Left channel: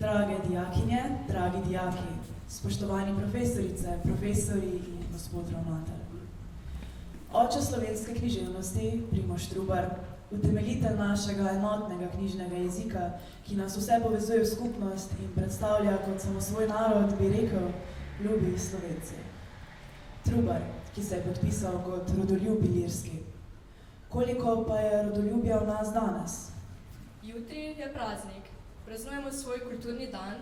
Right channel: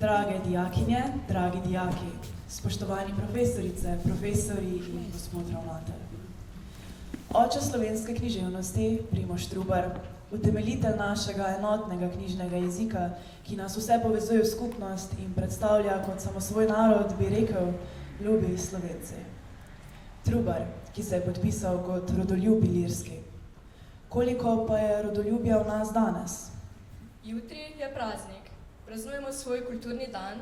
Drage dijakinje, dragi dijaki, spoštovani profesorice, profesori in gospod ravnatelj. Oče slovenske književnosti, Primož Trubar, utemeljitelj našega enotnega knjižnega jezika, ki nas vse povezuje v skupnost in predstavlja kot samosvoj narod, bi rekel, ljubi Slovenci. Trubar, ki se je podpisal kot rodoljub ilirski. Koliko pa je rodoljubja v nas danes? Jutri je praznik. Praznujemo svoj kulturni dan,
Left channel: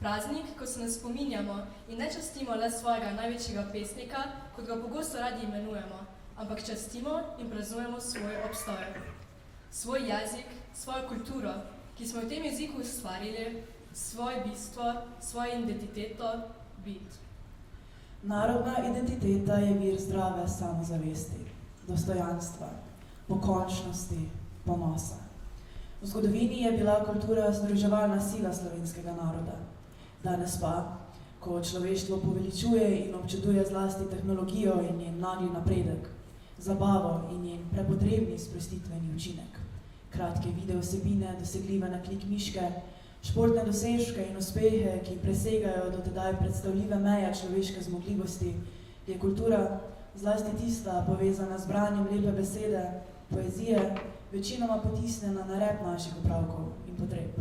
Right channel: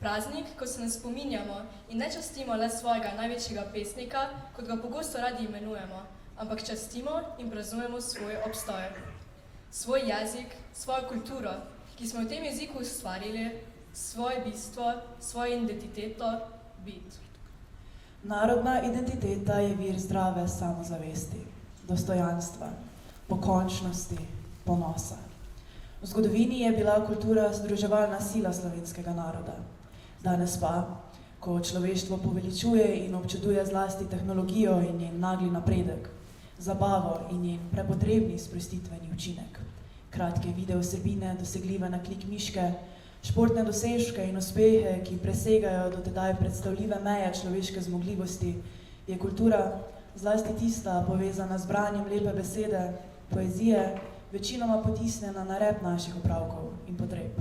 praznik, ko se ne spominjamo in ne častimo le svojega največjega pesnika, kot ga pogosto radi imenujemo, ampak častimo in praznujemo svoj obstoj. Svoj jezik, svojo kulturo, ki smo v tem jeziku ustvarili, svoje bistvo, svojo identiteto, bit. Narodna identiteta je vir zdrave samozavesti, dostojanstva, pokončnosti, ponosa. V zgodovini je bila kultura združevalna sila slovenskega naroda. Danes pa, ko človeštvo poveličuje in občuduje zlasti tehnologijo in njen nagli napredek, zabavo in njen prepotrebni sprostitveni učinek, kratke videovsebine dosegljive na klik miške, športne dosežke in uspehe, ki presegajo do tedaj predstavljive meje človeške zmogljivosti, je kultura, zlasti tista povezana z branjem lepe besede, poezije, večinoma potisnjena na rep naših opravkov in potreb.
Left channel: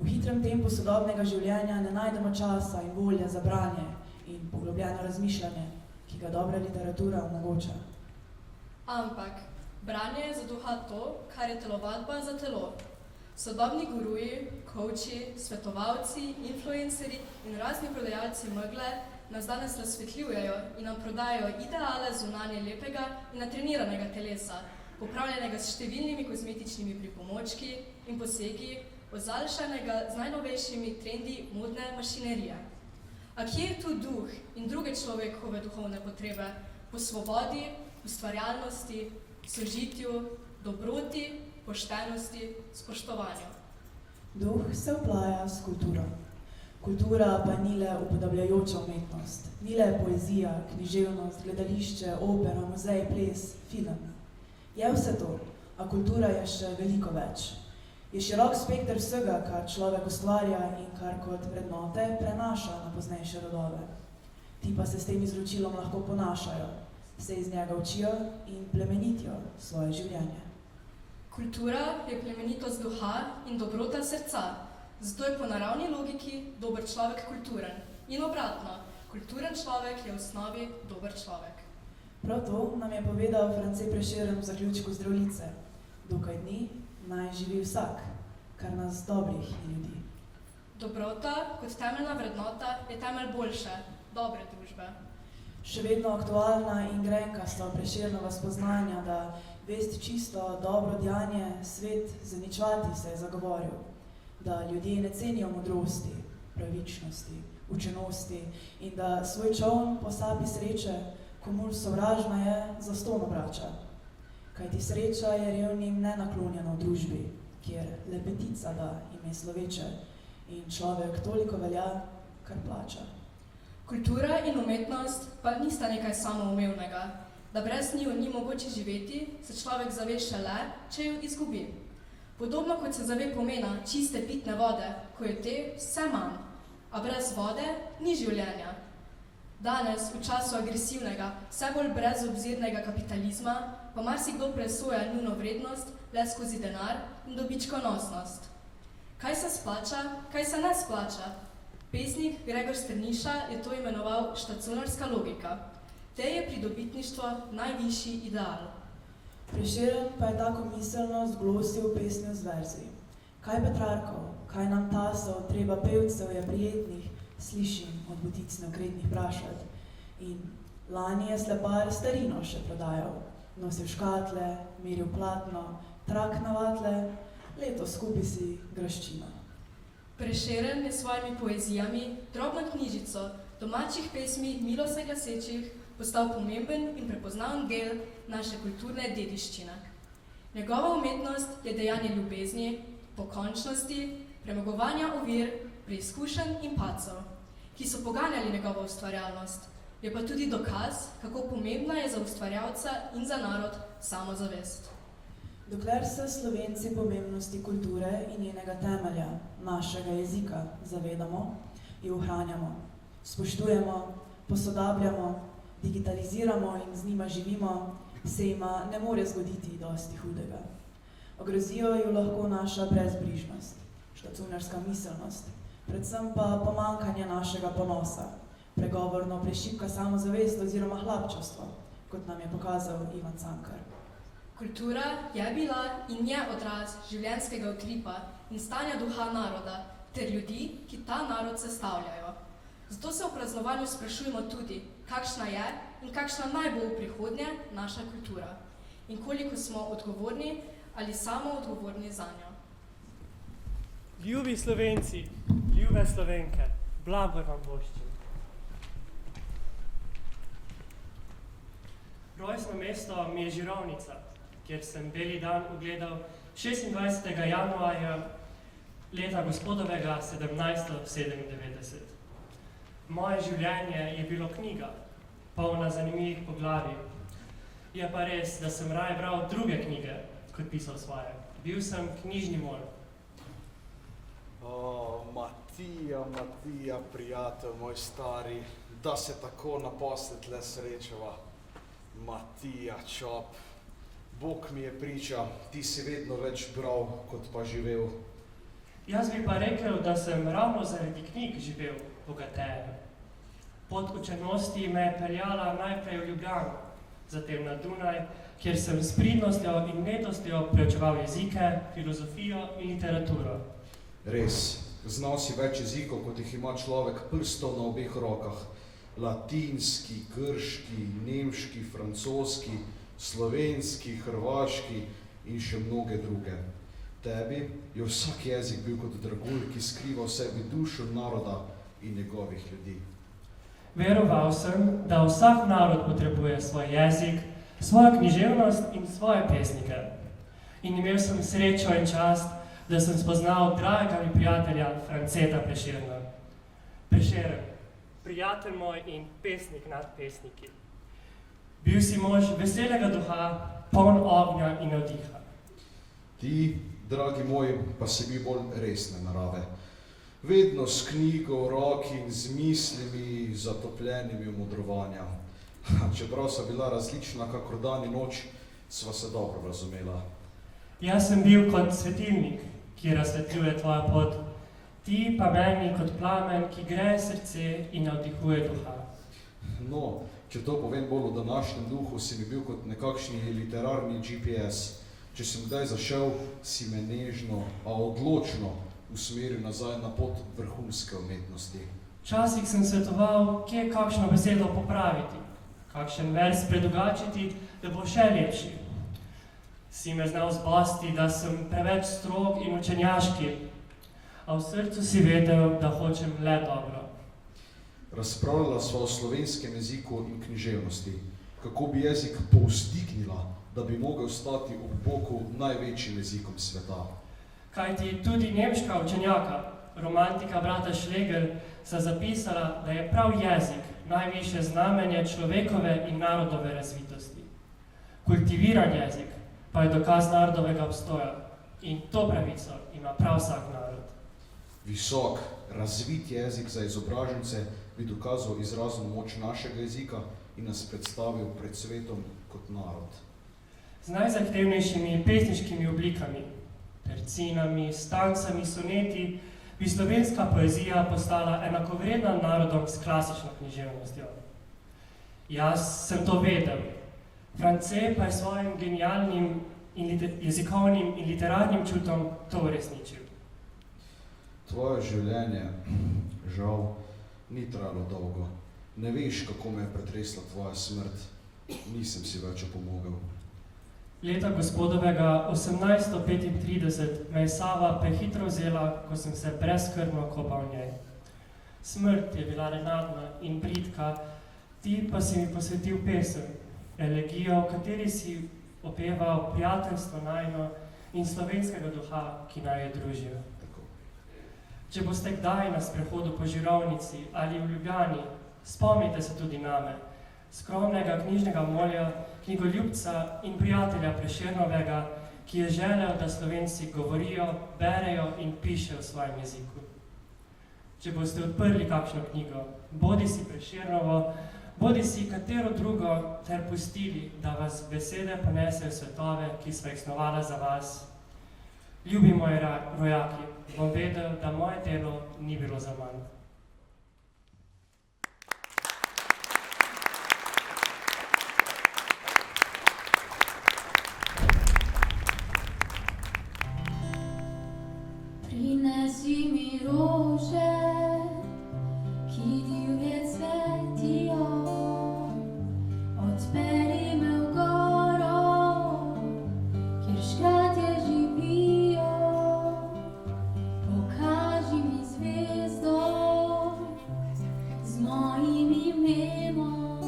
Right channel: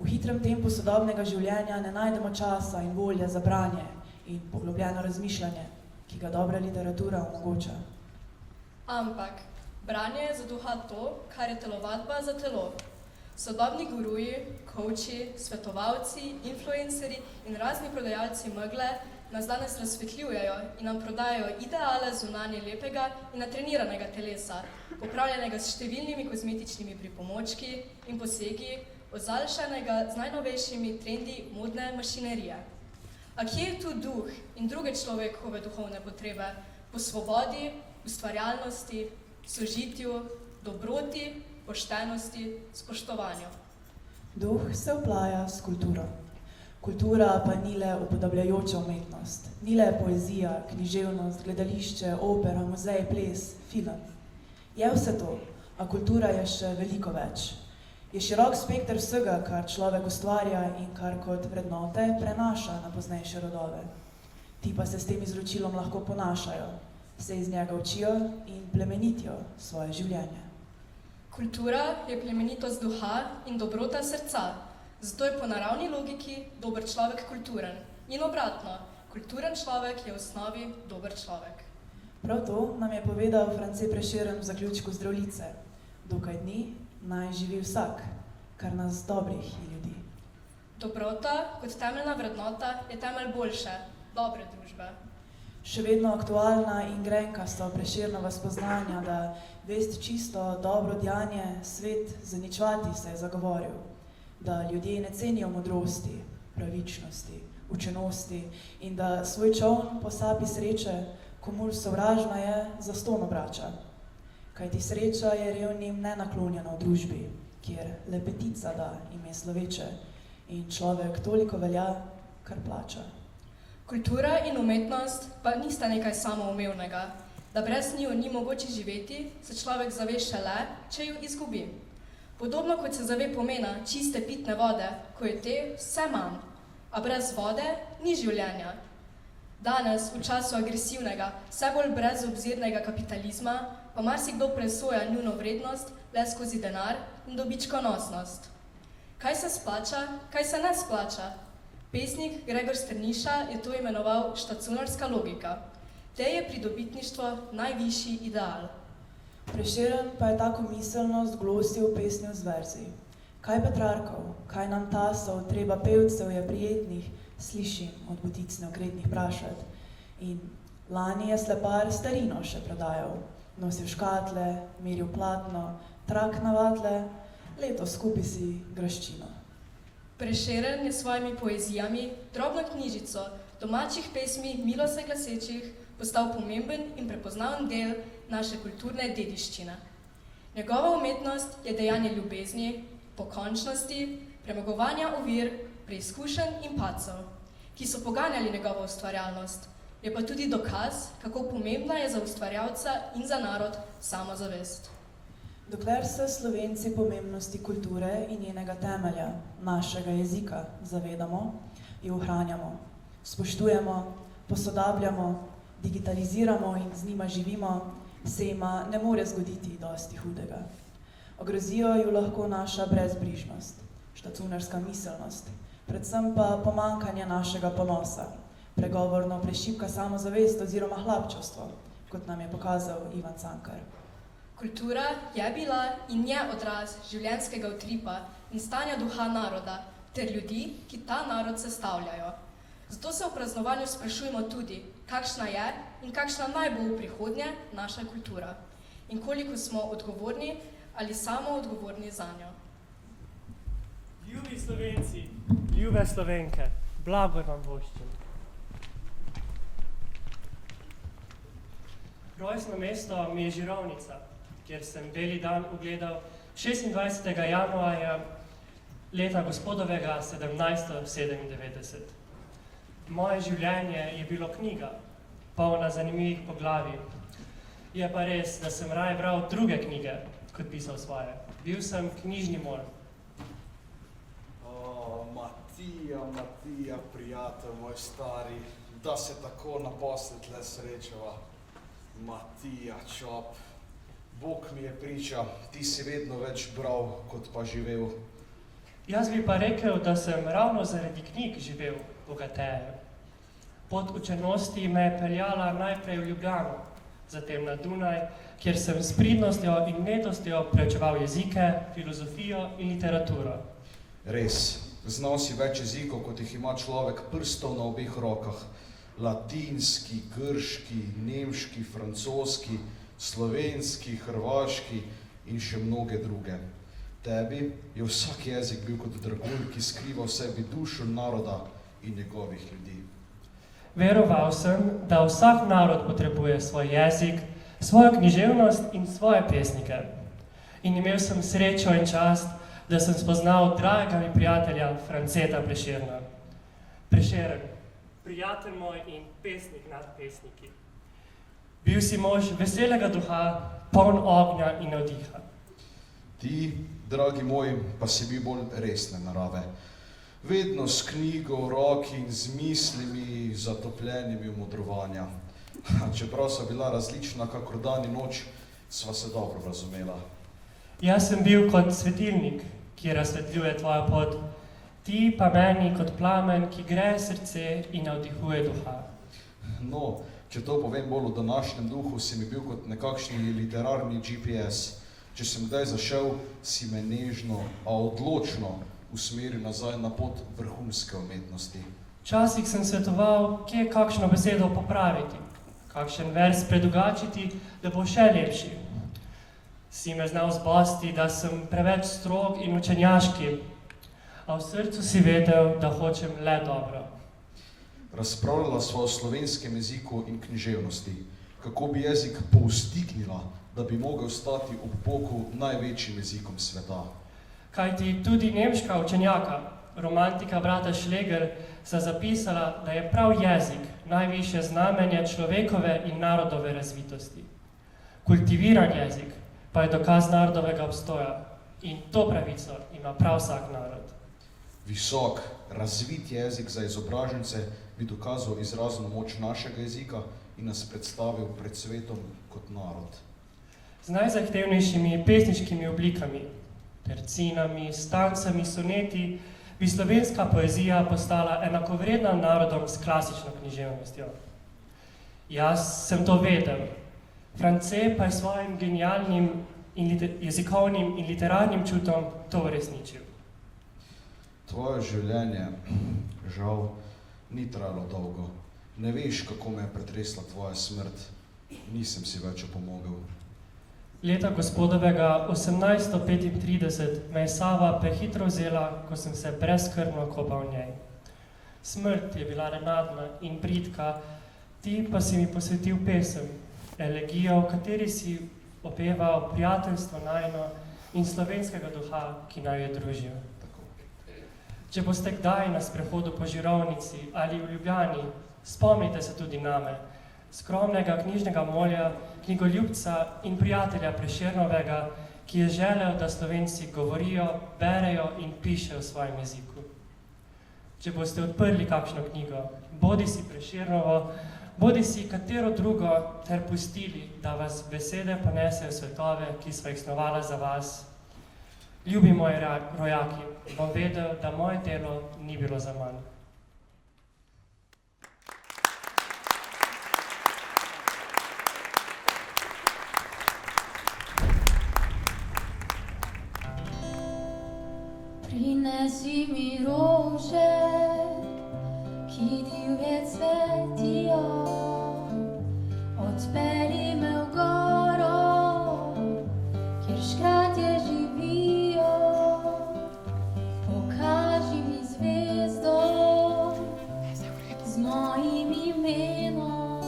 V hitrem tempu sodobnega življenja ne najdemo časa in volje za branje in poglobljeno razmišljanje, ki ga dobra literatura omogoča. Ampak branje je za duha to, kar je telovadba za telo. Sodobni guruji, coachi, svetovalci, influencerji in razni prodajalci megle nas danes razsvetljujejo in nam prodajajo ideale zunanje lepega in natreniranega telesa, popravljenega s številnimi kozmetičnimi pripomočki in posegi, ozaljšanega z najnovejšimi trendi modne mašinerije. A kje je tu duh in druge človekove duhovne potrebe po svobodi, ustvarjalnosti, sožitju, dobroti, poštenosti, spoštovanju? Duh se vplaja s kulturo. Kultura pa ni le upodabljajoča umetnost, ni le poezija, književnost, gledališče, opera, muzej, ples, film. Je vse to, a kultura je še veliko več. Je širok spekter vsega, kar človek ustvarja in kar kot vrednote prenaša na poznejše rodove. Ti pa se s tem izročilom lahko ponašajo, se iz njega učijo in plemenitijo svoje življenje. Kultura je plemenitost duha in dobrota srca, zato je po naravni logiki dober človek kulturen. In obratno, kulturen človek je v osnovi dober človek. Prav to nam je povedal France Prešeren v zaključku Zdravljice. Dokaj dni naj živi vsak, kar nas dobrih ljudi. Dobrota kot temeljna vrednota je temelj boljše, dobre družbe. Še vedno aktualna in grenka so Prešernova spoznanja, da vest čisto, dobro dejanje, svet zaničevati se je zagovoril, da ljudje ne cenijo modrosti, pravičnosti, učenosti in da svoj čoln po sapi sreče, komur sovražna je, zastonj obrača. Kajti sreča je revnim nenaklonjena v družbi, kjer lepetica da ime sloveče in človek toliko velja, kar plača. Kultura in umetnost pa nista nekaj samoumevnega. Da brez njiju ni mogoče živeti, se človek zave šele, če jo izgubi. Podobno kot se zave pomena čiste pitne vode, ko je te vse manj, a brez vode ni življenja. Danes, v času agresivnega, vse bolj brezobzirnega kapitalizma, pa marsikdo presoja njuno vrednost le skozi denar in dobičkonosnost. Kaj se splača, kaj se ne splača? Pesnik Gregor Strniša je to imenoval štacunorska logika. Te je pridobitništvo najvišji ideal. Prešeren pa je tako miselnost glosil v pesmi z verzi. Kaj Petrarkov, kaj nam tasov, treba pevcev je prijetnih, slišim od butic neokretnih prašat. In lani je slepar starino še prodajal. Nosil škatle, meril platno, trak na vatle, leto skupaj si graščino. Prešeren je s svojimi poezijami, drobno knjižico, domačih pesmi milo se glasečih, postal pomemben in prepoznaven del naše kulturne dediščine. Njegova umetnost je dejanje ljubezni, pokončnosti, premagovanja ovir, preizkušenj in padcev, ki so poganjali njegovo ustvarjalnost. Je pa tudi dokaz, kako pomembna je za ustvarjalca in za narod samozavest. Dokler se Slovenci pomembnosti kulture in njenega temelja, našega jezika, zavedamo, jo ohranjamo, spoštujemo, posodabljamo, digitaliziramo in z njima živimo, se jima ne more zgoditi dosti hudega. Ogrozijo ju lahko naša brezbrižnost, štacunarska miselnost, predvsem pa pomankanje našega ponosa, pregovorno prešibka samozavest oziroma hlapčevstvo, kot nam je pokazal Ivan Cankar. Kultura je bila in je odraz življenjskega utripa in stanja duha naroda ter ljudi, ki ta narod sestavljajo. Zato se v praznovanju sprašujemo tudi, kakšna je in kakšna naj bo v prihodnje naša kultura in koliko smo odgovorni ali samo odgovorni zanjo. Ljubi Slovenci, ljube Slovenke, blagoj vam voščim. Rojstno mesto mi je Žirovnica, kjer sem beli dan ugledal 26. januarja leta gospodovega 1797. Moje življenje je bilo knjiga, polna zanimivih poglavij. Je pa res, da sem raje bral druge knjige, kot pisal svoje. Bil sem knjižni mor. Matija, prijatelj moj stari, da se tako naposled le srečava. Matija, čop, Bog mi je priča, ti si vedno več bral, kot pa živel. Jaz bi pa rekel, da sem ravno zaradi knjig živel bogateje. Pot učenosti me je peljala najprej v Ljubljano, zatem na Dunaj, kjer sem s pridnostjo in nedostjo preučeval jezike, filozofijo in literaturo. Res, znal si več jezikov, kot jih ima človek prstov na obeh rokah. Latinski, grški, nemški, francoski, slovenski, hrvaški in še mnoge druge. Tebi je vsak jezik bil kot dragulj, ki skriva v sebi dušo naroda in njegovih ljudi. Veroval sem, da vsak narod potrebuje svoj jezik, svojo književnost in svoje pesnike. In imel sem srečo in čast, da sem spoznal dragega mi prijatelja Franceta Prešerna. Prešeren, prijatelj moj in pesnik nad pesniki. Bil si mož veselega duha, poln ognja in navdiha. Ti, dragi moj, pa si bil bolj resne narave. Vedno s knjigo v roki in z mislimi zatopljenimi v modrovanja. Čeprav so bila različna kakor dan in noč, sva se dobro razumela. Jaz sem bil kot svetilnik, ki razsvetljuje tvojo pot, ti pa meni kot plamen, ki greje srce in navdihuje duha. No, če to povem bolj v današnjem duhu, si mi bil kot nekakšni literarni GPS. Če sem kdaj zašel, si me nežno, a odločno usmeril nazaj na pot vrhunske umetnosti. Včasih sem svetoval, kje kakšno besedo popraviti, kakšen vers predugačiti, da bo še lepši. Si me znal zbosti, da sem preveč strog in učenjaški, a v srcu si vedel, da hočem le dobro. Razpravljala sva o slovenskem jeziku in književnosti, kako bi jezik povzdignila, da bi mogel stati ob boku največjim jezikom sveta. Kajti tudi nemška učenjaka, romantika brata Schlegel, sta zapisala, da je prav jezik najvišje znamenje človekove in narodove razvitosti. Kultiviran jezik pa je dokaz narodovega obstoja in to pravico ima prav vsak narod. Visok, razvit jezik za izobražence bi dokazal izrazno moč našega jezika in nas predstavil pred svetom kot narod. Z najzahtevnejšimi pesniškimi oblikami, tercinami, stancami, soneti, bi slovenska poezija postala enakovredna narodom s klasično književnostjo. Jaz sem to vedel, France pa je svojim genialnim jezikovnim in literarnim čutom to uresničil. Tvoje življenje, žal, ni trajalo dolgo. Ne veš, kako me je pretresla tvoja smrt. Nisem si več opomogel. Leta gospodovega 1835 me je Sava prehitro vzela, ko sem se brezskrbno kopal v njej. Smrt je bila nenadna in bridka, ti pa si mi posvetil pesem, elegijo, v kateri si opeval prijateljstvo najino in slovenskega duha, ki naj je družil. Če boste kdaj na sprehodu po Žirovnici ali v Ljubljani, spomnite se tudi name, skromnega knjižnega molja, knjigoljubca in prijatelja Prešernovega, ki je želel, da Slovenci govorijo, berejo in pišejo v svojem jeziku. Če boste odprli kakšno knjigo, bodi si Prešernovo, bodi si katero drugo, ter pustili, da vas besede ponesejo v svetove, ki sva jih snovala za vas. Ljubi moji rojaki, bom vedel, da moje delo ni bilo za manj. Prinesi mi rože, ki divje cvetijo, odpelji me v goro, kjer škratje živijo, pokaži mi zvezdo z mojim imenom,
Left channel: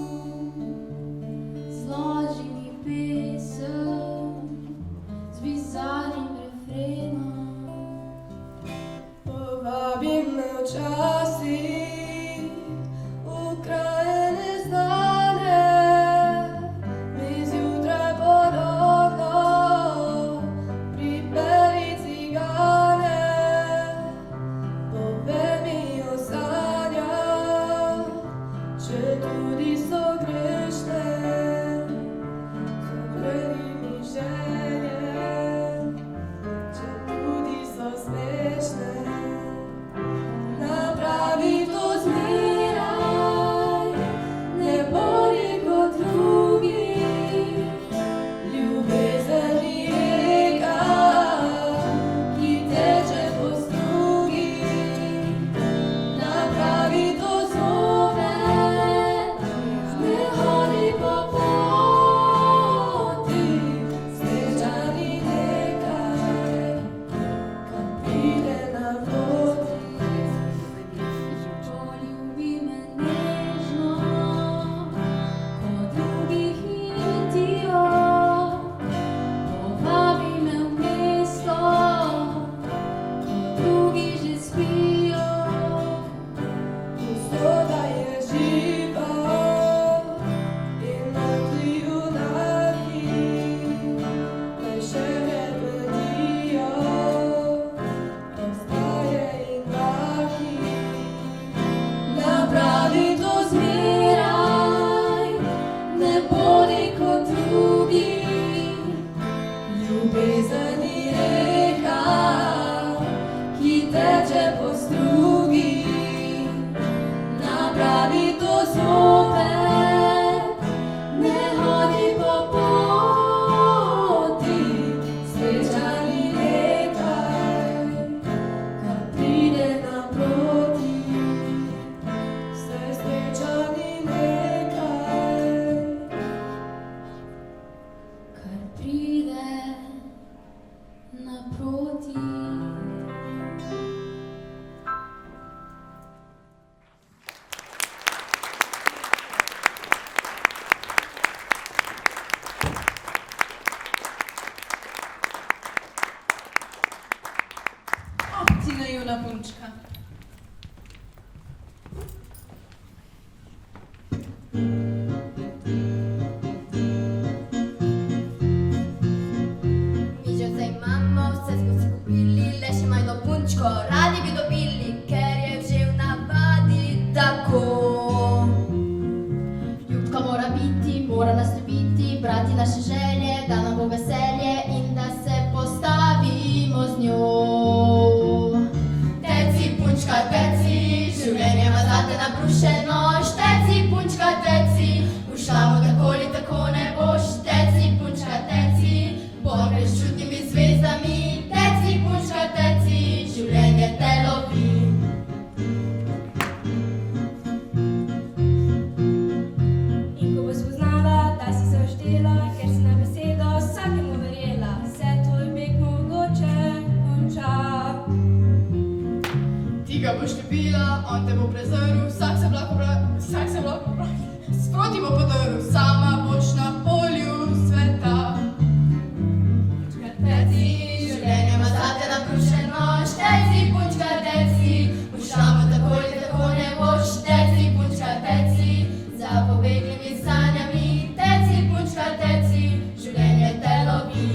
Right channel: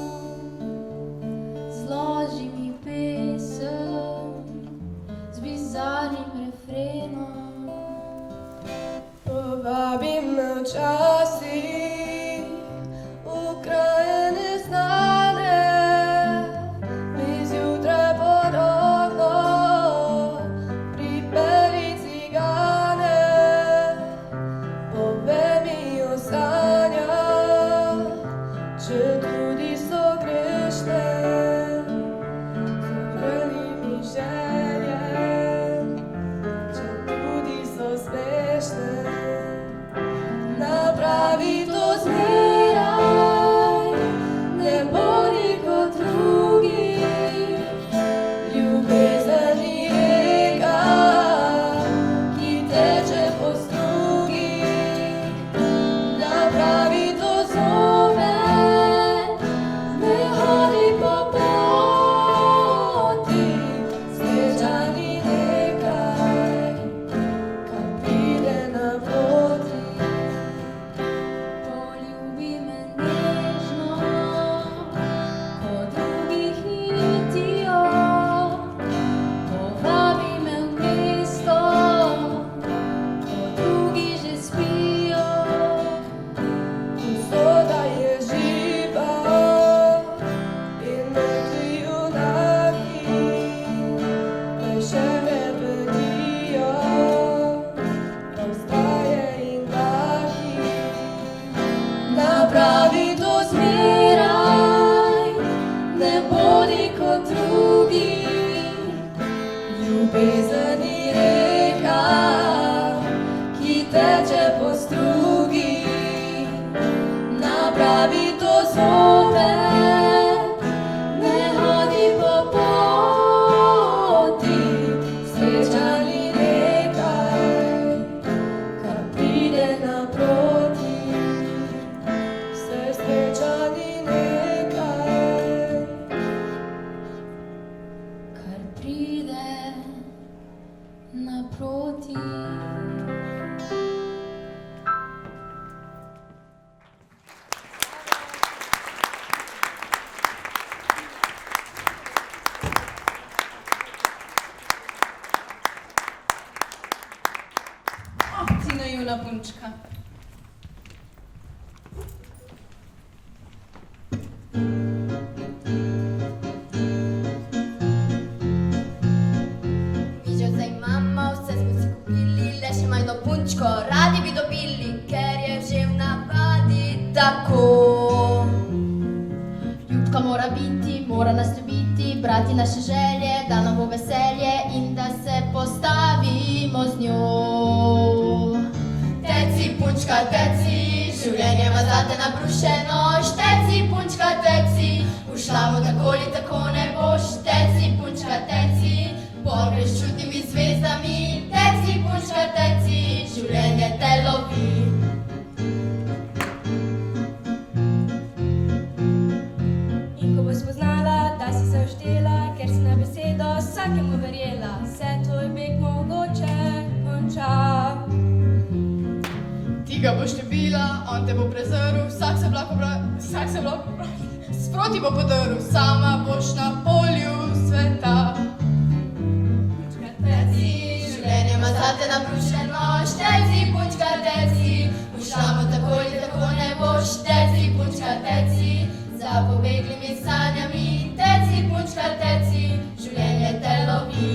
zloži mi pesem z bizarnim refrenom. Povabi me včasih v kraje neznane, mi zjutraj pod okno pripelji cigane, povej mi o sanjah, četudi so grešne, zavrni mi želje, četudi so smešne. Napravi to zmeraj, ne bodi kot drugi, ljubezen ni reka, ki teče po strugi. Napravi to zopet, ne hodi po poti, sreča ni nekaj, kar pride naproti. Poljubi me nežno, ko drugi hitijo, povabi me v mesto, ko drugi že spijo. Usoda je živa in mrtvi junaki, me še repetijo, ostaje in maki. Napravi to zmeraj, ne bodi kot drugi, Ljubezen ni reka, ki teče po strugi. napravi to zopet, ne hodi po poti, Sreča ni nekaj, kar pride naproti. Sreča ni nekaj. kar pride naproti. Ti naivna punčka. Mi že zdaj imamo, vse smo si kupili, le še majhno punčko radi bi dobili, ker je že v navadi tako. Ljubka mora biti, mora nas ljubiti, brati naše želje, da nam bo veselje in da se postavimo z njo. Teci, punčka, teci, življenje ima zate nabrušeno, šteci, punčka, teci, v šlamu tako ali tako ne boš, teci, punčka, teci, pogreš s čudnimi zvezdami, teci, punčka, teci, življenje te lovi. In ko boš spoznala, da si se uštela, ker si na besedo vsakemu verjela, se tvoj beg mogoče konča. Ti ga boš ljubila, on te bo prezrl, vsak se lahko sproti bo podrl, sama boš na polju sveta. Punčka, teci, življenje ima zate nabrušeno, šteci, punčka, teci, v šlamu tako ali tako ne boš, teci, punčka, teci, za pobeglimi sanjami, teci, punčka, teci, življenje te lovi.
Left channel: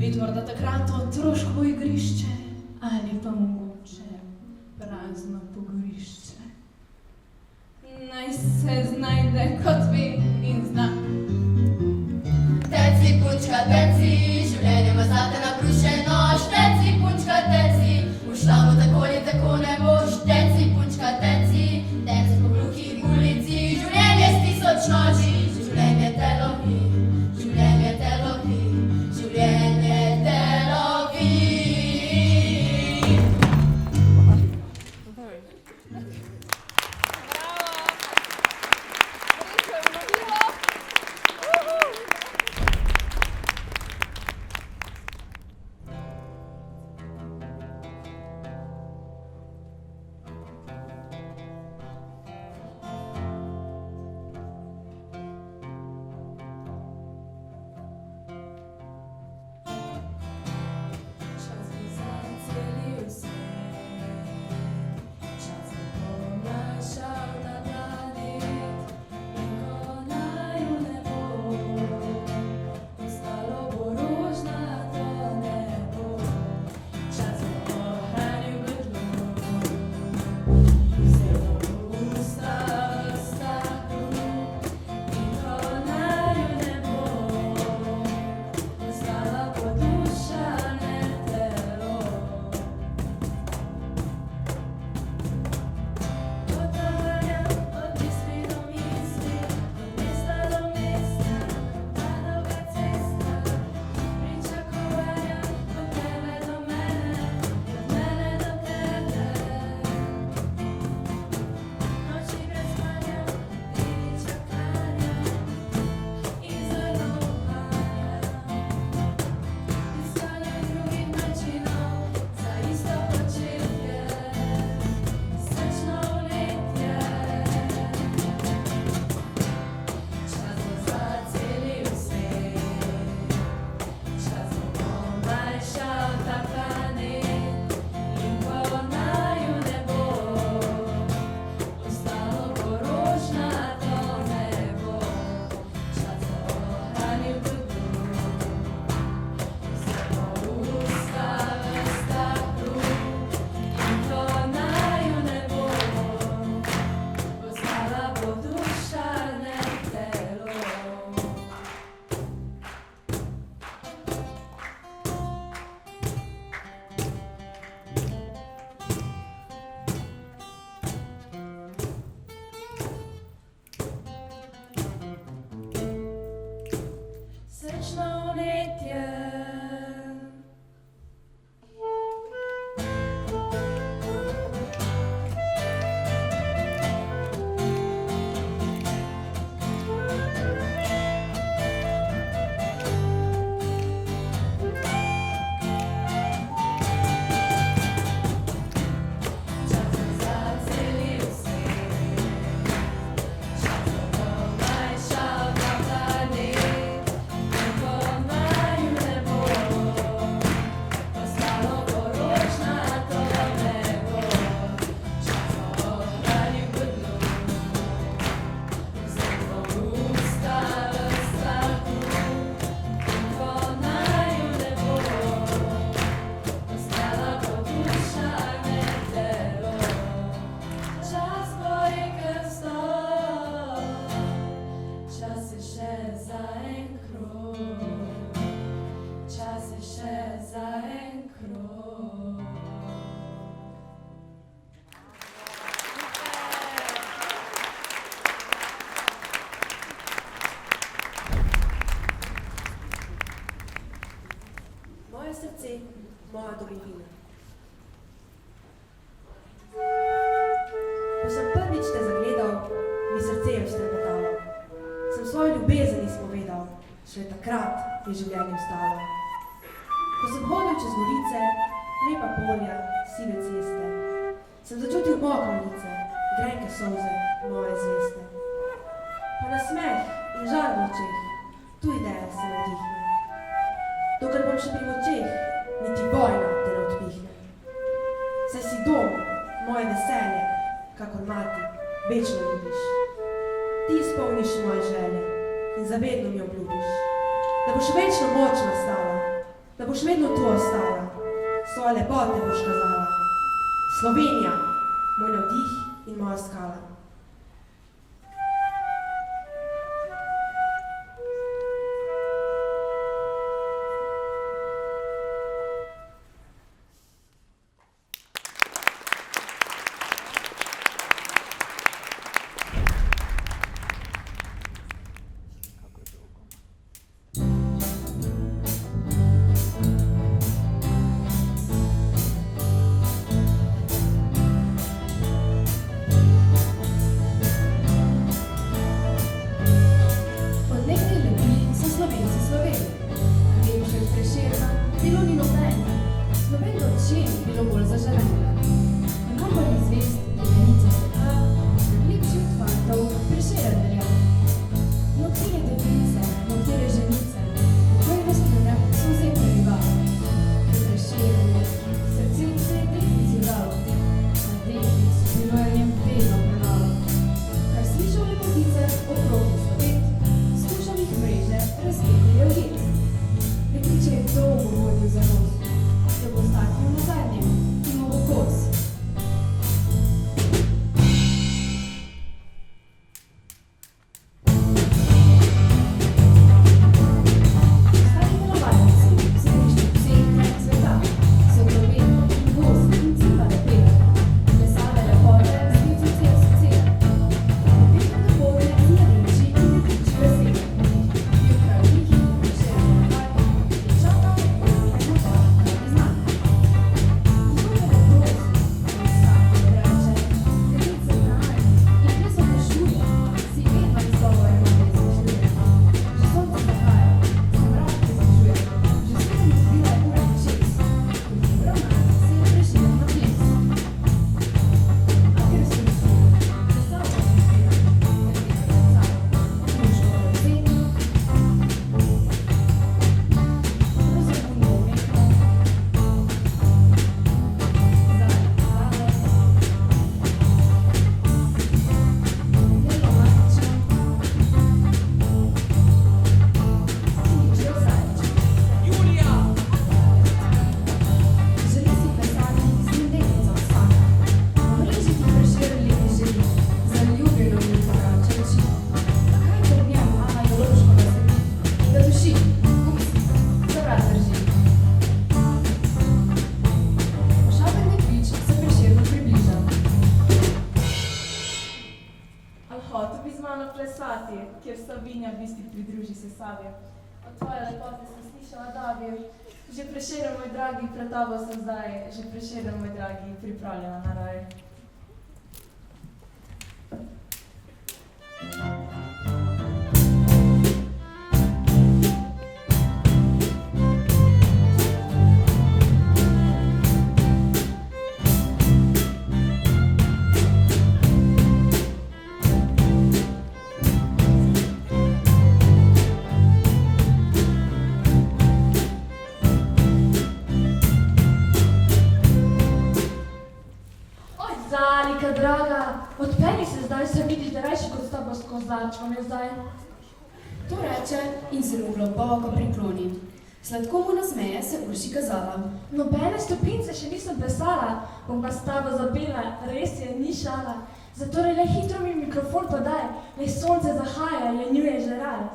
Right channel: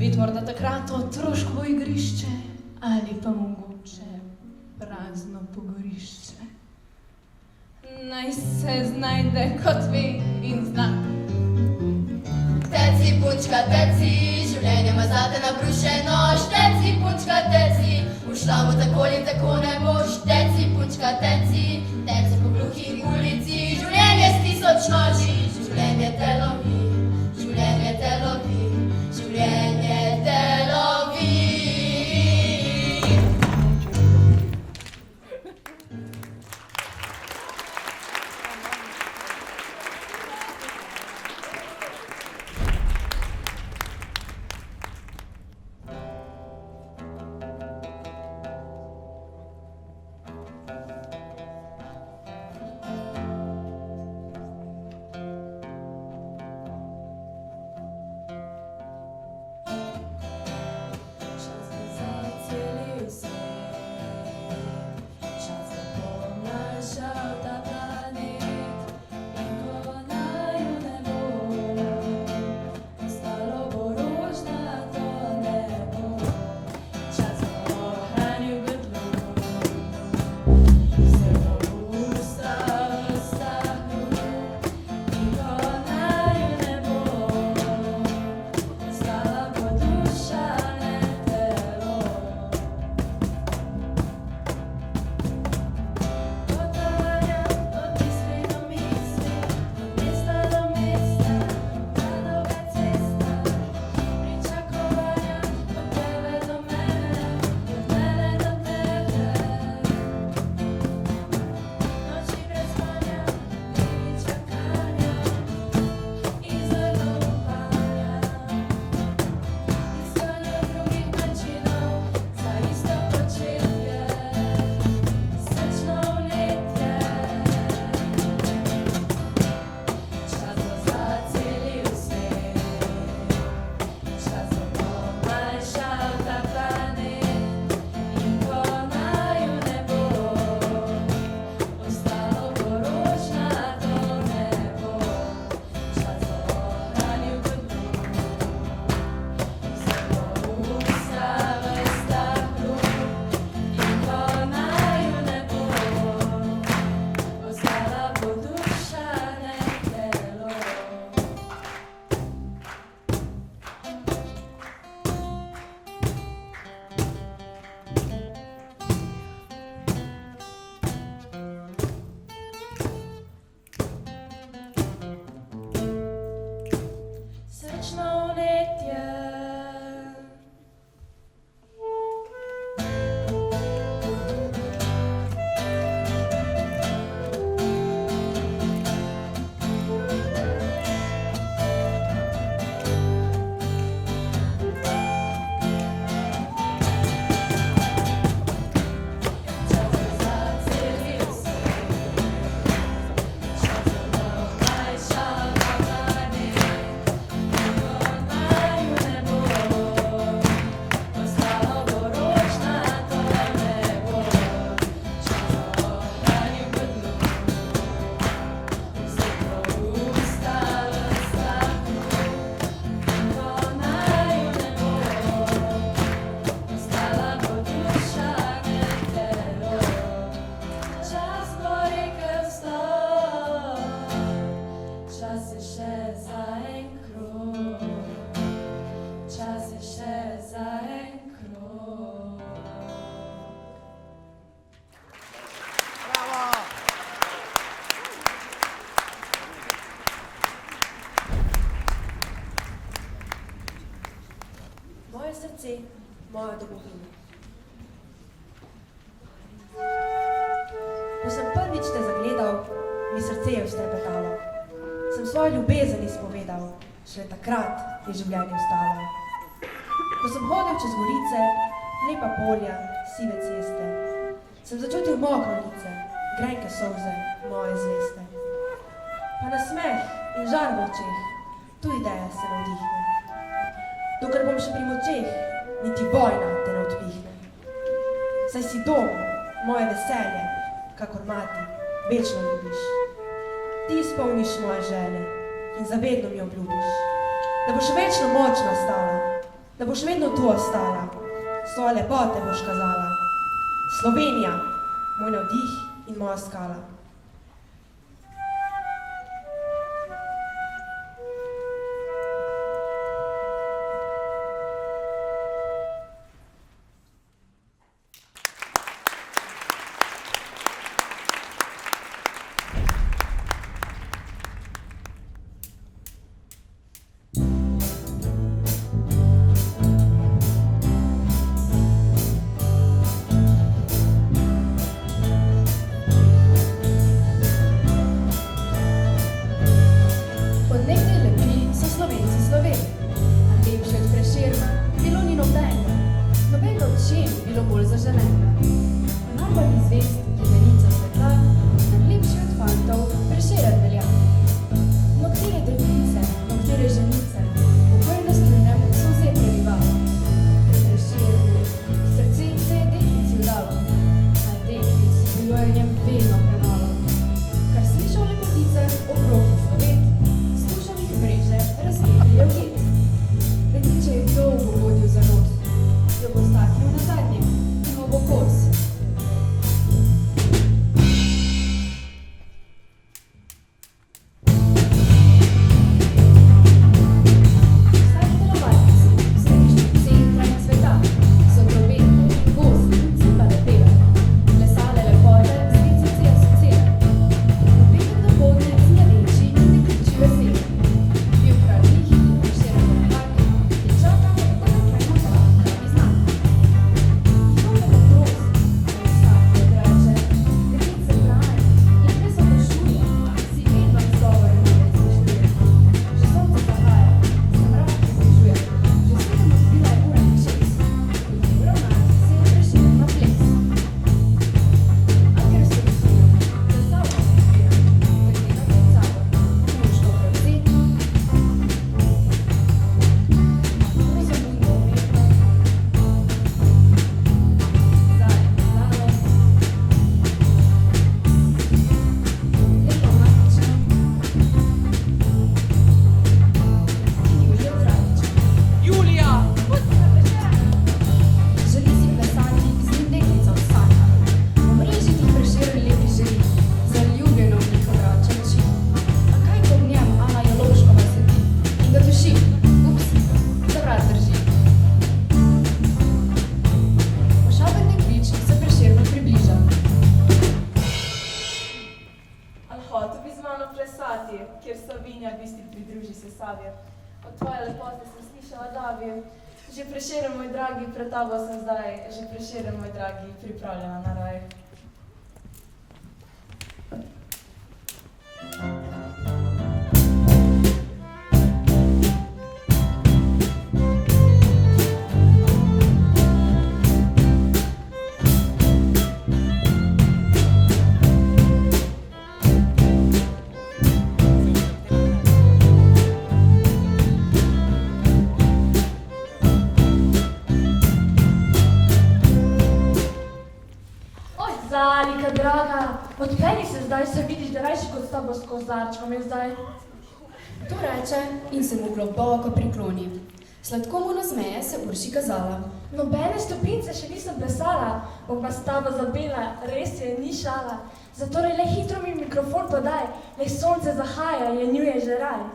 Spet morda takrat otroško igrišče ali pa mogoče prazno pogorišče. Naj se znajde kot ve in zna. Teci, punčka, teci, življenje ima zate nabrušeno. Teci, punčka, teci, ušla bo tako ali tako ne boš. Teci, punčka, teci, teci po gluhi ulici. Življenje s tisoč noči, življenje te lovi, življenje te lovi, življenje te lovi. Moje srce, moja domovina. Ko sem prvič te zagledal, mi srce je vztrepetalo. Sem svojo ljubezen izpovedal, šele takrat je življenje vstalo. Ko sem hodil čez gorice, lepa polja, sive ceste, sem začutil mokro lice, grenke solze, moje zveste. Pa nasmeh in žar v očeh, tu ideja se navdihne. Dokler bom še pri močeh, niti vojna te ne odpihne. Saj si dom, moje veselje, kakor mati, večno ljubiš. Ti izpolniš moje želje in zavedno mi obljubiš, da boš večno močna stala, da boš vedno tu ostala, svoje lepote boš kazala. Slovenija, moj navdih in moja skala. Kjer Savinja bisti pridruži se Savje. Od tvoje lepote sem slišala davje. Že Prešeren, moj dragi, pred tabo sem zdaj. Že Prešeren, moj dragi, pripravljena na raj. Zalika, draga, odpeni se zdaj, se vidiš, da rajši kot s tabo skozi zarčkom je zdaj. To reče in se mu globoko prikloni. Sladko mu nasmeje se Urši kazala. Nobene stopince še nisem plesala, bom pa s tabo zapela, res je, ni šala. Zatorej le hitro mi mikrofon podaj, le sonce zahaja, lenjuje že raj.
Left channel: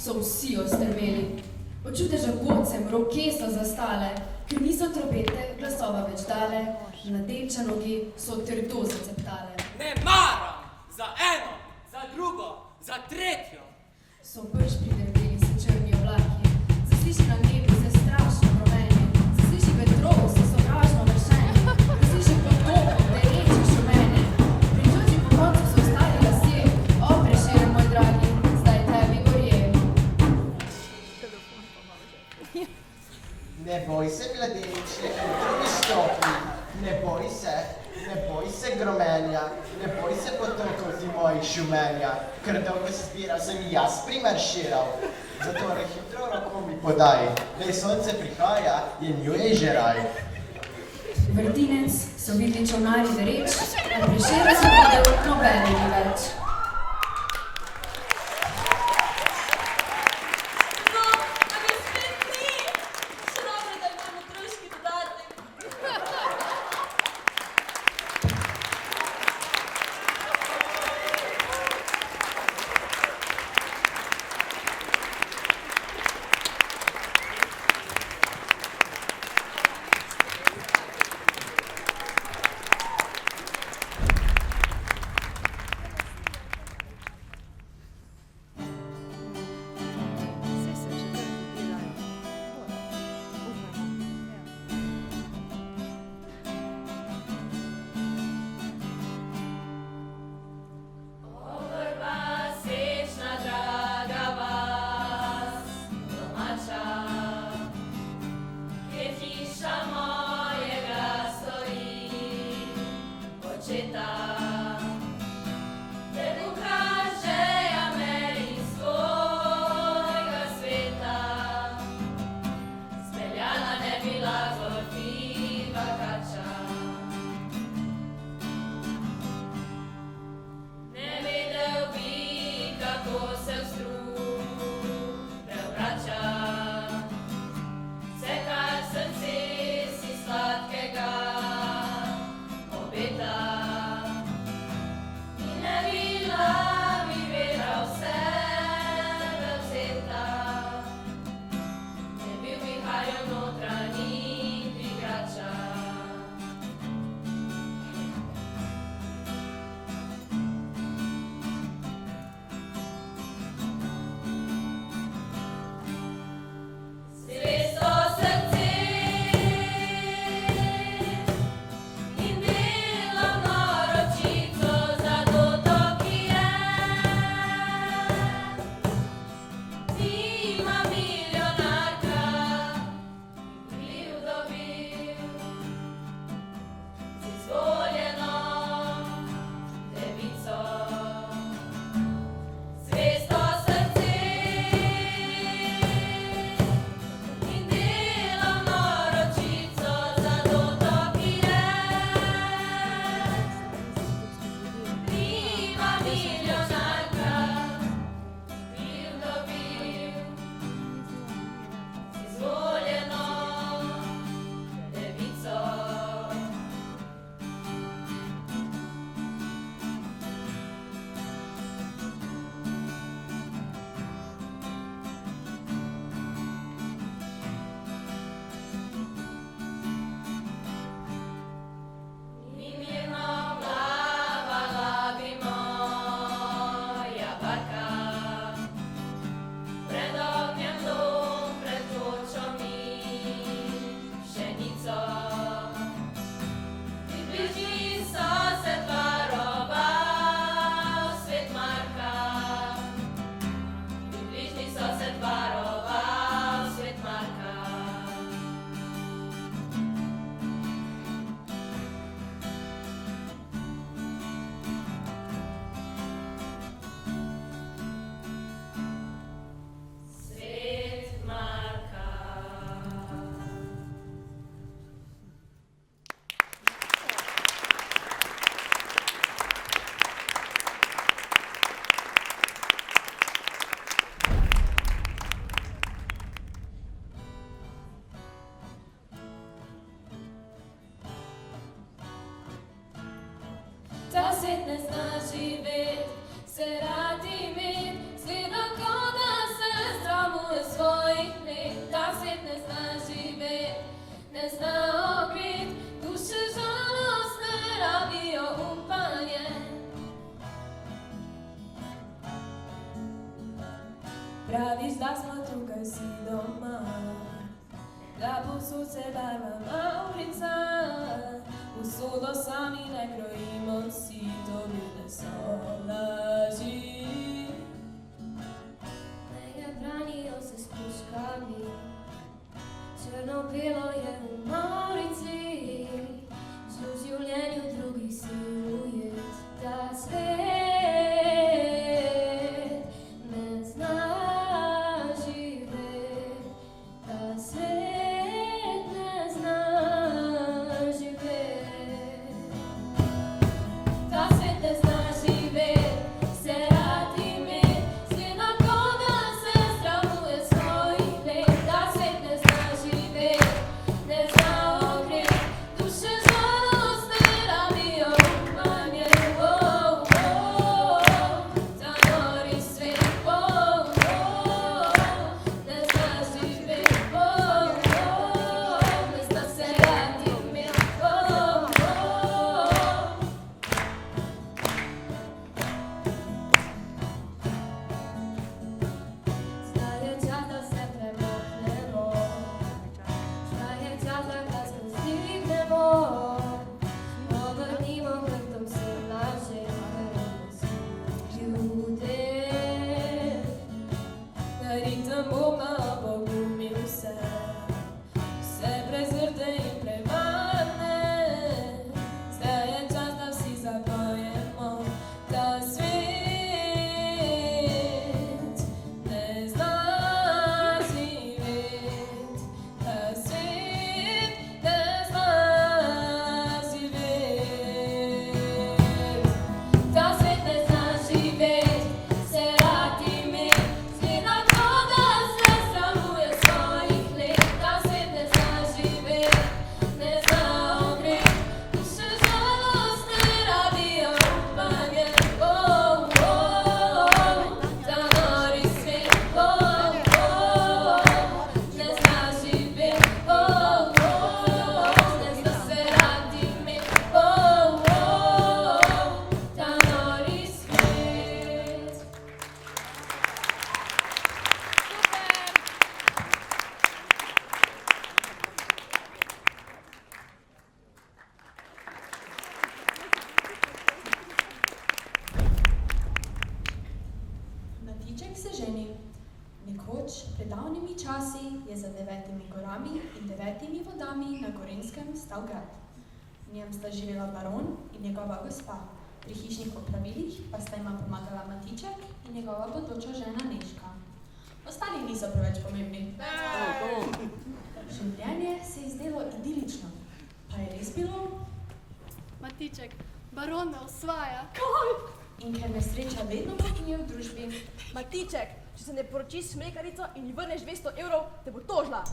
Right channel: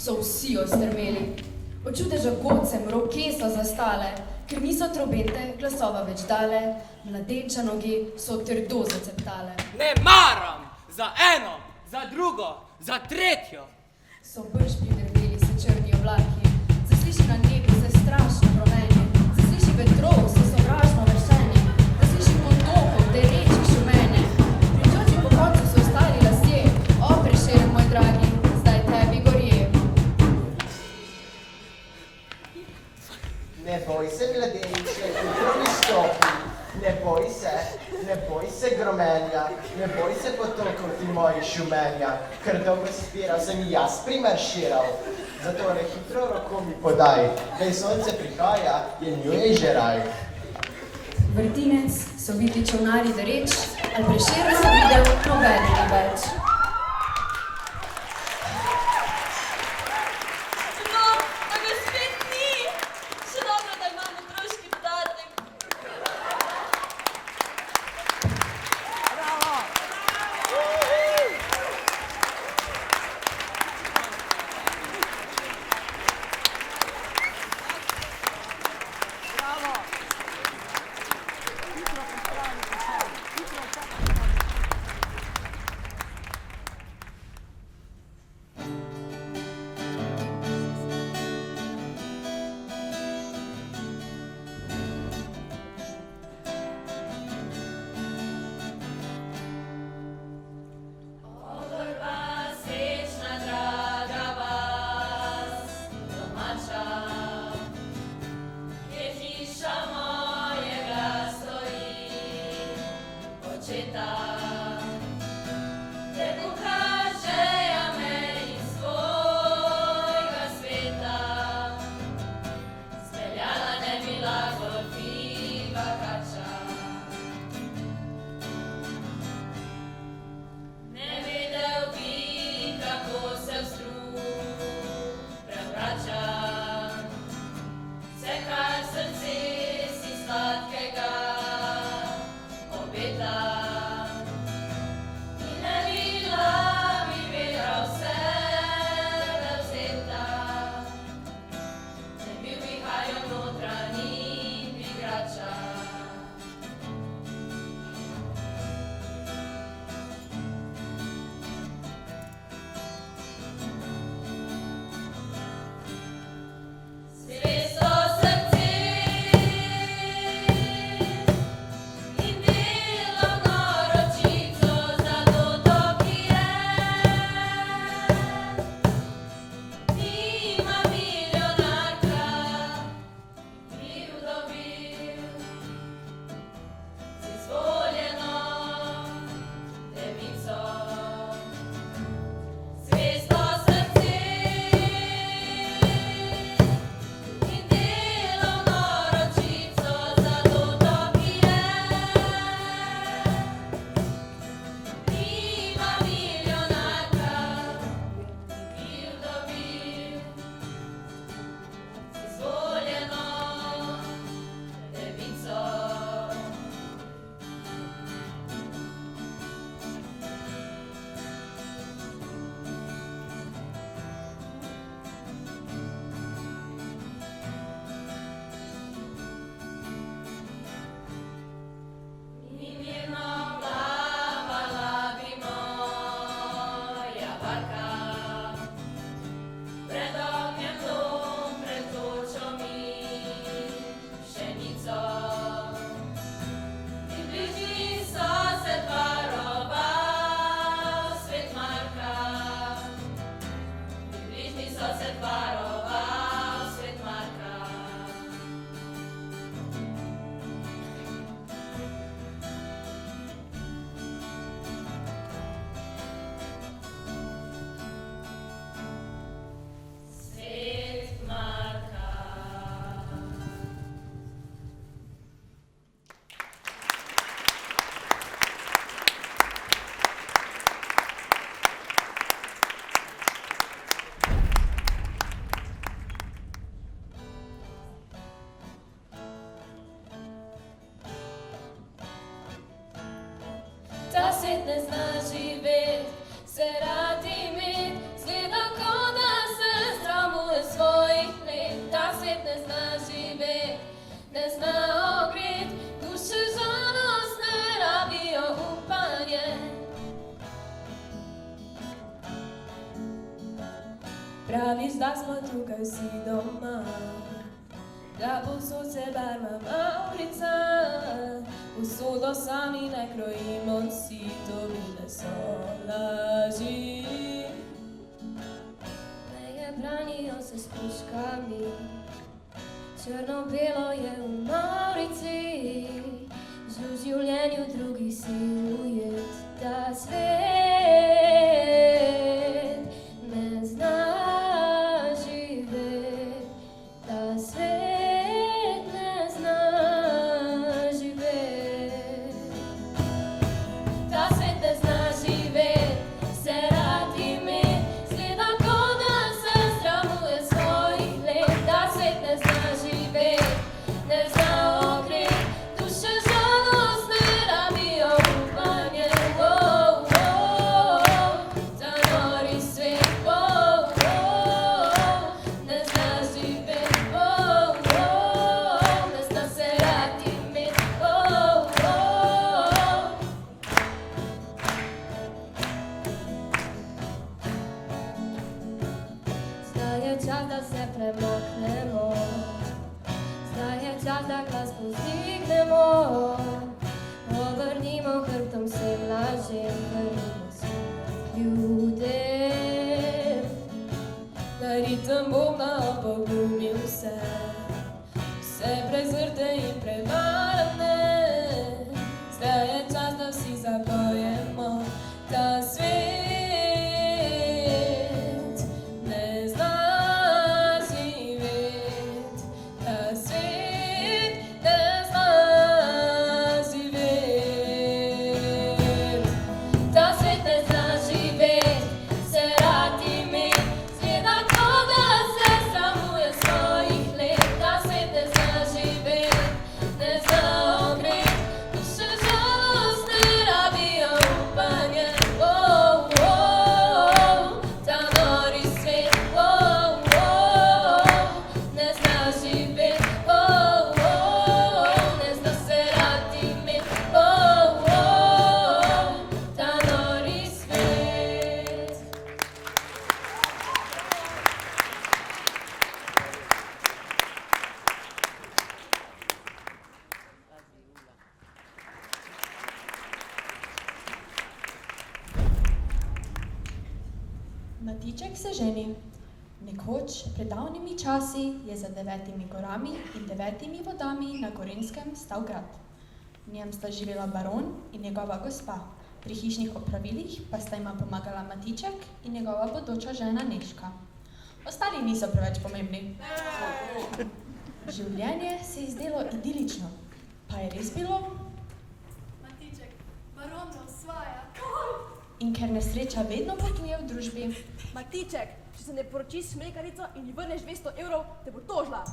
So vsi ostrmeli. Od čudeža godcem roke so zastale, ker niso trobete glasova več dale, mladenča nogi so trdo zaceptale. Ne maram za eno, za drugo, za tretjo. So brž pridrveli se črni oblaki, zasliši na nebu se strašno gromenje, zasliši vetrov se sovražno vršenje, zasliši potokov derečih šumenje. Pričoči po koncu so ostali lasje, o Prešeren moj dragi, zdaj tebi gorje. Ne boj se, mladeniče, hitro mi stopi. Ne boj se gromenja, ne boj se potokov ti mojih šumenja, ker dolgo spira sem jaz primarširal. Zatorej hitro roko mi podaj, daj sonce prihaja, je njuje že raj. Vrtinec so videli čolnari dereč, a Prešeren so videl nobene ni več. No, a ga spet ni! Še dobro, da imam otroški dodatek. Praviš, da smo tukaj vsi doma, da povsod se barva Maurica, usodo sami ne krojimo, vsi to bile so laži. Meje branijo se s puškami, črno-belo je v Maurici, že v življenju drugih si ujet, ta svet ne zna živeti, ta svet ne zna živeti. Ta svet ne zna živeti, se rad imet, zgleda ko da se sramuje svojih let. Ta svet ne zna živeti, ne zna ogret, duše žalostne rabijo upanje. Ta nori svet, ne zna živeti, ne zna se rad imet. Zdaj je čas, da se premaknemo, zdaj je čas, da glas povzdignemo, obrnimo hrbtom vsem lažem, vrnimo se ljudem. Na ritem bomo pogumil vse, vse prezrte in prevarne. Zdaj je čas, da vsi zapojemo, ta svet ne zna živeti, ta svet ne zna živeti. Ta svet ne zna živeti, se rad imet, zgleda ko da se sramuje svojih let. Ta svet ne zna živeti, ne zna ogret, duše žalostne rabijo upanje. Ta nori svet, ne zna živeti, ne zna se rad imet. Ta nori svet. Matiček se ženi. Nekoč, pred davnimi časi, je za 9 gorami in 9 vodami na Gorenjskem stal grad. V njem sta živela baron in njegova gospa. Pri hišnih opravilih pa sta jima pomagala Matiček in njegova bodoča žena Nežka. Ostali niso preveč pomembni. Življenje se je zdelo idilično. Pa je res bilo? Matiček, baron me osvaja. In ker nesreča vedno poknije v družbi, Matiček, če se ne poročiš s mlekarico in ji vrneš 200 evrov, te bo tožila.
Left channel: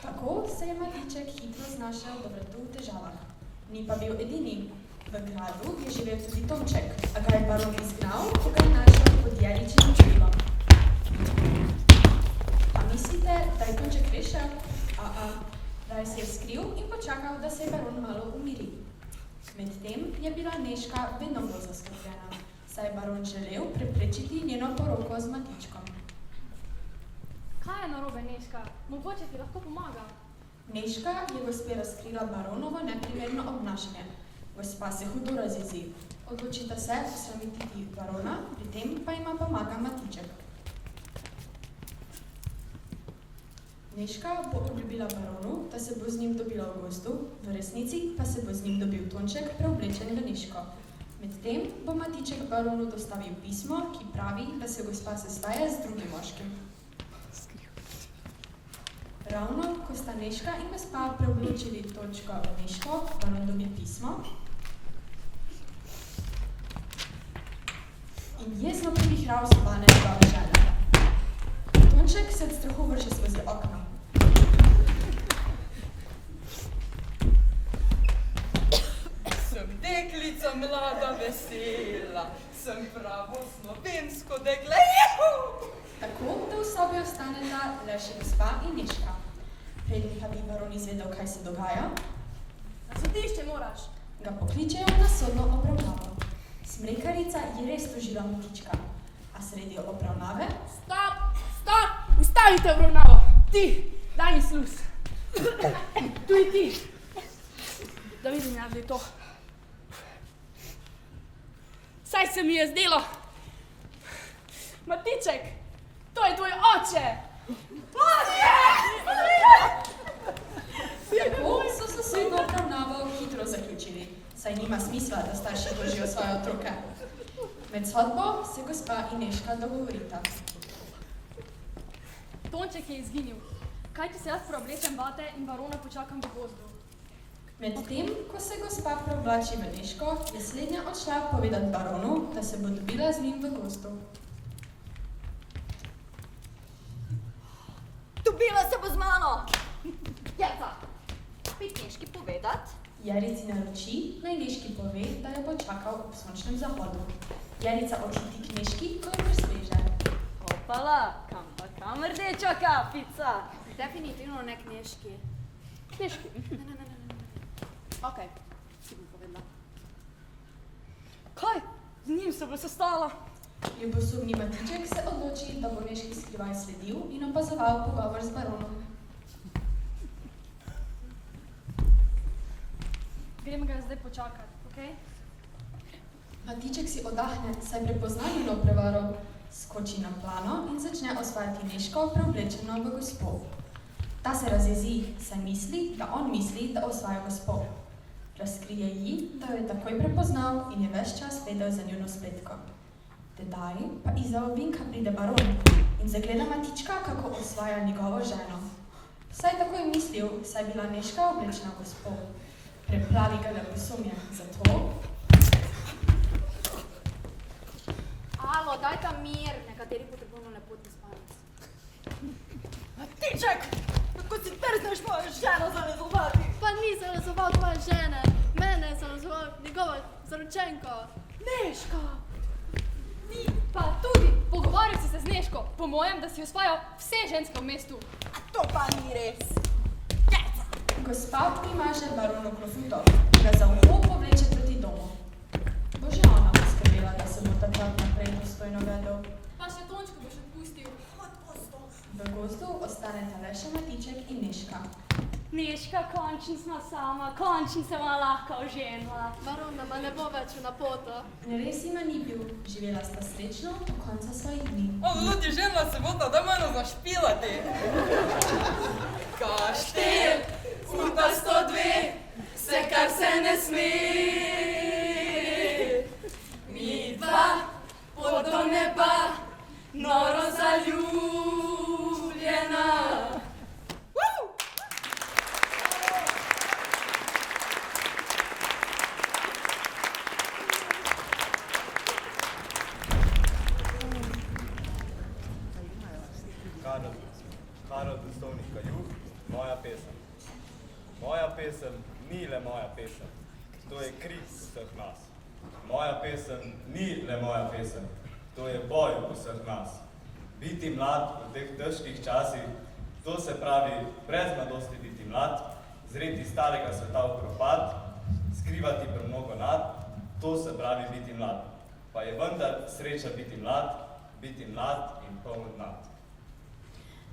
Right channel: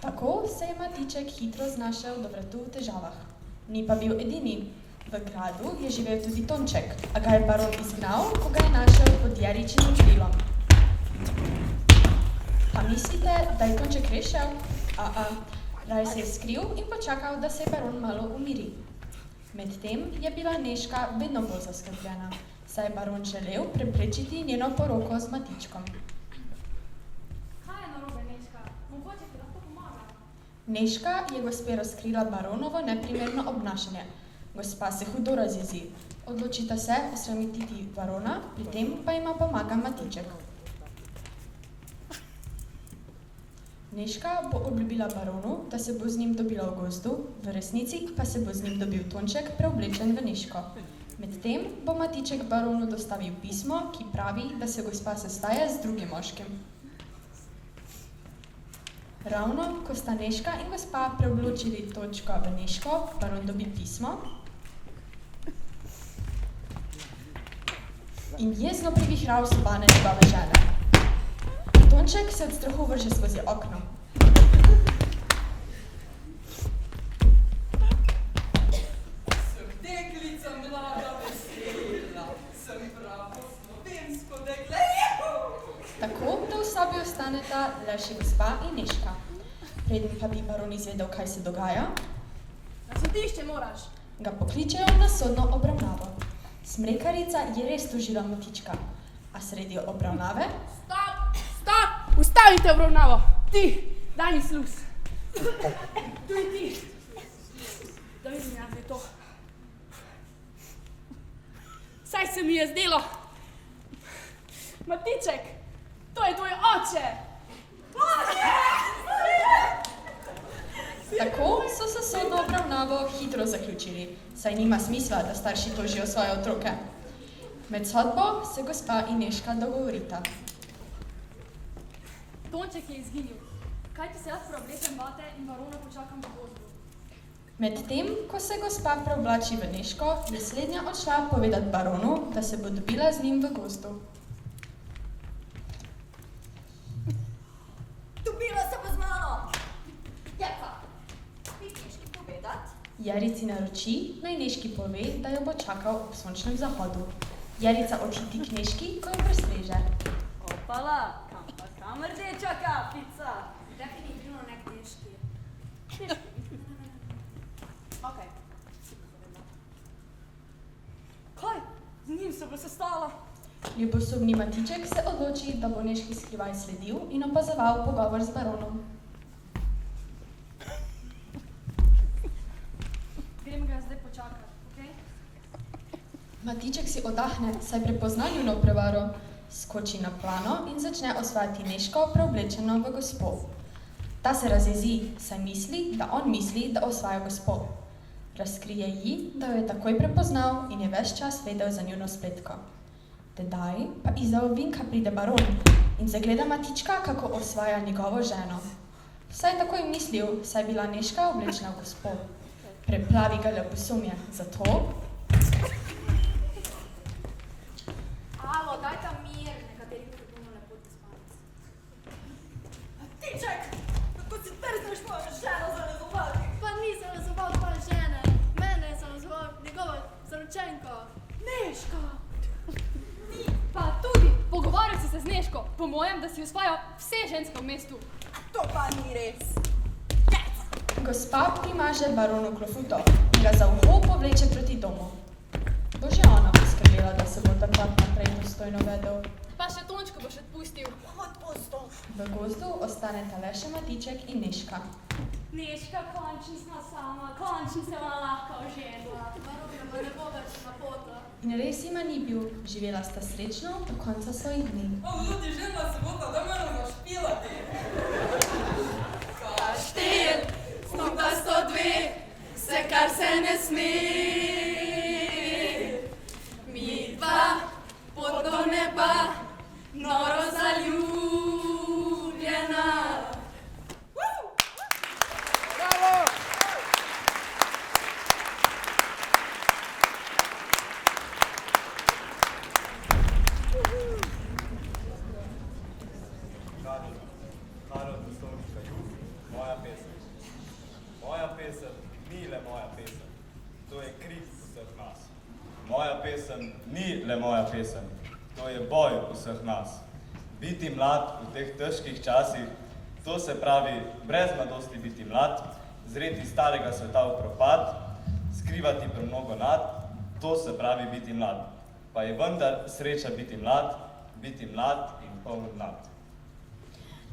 tako se je Matiček hitro znašel do vratu v težavah. Ni pa bil edini. V gradu je živel tudi Tonček, a ga je baron izgnal, ko ga je našel pod jaričinim krilom. Pa mislite, da je Tonček rešil? Raje se je skril in počakal, da se je baron malo umiri. Medtem je bila Nežka vedno bolj zaskrbljena, saj je baron želel preprečiti njeno poroko z Matičkom. Kaj je narobe, Nežka? Mogoče ti lahko pomaga. Nežka je gospe razkrila baronovo neprimerno obnašanje. Gospa se hudo razjezi. Odločita se posramititi barona, pri tem pa ima pomaga Matiček. Nežka bo obljubila baronu, da se bo z njim dobila v gozdu, v resnici pa se bo z njim dobil Tonček, preoblečen v Nežko. Medtem bo Matiček baronu dostavil pismo, ki pravi, da se gospa sestaja z drugim moškim. Ravno, ko sta Nežka in gospa preobločili Tončka v Nežko, baron dobi pismo in jezno privihral sobane njegove žene. Tonček se od strahu vrže skozi okno. Sem deklica mlada vesela, sem pravo slovensko dekle. Tako, da v sobi ostaneta le še gospa in Nežka. Preden pa bi baron izvedel, kaj se dogaja, Na sodišče moraš. ga pokličejo na sodno obravnavo. Smrekarica je res tožila Matička, a sredi obravnave Stop! ustavite obravnavo. Ti, daj mi sluz. Tudi ti. Da vidim jaz, da je to. Saj se mi je zdelo. Matiček, to je tvoj oče. Tako so se sodno obravnavo hitro zaključili, saj nima smisla, da starši tožijo svoje otroke. Med sodbo se gospa in Nežka dogovorita. Tonček je izginil. Kaj ti se jaz preoblečem vate in barona počakam v gozdu? Medtem, ko se gospa preoblači v Nežko, je slednja odšla povedat baronu, da se bo dobila z njim v gozdu. Dobila se bo z mano! Jeta, pit Nežki povedat? Jerici naroči, naj Nežki pove, da jo bo čakal ob sončnem zahodu. Jerica odhiti k Nežki, ko jo prestreže. Opala, kam rdeča kapica? Definitivno ne k Nežki. Nežki. Ne. Okej, si mi povedala. Kaj? Z njim se bo sestala? Ljubosumni Matiček se odloči, da bo Nežki skrivaj sledil in opazoval pogovor z baronom. Grem ga zdaj počakati, okej? Matiček si oddahne, saj prepozna njuno prevaro, skoči na plano in začne osvajati Nežko, preoblečeno v gospo. Ta se razjezi, saj misli, da on misli, da osvaja gospo. Razkrije ji, da jo je takoj prepoznal in je ves čas vedel za njuno spletko. Tedaj pa izza ovinka pride baron in zagleda Matička, kako osvaja njegovo ženo. Saj tako je mislil, saj je bila Nežka oblečena v gospo. Preplavi ga ljubosumje, zato... Alo, daj ta mir, nekateri potrebujemo lepotni spanec. Matiček, kako si trzneš mojo ženo zalezovati? Pa ni zalezoval tvoje žene, mene je zalezoval njegova zaročenka. Nežka! Ti pa tudi pogovarjal si se z Nežko, po mojem, da si osvajal vse ženske v mestu. A to pa ni res. Gospa primaže baronu klofuto in ga za uho povleče proti domu. Bo že ona poskrbela, da se bo takrat naprej dostojno vedel. Pa še Tončko boš odpustil. Odpustil. V gozdu ostaneta le še Matiček in Nežka. Nežka, končno smo sama, končno se vam lahko oženila. Barona ma ne bo več na poto. In res jima ni bil, živela sta srečno do konca svojih dni. Ljudi, žena se bo da malo zašpilati. Kaštel, snuta 102, vse kar se ne sme. Mi dva, pot do neba, noro zaljubljena. Karol Dostovnika Jug, moja pesem. Moja pesem ni le moja pesem, to je krik vseh nas. Moja pesem ni le moja pesem, to je boj vseh nas. Biti mlad v teh težkih časih, to se pravi brez mladosti biti mlad, zreti starega sveta v propad, skrivati premnogo nad, to se pravi biti mlad. Pa je vendar sreča biti mlad in poln nad.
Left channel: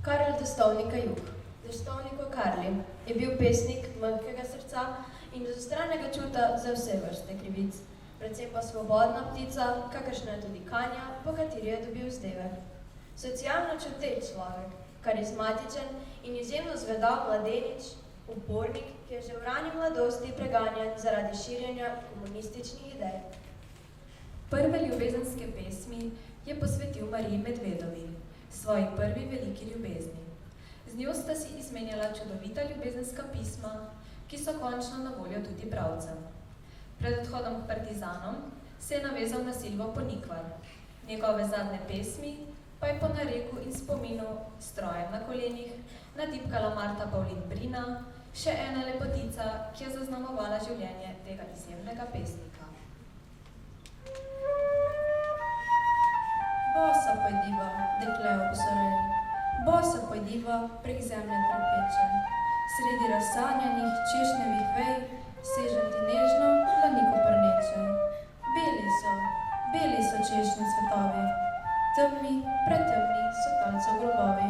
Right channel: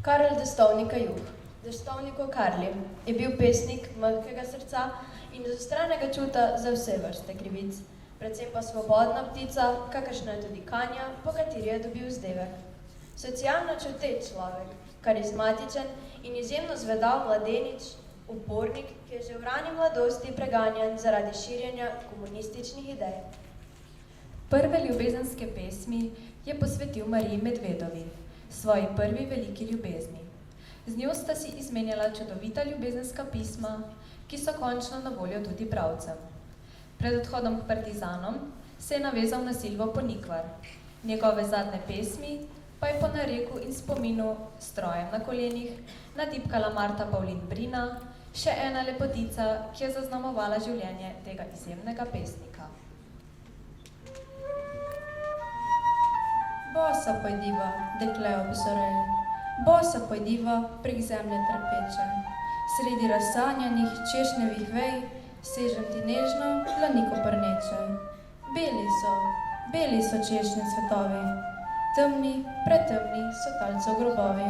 Karel Destovnika Jug, Destovniko Karli, je bil pesnik mehkega srca in zastranega čuta za vse vrste krivic, predvsem pa svobodna ptica, kakršna je tudi Kanja, po kateri je dobil vzdevek. Socialno čuteč človek, karizmatičen in izjemno zvedav mladenič, upornik, ki je že v rani mladosti preganjan zaradi širjenja komunističnih idej. Prve ljubezenske pesmi je posvetil Mariji Medvedovi, svoji prvi veliki ljubezni. Z njo sta si izmenjala čudovita ljubezenska pisma, ki so končno na voljo tudi bralcem. Pred odhodom k partizanom se je navezal na Silvo Ponikvar. Njegove zadnje pesmi pa je po nareku in spominu s strojem na kolenih natipkala Marta Pavlin Brina, še ena lepotica, ki je zaznamovala življenje tega izjemnega pesnika. Bosa pojdiva, dekle obzorej, bosa pojdiva prek zemlje trpeče, sredi razsanjanih češnjevih vej, sežem ti nežno, dlaniko prneče. Beli so češnje cvetovi, temni, pretemni so talcev grobovi.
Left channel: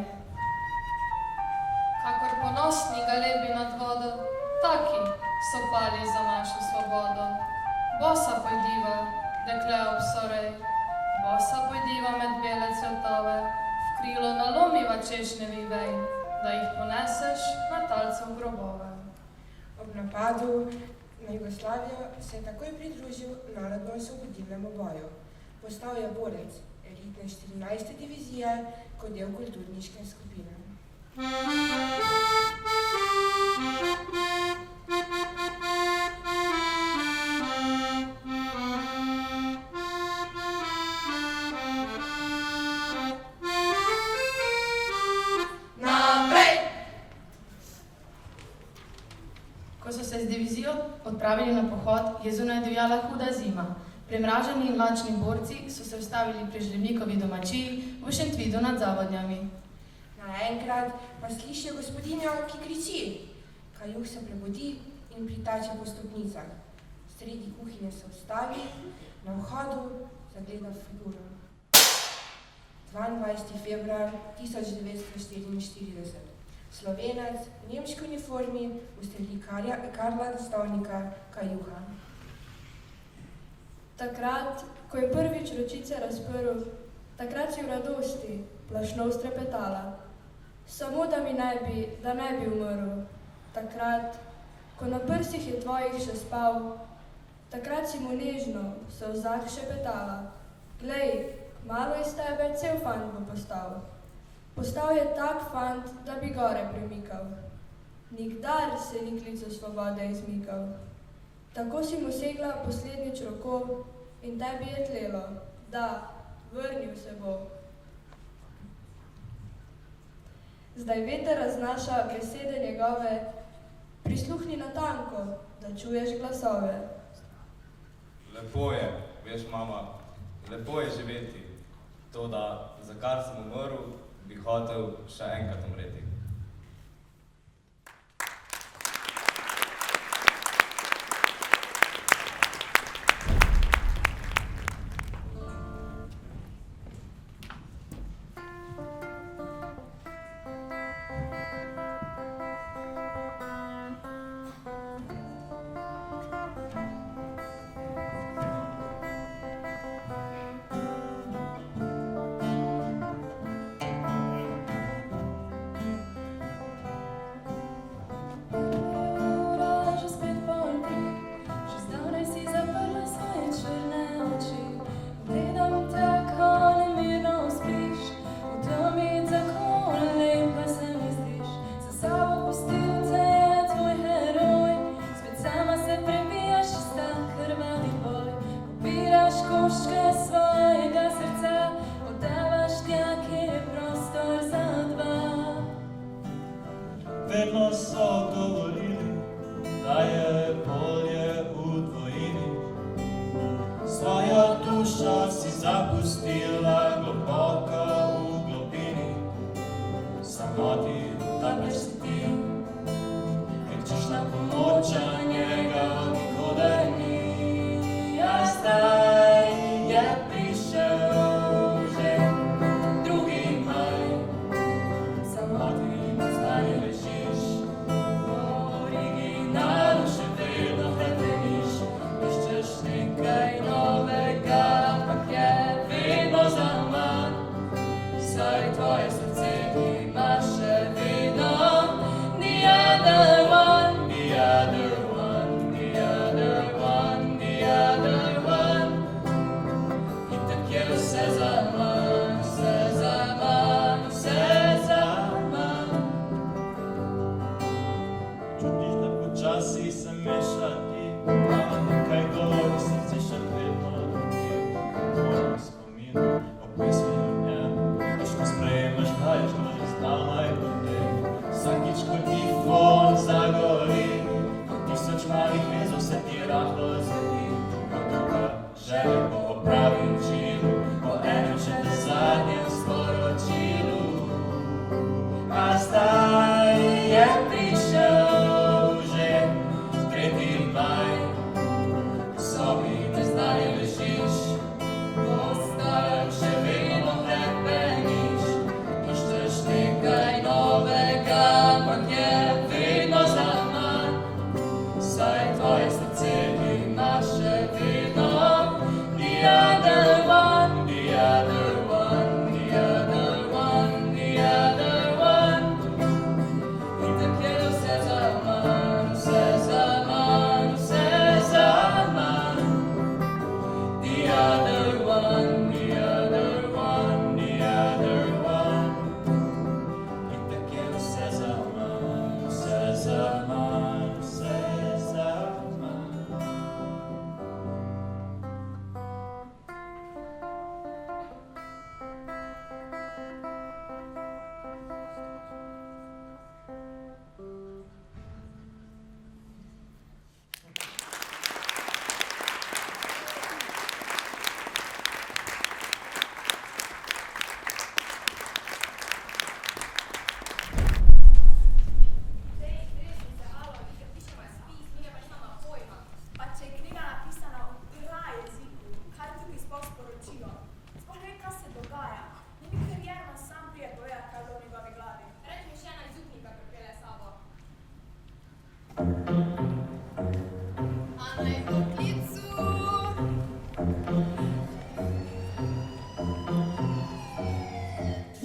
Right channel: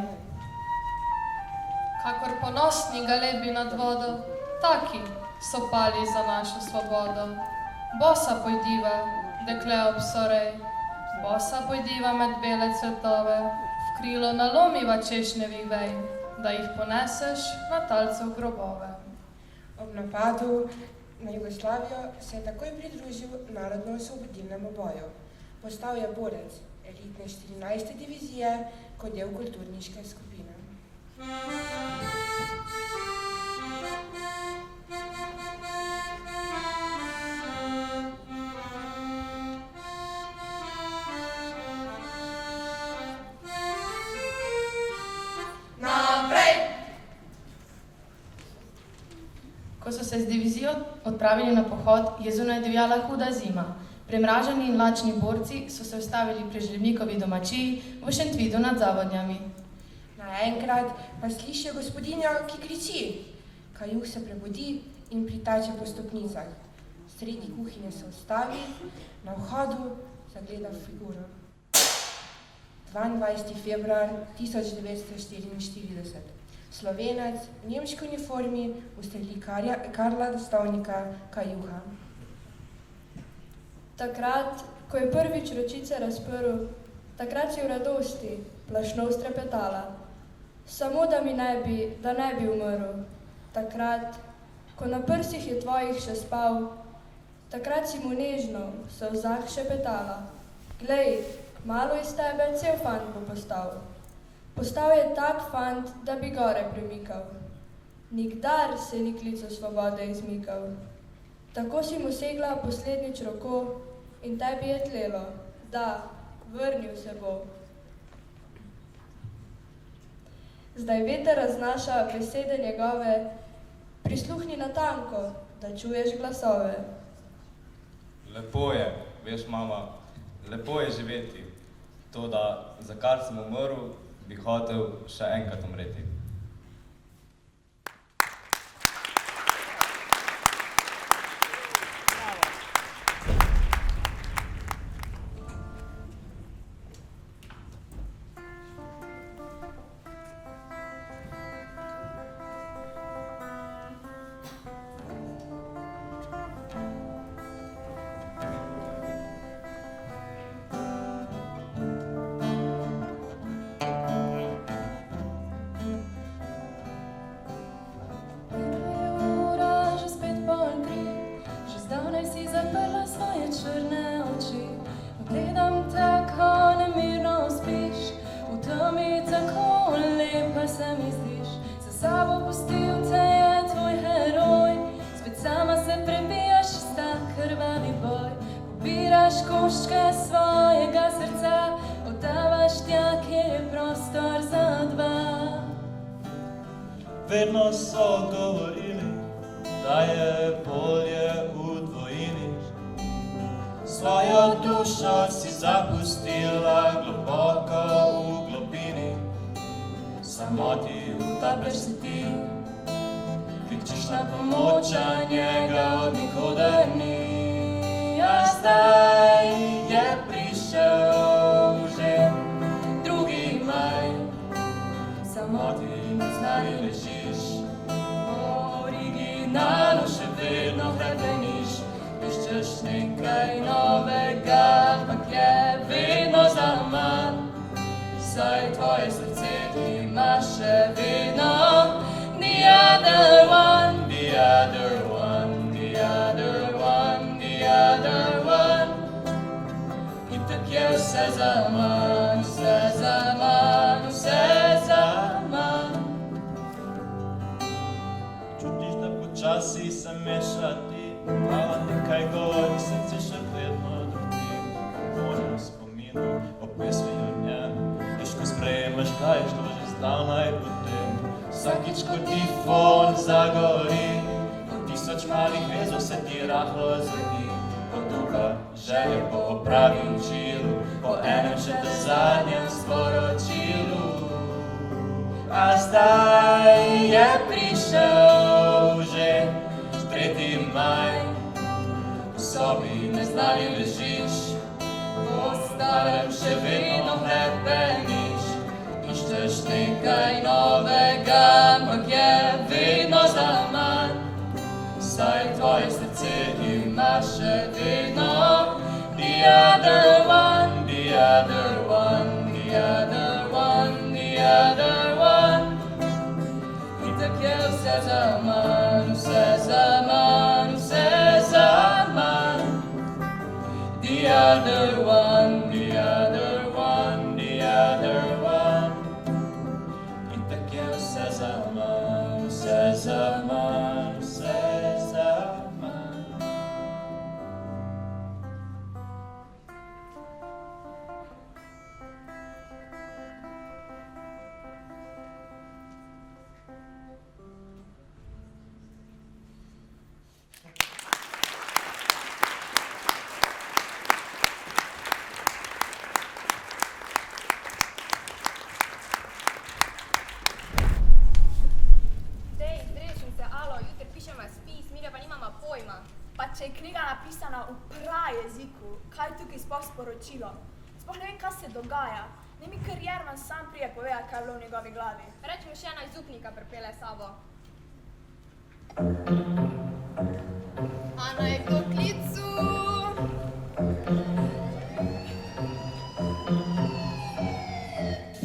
ponosni galebi nad vodo, taki so pali za našo svobodo. Bosa pojdiva, dekle obsorej, bosa pojdiva med bele cvetove, v krilo nalomiva češnjevih vej, da jih poneseš na talce v grobove. Ob napadu na Jugoslavijo se je takoj pridružil narodno-osvobodilnemu boju. Postal je borec elitne 14. divizije kot del kulturniške skupine. Ko so se z divizijo odpravili na pohod, je zunaj divjala huda zima. Premraženi in lačni borci so se ustavili pri Žlemnikovi domačiji v Šentvidu nad Zavodnjami. Naenkrat pa slišijo gospodinjo, ki kriči. Kajuh se prebudi in pritače po stopnicah. Sredi kuhinje se ustavi, na vhodu zagleda figuro. 22. februar 1944. Slovenec v nemški uniformi ustreli Karla Destovnika Kajuha. Takrat, ko je prvič ročice razprl, takrat si v radosti plašno strepetala. Samo da ne bi umrl. Takrat, ko na prsih je tvojih še spal, takrat si mu nežno v solzah šepetala. Glej, kmalu iz tebe cel fant bo postal. Postal je tak fant, da bi gore premikal. Nikdar se ni klicu svobode izmikal. Tako si mu segla poslednjič roko in tebi je tlelo, da, vrnil se bo. Zdaj veter raznaša besede njegove, prisluhni natanko, da čuješ glasove. Lepo je, veš, mama, lepo je živeti. To, da za kar sem umrl, bi hotel še enkrat umreti. koščke svojega srca, oddavaš tja, kjer je prostor za dva. Vedno so govorili, da je bolje v dvojini. Svojo dušo si zapustila globoko v globini. Samoti utapljaš se ti, kričeš na pomoč, a njega od nikoder ni. A zdaj je prišel že 2. maj, samoti na znani ležiš, v originalu še vedno hrepeniš, iščeš nekaj novega, ampak je vedno zaman, saj tvoje srce ti ima še vedno the other one, the other one, the other one, the other one. Itak je vse zaman, vse zaman, vse zaman. Čutiš, da počasi se mešati, a nekaj govori srce še vedno drži. Moram spominu o pesmi o njem, težko sprejemaš, kaj je šlo že zdavnaj potem. Vsakič, ko ti fon zagori, ko 1000 malih vezov se ti rahlo zadi, ko duha želje po opravim čilu, po enem še te zadnjem sporočilu. A zdaj je prišel že 3. maj, v sobi neznani ležiš, po starem še vedno hrepeniš, iščeš nekaj novega, ampak je Sploh ne vem, kaj se dogaja. Ne mi kar Jerman sam prije povedati, kaj je bilo v njegovi glavi. Reči mi še ena izupnika pripelje sabo. A naj to klicu.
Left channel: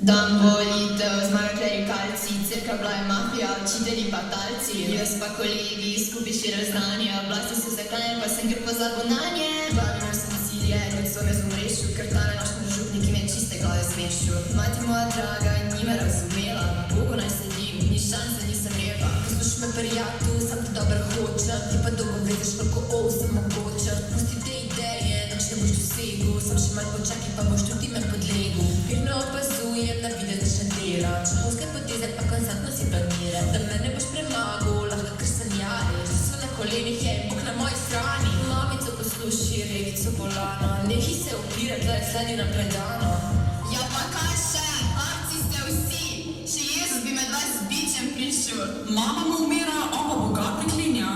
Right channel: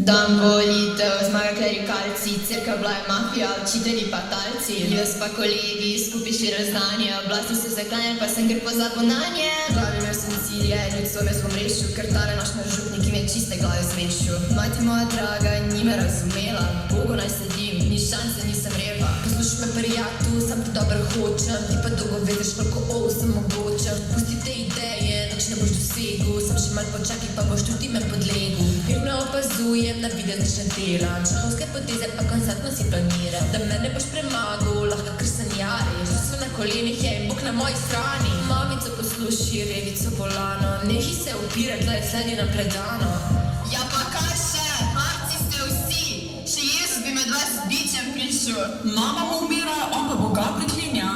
Dan volitev, zmaga klerikalci, cerkev bila je mafija, učitelji pa talci. Jaz pa kolegi, skupaj širili znanje, oblasti so zaklanjali, pa sem gre pozabil nanje. Glavino sem cilje, ljudstvo me zmomrešil, ker tale naš župnik im je čiste glave zmešil. Mati moja draga ni me razumela, Bogu naj sledim, ni šanse, nisem repa. Poslušaj me prijatu, sam ti dobro hočem, ti pa dolgo vedeš, koliko sem mogočem. Pusti te ideje, nič ne boš dosegel, sam še malo počakaj, pa boš tudi me podlegel. Mirno opazujem, na videz nič ne delam, šahovske poteze pa konstantno si planiram. Da me ne boš premagal, lahko kar sanjariš, da so na kolenih je in Bog na moji strani. Mamico posluši, revico bolano, nehi se upirati, da je sledi na predano. Ja pa kaj še, marci ste vsi, še Jezus bi med vas bičem prišel. Mama mu umira, on pa Boga priklinja.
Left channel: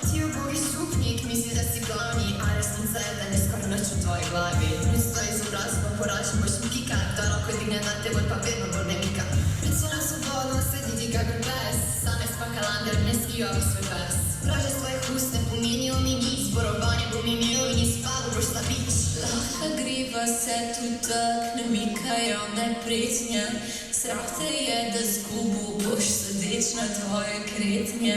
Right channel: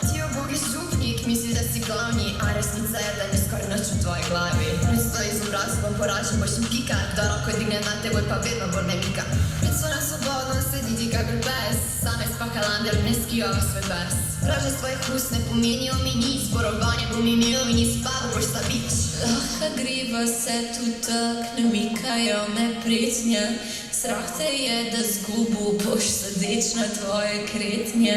Ti ubogi župnik, misli, da si glavni, a resnica je, da ne skoraj nič v tvoji glavi. Stoji z obrazom, poražen boš mi kika, da roko digne na teboj, pa vedno bolj ne mika. Pred svojim svobodom sediti kakor pes, same spakalander, ne skijo v svoj pes. Praže svojih ust ne pomenijo mi nič, zborovanje bom imel in izpadl boš ta bič. Lahko griva se tu tak, ne mikajo me pretnje, strah te je, da zgubu boš sedeč na tvoje kretnje.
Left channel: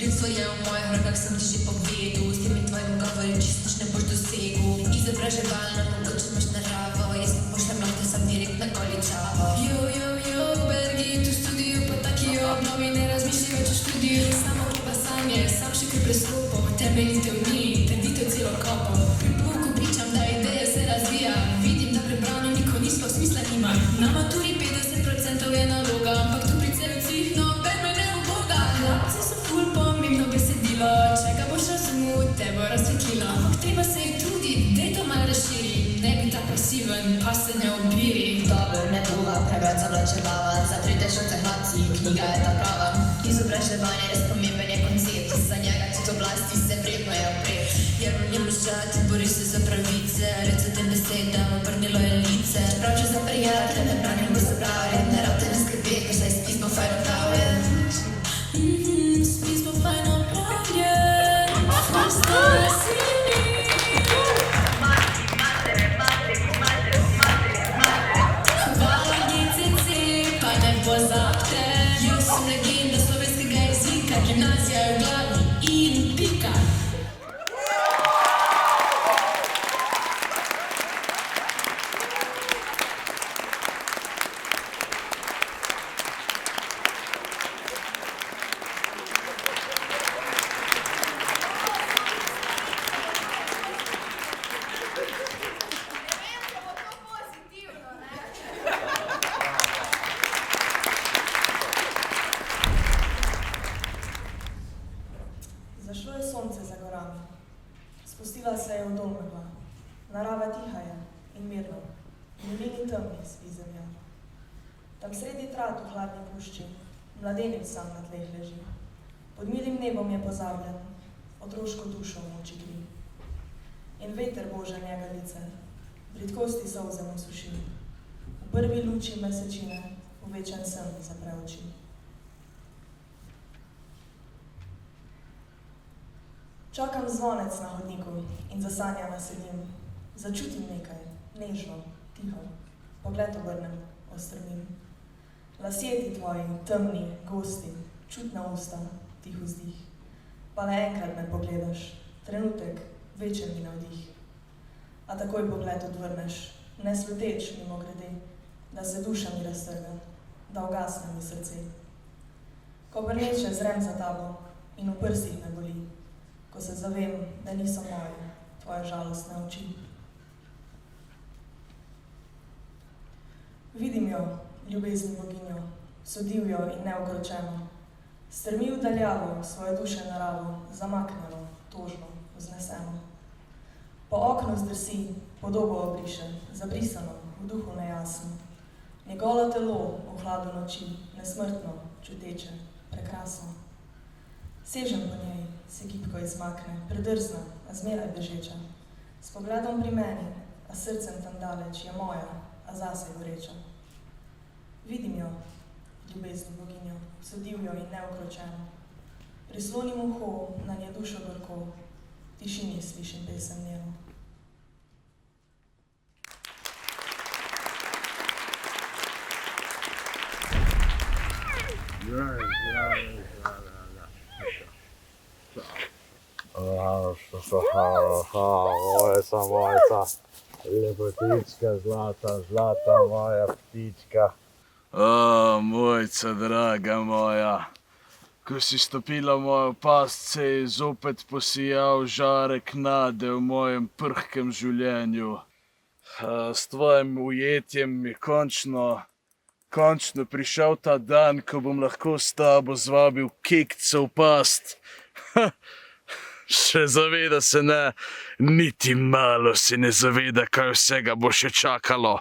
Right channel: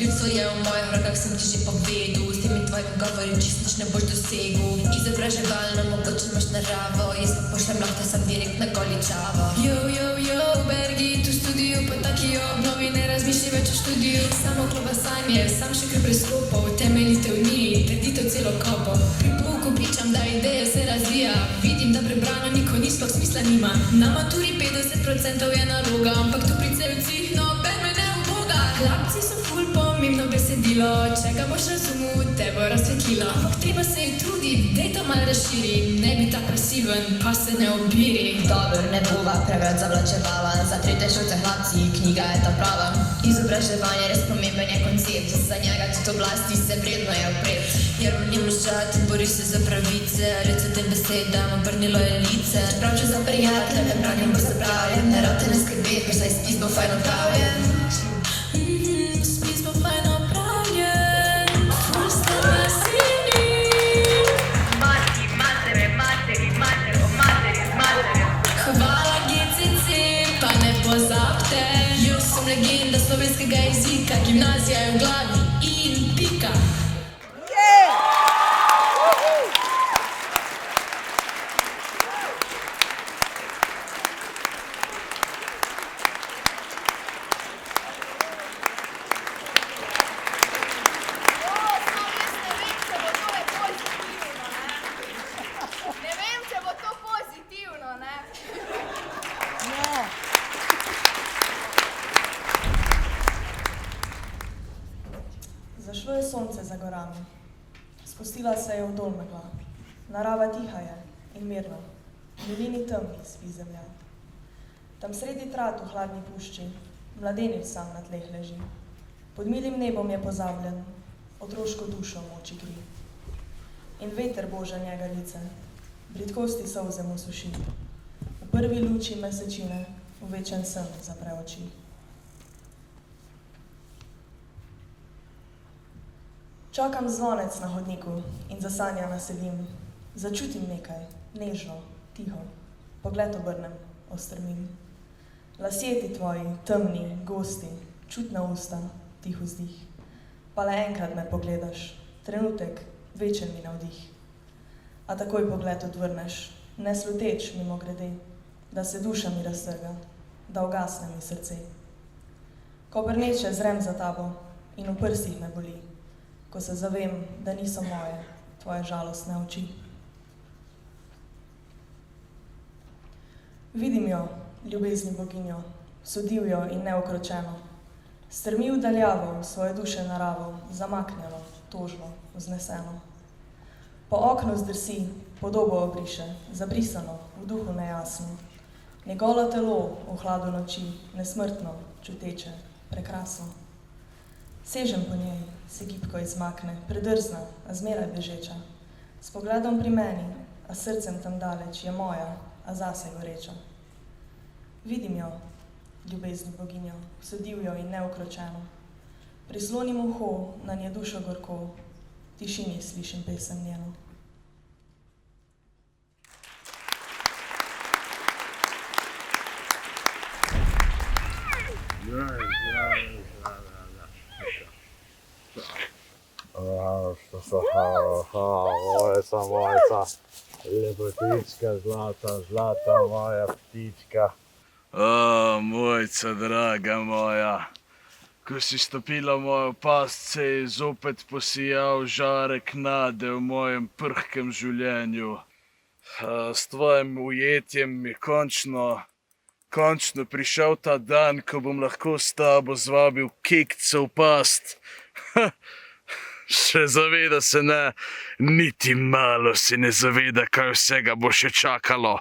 Ljudstvo je v mojih rokah, sem ti že povedal, s temi tvojimi govori čisto ne boš dosegel. Izobraževalno mogoče imaš naravo, jaz pa pošljem lahko sam direkt na Goličavo. Jo, Bergi, tu studio, pa taki obnovi, ne razmišljaj več o študiju. Samo klobasanje, sam še kar prestopov, temeljitev ni, trditev celo kopov. Pri pouku pričam, da ideja se razvija, vidim, da prebrano niko ni sploh smisla nima. Na maturi 50% je naloga, ampak tu pri celcih, no, ben me ne uboga. Hlapci so ful pomembno besedilo, če ga boš razumel, te bo razsvetlilo. Ampak treba se jih truditi, dej to malo razširi, ne bi tak pasiven, pa se ne obiri. Dobro, ne bova preveč zavlačevala, za tretješolce hlapci, knjiga je ta prava. Izobraževanje res pomemben je koncept, za njega tudi oblasti se vredno je opret. Jer v njem luščat, bori se za pravice, reče tem besedam, obrnilo je lice. Čeprav če za prijatelje ne branim, bo se pravljen, ne rabte ne skrbeti, ker saj spis bo fajn opravljen. Spis bo fajn opravljen, vrsta na sini. Mati, matere, hvala GCC, pa ne pozabte. Jaz sem legenda slovenskega jezika, gimnazija je v glavi in pika. Zašlo je sonce za gorami, spustila se je v dol megla. Narava tiha je in mirna, v dolini temni spi zemlja. Tam sredi trat v hladni pušči, mladenič sam na tleh leži. Pod milim nebom je pozabljen, otroško dušo moči gri. In veter boža njega lice, bridkosti solze mu suši. V prvi luči mesečine, v večen sen zapre oči. Čakam zvonec na hodniku in za sanja naselim. Začutim nekaj, nežno, tiho, pogled obrnem, ostrmim. Lasje ti tvoji, temni, gosti, čutna usta, tih vzdih. Pa le enkrat me pogledaš, trenutek, večer mi navdih. A takoj pogled odvrneš, ne sluteč mimo grede, da se duša mi raztrga, da ugasne mi srce. Ko brneče zrem za tabo in v prstih me boli, ko se zavem, da niso moje, tvoje žalostne oči. Vidim jo, ljubezni boginjo, sodivjo in neokročeno. Strmi v daljavo svoje duše naravo, zamaknjeno, tožno, vzneseno. Po oknu zdrsi, podobo obriše, zabrisano, v duhu nejasno. Njegolo telo v hladu noči, nesmrtno, čuteče, prekrasno. Sežem po njej, se gibko izmakne, predrzna, a zmeraj bežeča. S pogledom pri meni, a a srcem tam daleč je moja, a zase goreča. Vidim jo, ljubezno boginjo, vso divjo in neukročeno. Prizlonim uho, na nje dušo gorko, v tišini slišim pesem njeno. Mojca, lepotička, zlata moja ptička. Mojca, draga moja, ko si stopila v mojo past, se je zopet posijal žarek nade v mojem prhkem življenju. S tvojim ujetjem je končno prišel ta dan, ko bom lahko s tabo zvabil kekca v past. Še zaveda se ne, niti malo se ne zaveda, kaj vsega bo še čakalo.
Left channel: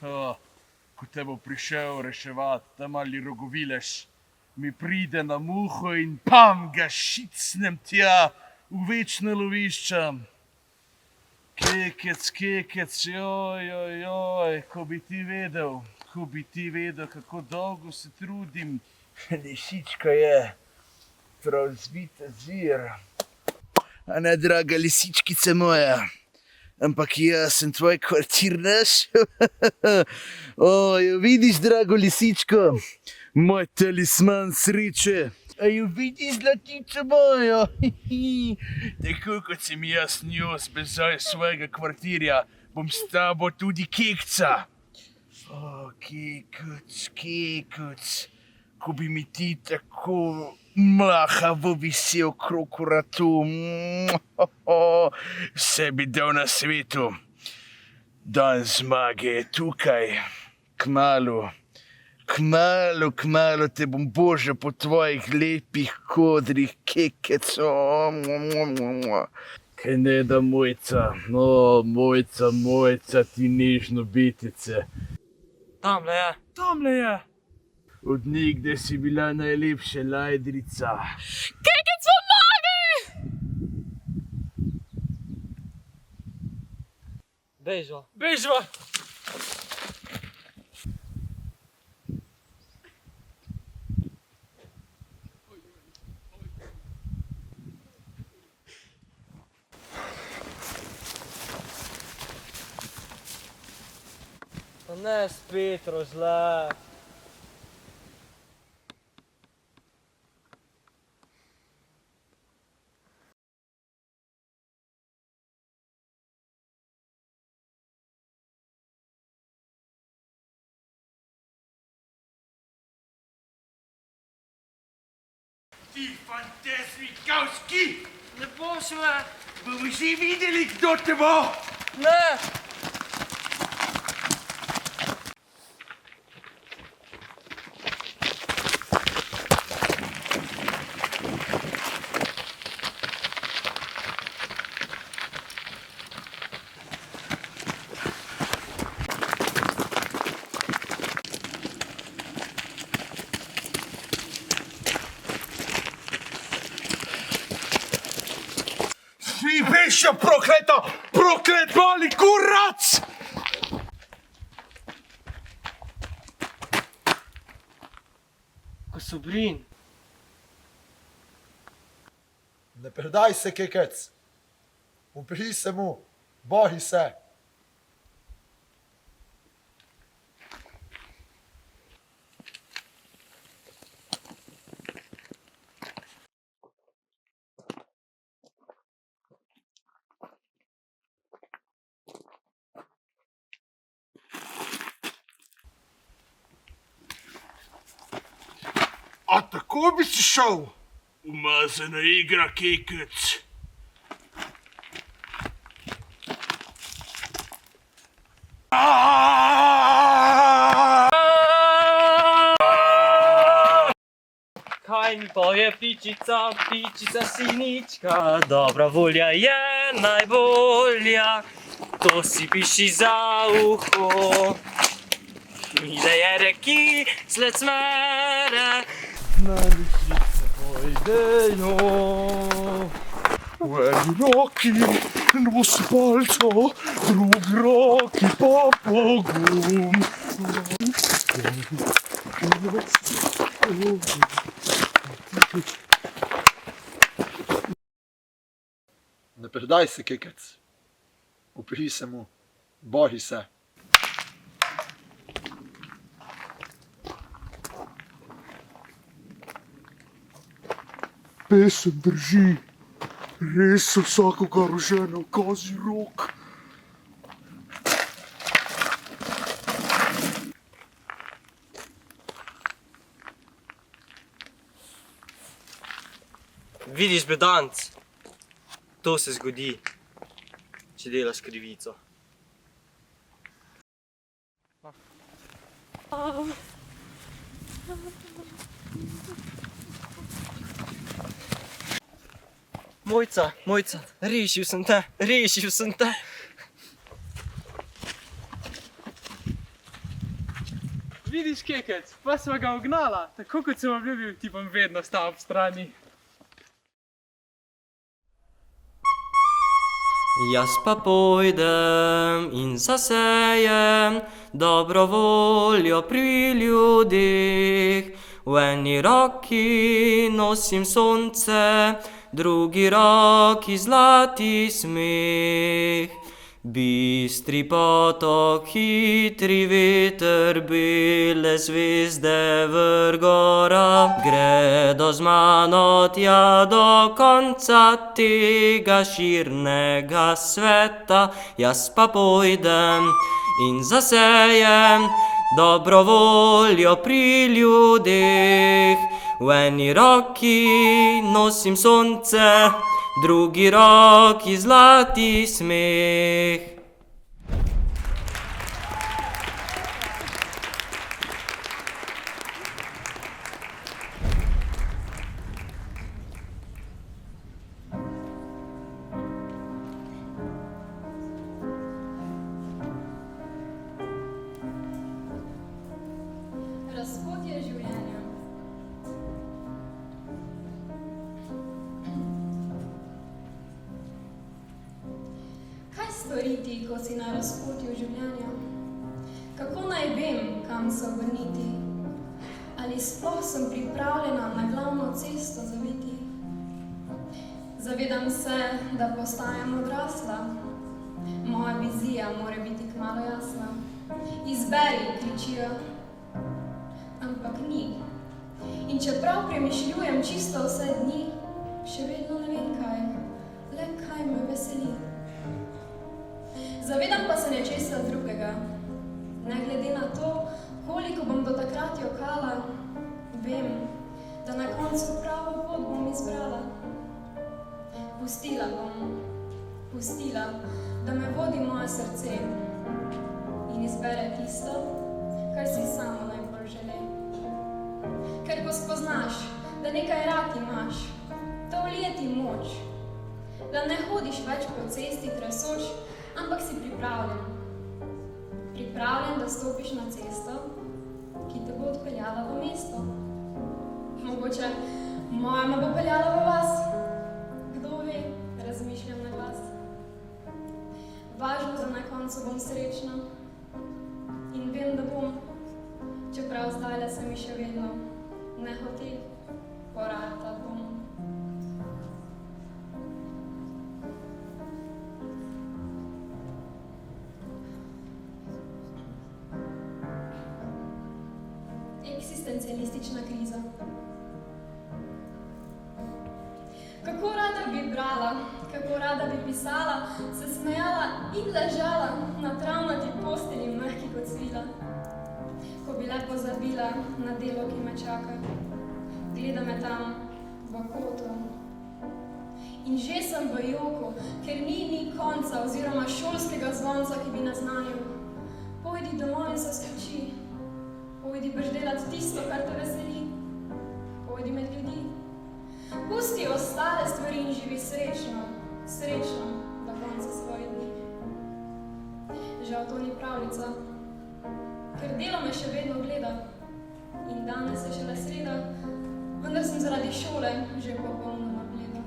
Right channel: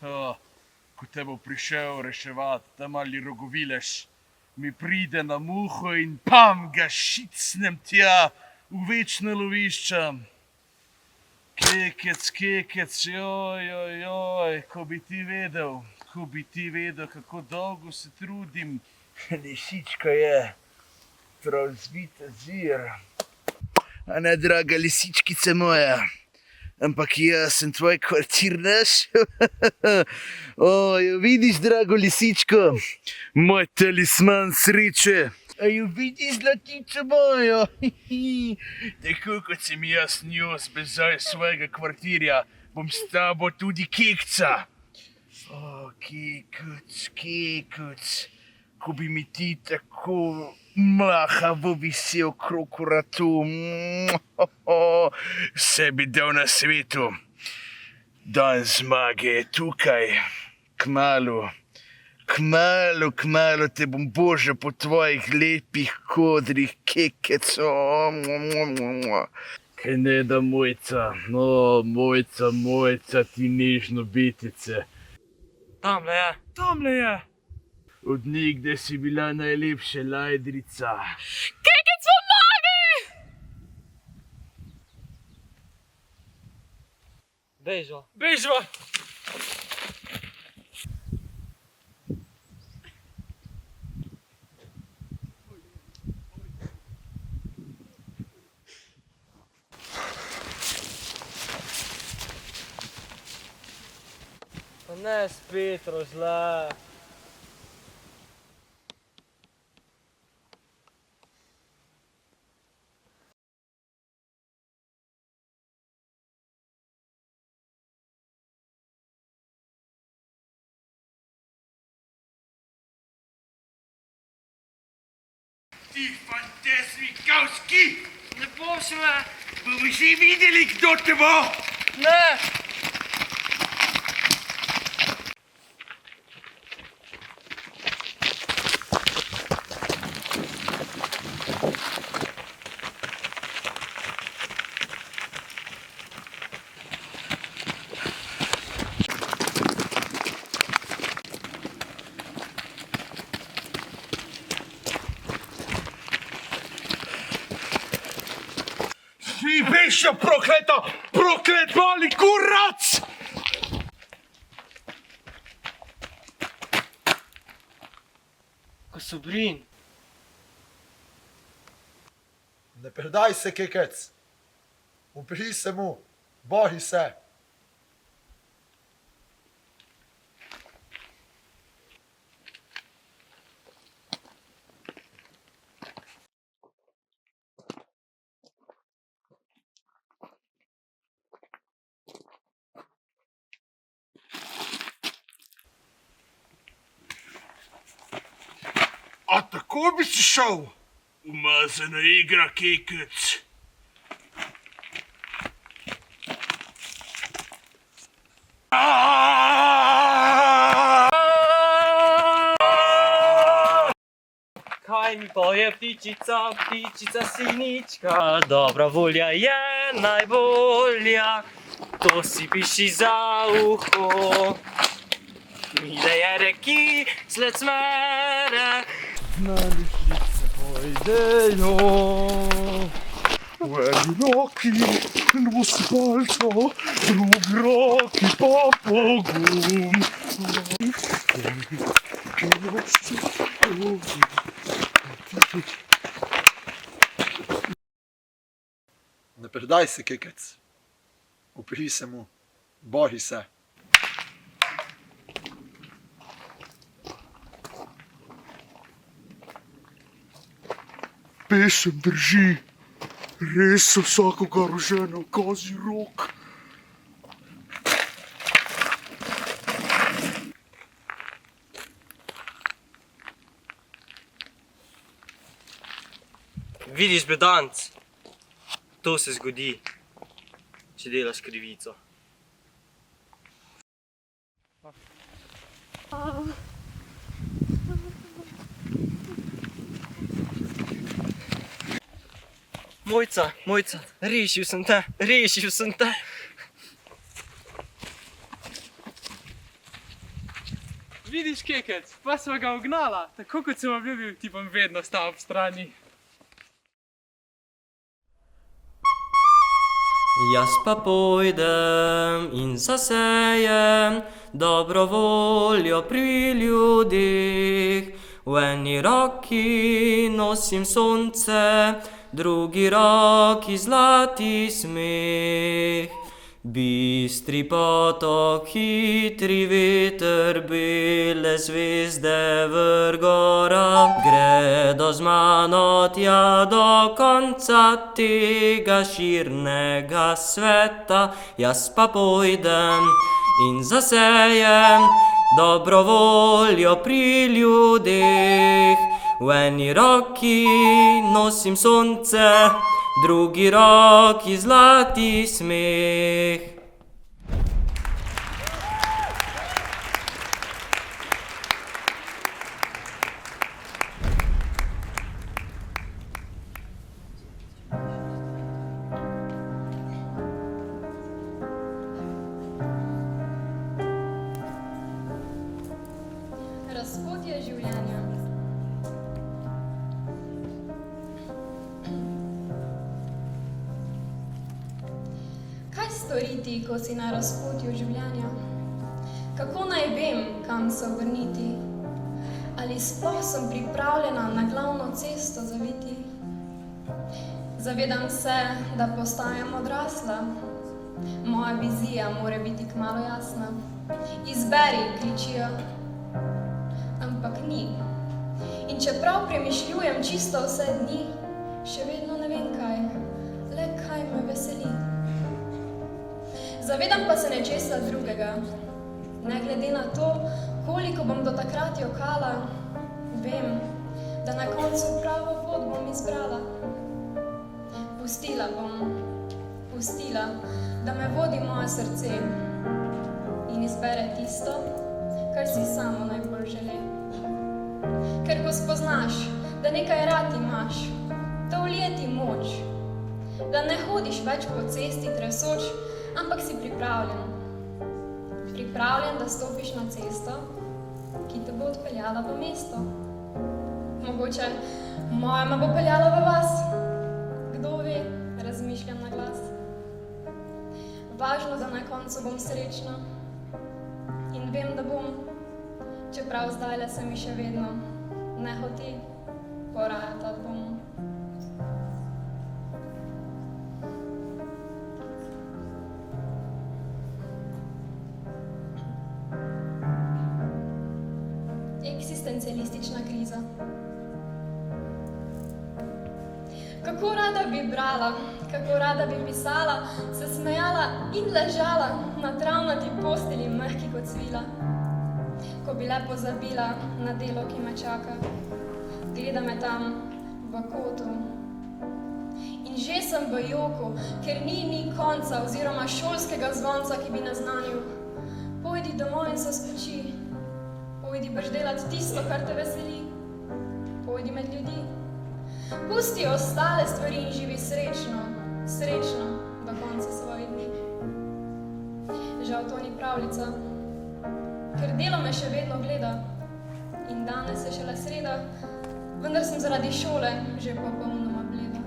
Ko te bo prišel reševat, ta mali rogovilež mi pride na muho in pam, ga šicnem tja v večna lovišča. Kekec, joj, ko bi ti vedel, kako dolgo se trudim. Lisička je prav zvita zir. A ne, draga lisičkica moja, ampak jaz sem tvoj kvartirnaš. Jo vidiš, drago lisičko, moj talisman sreče. A jo vidiš, zlatico mojo? Tako kot sem jaz njo zbezal iz svojega kvartirja, bom s tabo tudi kekca. Kekuc, ko bi mi ti tako mlahavo visel okrog vratu. Vse bi dal na svetu. Dan zmage je tukaj. Kmalu te bom božal po tvojih lepih kodrih, kekec. Kaj ne da, Mojca? Mojca, ti nežno bitice. Tamle je. Od nikdaj si bila najlepša lajdrica. Kekec, pomagaj! Bežva! Pa ne spet rozle. Ti fantasmi kavski! Ne boš me! Bomo že videli, kdo te bo! Ne! Ti bešja prokleta, proklet mali kurac! Kosobrin. Ne predaj se, kekec. Upri se mu, boji se. A tako bi si šel? Umazana igra, kekec. Kaj mi poje ptičica, ptičica sinička? Dobra volja je najbolja, to si piši za uho. Ide je reki, sled smere. Najvišlice pojdejo v eni roki. nos palcev, drugi roki pa pogum. Ne predaj se, kekec. Upri se mu, boji se. Pesem drži, res se vsakogar ožene v kozji rok. Vidiš, bedanc, to se zgodi, če delaš krivico. Mojca, rešil sem te. Vidiš, kekec, pa sva ga ugnala, tako kot sem obljubil, ti bom vedno stal ob strani. Jaz pa pojdem in zasejem dobro voljo pri ljudeh. V eni roki nosim sonce, drugi roki zlati smeh. Bistri potok, hitri veter, bele zvezde vrgora. Gredo z mano tja do konca tega širnega sveta. Jaz pa pojdem in zasejem dobro voljo pri ljudeh. V eni roki nosim sonce, drugi roki zlati smeh. Razpotje življenja. Kaj storiti, ko si na razpotju življenja? Kako naj vem, kam se obrniti? Ali sploh sem pripravljena na glavno cesto zaviti? Zavedam se, da postajam odrasla. Moja vizija mora biti kmalu jasna. Izberi, kličijo. Ampak ni. In čeprav premišljujem čisto vse dni, še vedno ne vem kaj, le kaj me veseli. Zavedam pa se nečesa drugega. Ne glede na to, koliko bom do takrat jokala, vem, da na koncu pravo pot bom izbrala. Pustila, da me vodi moje srce in izbere tisto, kar si samo najbolj želi. Ker ko spoznaš, da nekaj rad imaš, to vlije ti moč, da ne hodiš več po cesti tresoč, ampak si pripravljen. Pripravljen, da stopiš na cesto, ki te bo odpeljala v mesto. Mogoče moja me bo peljala v vas. Kdo ve, razmišljam na glas. Važno, da na koncu bom srečna. In vem, da bom, čeprav zdajle se mi še vedno ne hote porajata bom. Eksistencialistična kriza. Kako rada bi brala, kako rada bi pisala, se smejala in ležala na travnati postelji mehki kot svila. Ko bi le pozabila na delo, ki me čaka, gleda me tam v kotu. In že sem v joku, ker ni konca oziroma šolskega zvonca, ki bi naznanil. Pojdi domov in se spoči. Pojdi brž delat tisto, kar te veseli. Pojdi med ljudi. Pusti ostale stvari in živi srečno do konca svojih dni. Žal to ni pravljica, ker delo me še vedno gleda. In danes je šele sreda, vendar sem zaradi šole že popolnoma bleda.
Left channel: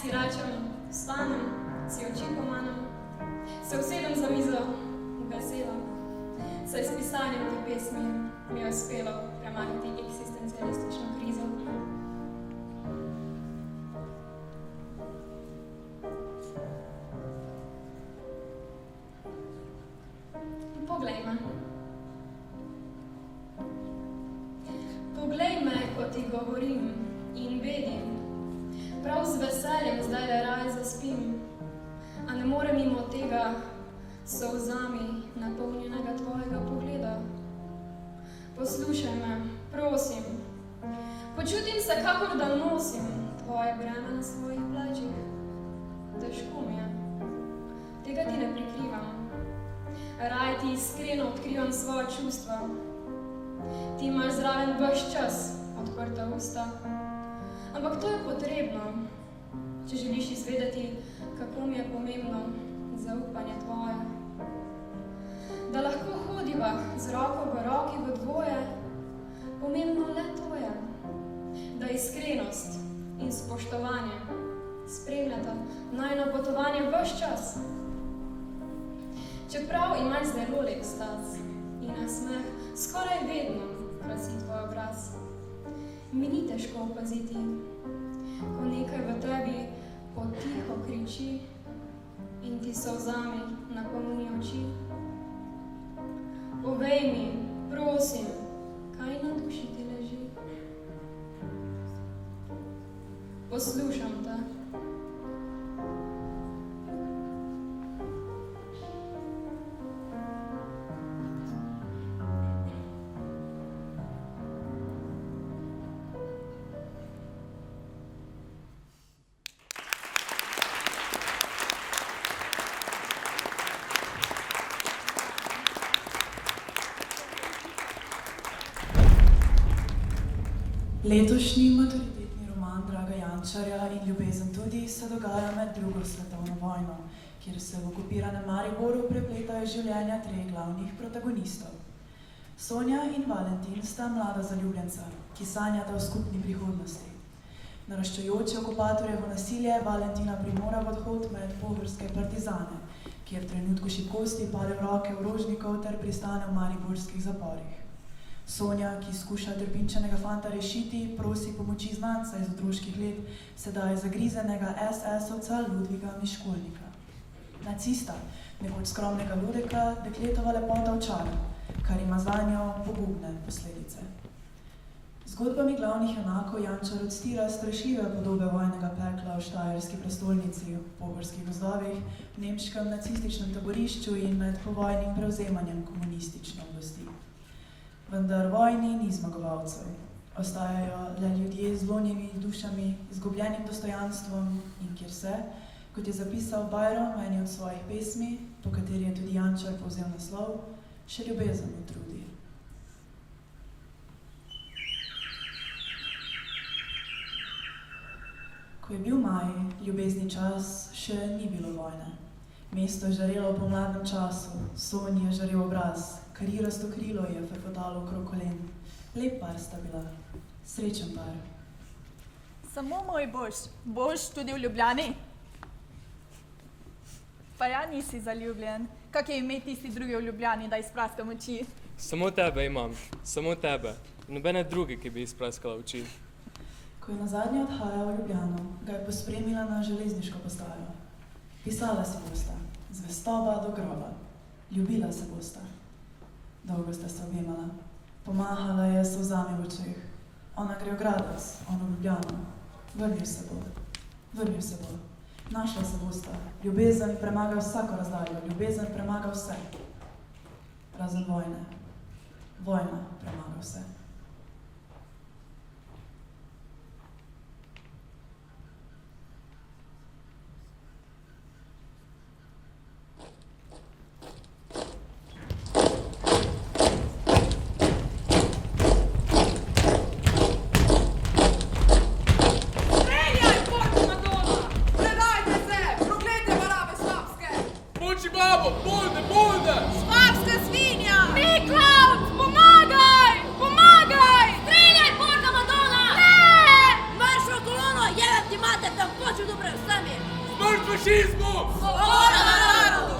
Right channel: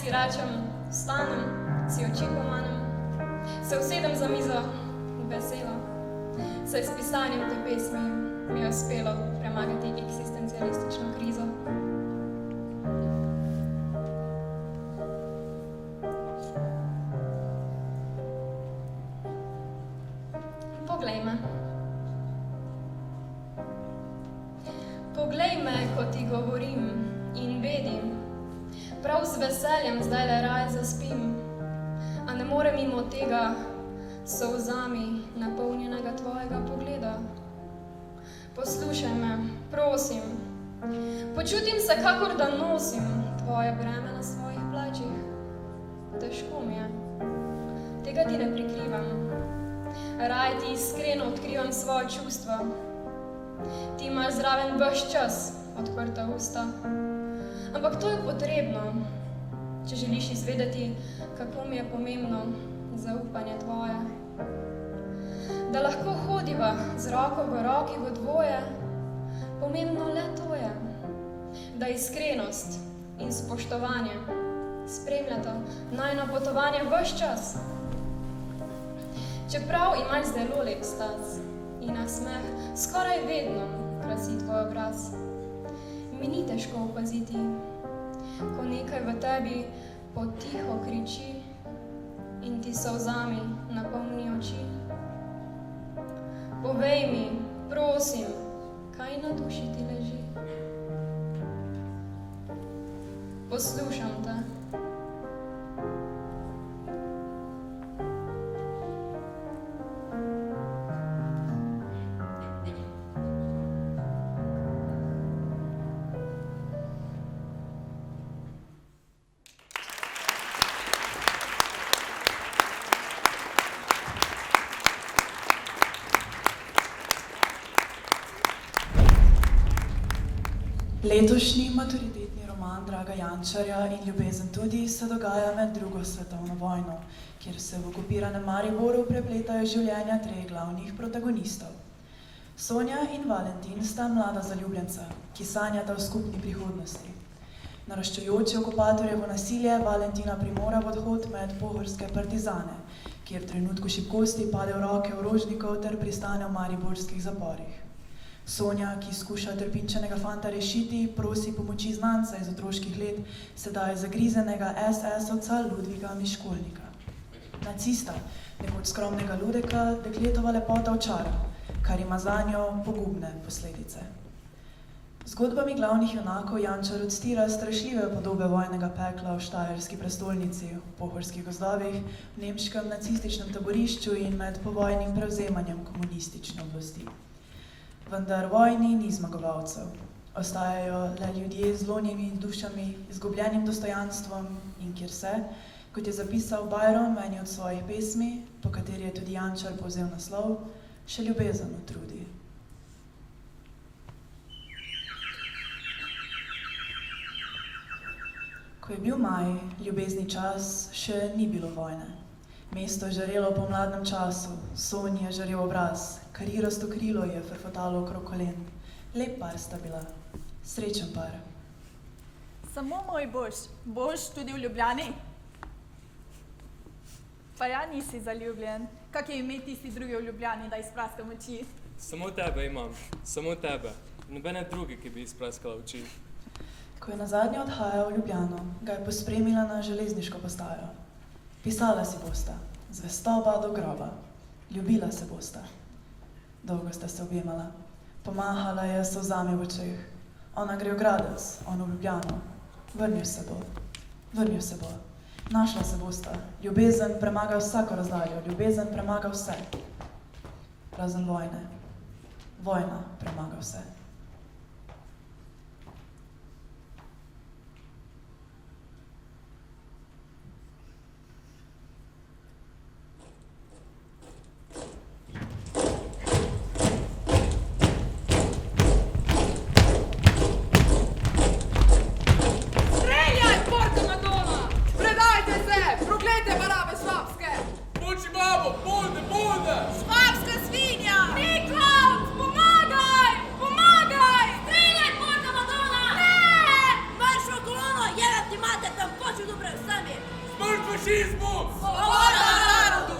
Si rečem, Vstanem, si oči pomanem, se usedem za mizo, vesela. Saj s pisanjem te pesmi mi je uspelo premagati eksistencialistično krizo. Poglej me. Poglej me, ko ti govorim in bedim. Prav z veseljem zdaj le raj zaspim, a ne morem mimo tega solzami napolnjenega tvojega pogleda. Poslušaj me, prosim. Počutim se, kakor da nosim tvoje breme na svojih plačih. Težko mi je. Tega ti ne prikrivam. Raje ti iskreno odkrivam svoje čustva. Ti imaš zraven ves čas odprta usta. Ampak to je potrebno, če želiš izvedeti, kako mi je pomembno zaupanje tvoje. Da lahko hodiva z roko v roki v dvoje, pomembno le to je. Da iskrenost in spoštovanje spremljata najino potovanje ves čas. Čeprav imaš zelo lep stas in nasmeh skoraj vedno krasi tvoj obraz, mi ni težko opaziti, ko nekaj v tebi potiho kriči in ti solzami napolni oči. Povej mi, prosim, kaj na duši ti leži. Poslušam te. Letošnji maturitetni roman Draga Jančarja in ljubezen tudi se dogaja med drugo svetovno vojno, kjer se v okupiranem Mariboru prepletajo življenja treh glavnih protagonistov. Sonja in Valentin sta mlada zaljubljenca, ki sanjata o skupni prihodnosti. Naraščajoče okupatorjevo nasilje Valentina primora v odhod med pohorske partizane, kjer v trenutku šibkosti pade v roke orožnikov ter pristane v mariborskih zaporih. Sonja, ki skuša trpinčenega fanta rešiti, prosi pomoči znanca iz otroških let, sedaj zagrizenega SS-ovca Ludviga Miškolnika. Nacista, nekoč skromnega Ludeka, dekletova lepota očara, kar ima zanjo pogubne posledice. Zgodbami glavnih junakov Jančar odstira strašljive podobe vojnega pekla v štajerski prestolnici, v pohorskih gozdovih, v nemškem nacističnem taborišču in med povojnim prevzemanjem komunistične oblasti. Vendar vojni ni zmagovalcev. Ostajajo le ljudje z zlonjimi dušami, izgubljenim dostojanstvom in kjer se, kot je zapisal Byron v eni od svojih pesmi, po kateri je tudi Jančar povzel naslov, še ljubezen utrudi. Ko je bil maj, ljubezni čas, še ni bilo vojne. Mesto je žarelo po mladnem času, Sonji je žarel obraz, karirasto krilo je frfotalo okrog kolen. Lep par sta bila, srečen par. Samo moj boš tudi v Ljubljani? Pa ja nisi zaljubljen, kak je ime tisti drugi v Ljubljani, da izpraskam oči? Samo tebe imam, samo tebe, nobene druge, ki bi izpraskala oči. Ko je nazadnje odhajal v Ljubljano, ga je pospremila na železniško postajo. Pisala si bosta, zvestoba do groba, ljubila se bosta. Dolgo sta se objemala, pomahala je s solzami v očeh. Ona gre v Gradec, on v Ljubljano. Vrnil se bo. Našla se bosta. Ljubezen premaga vsako razdaljo, ljubezen premaga vse. Razen vojne. Vojna premaga vse. Smrt fašizmu! Svoboda narodu!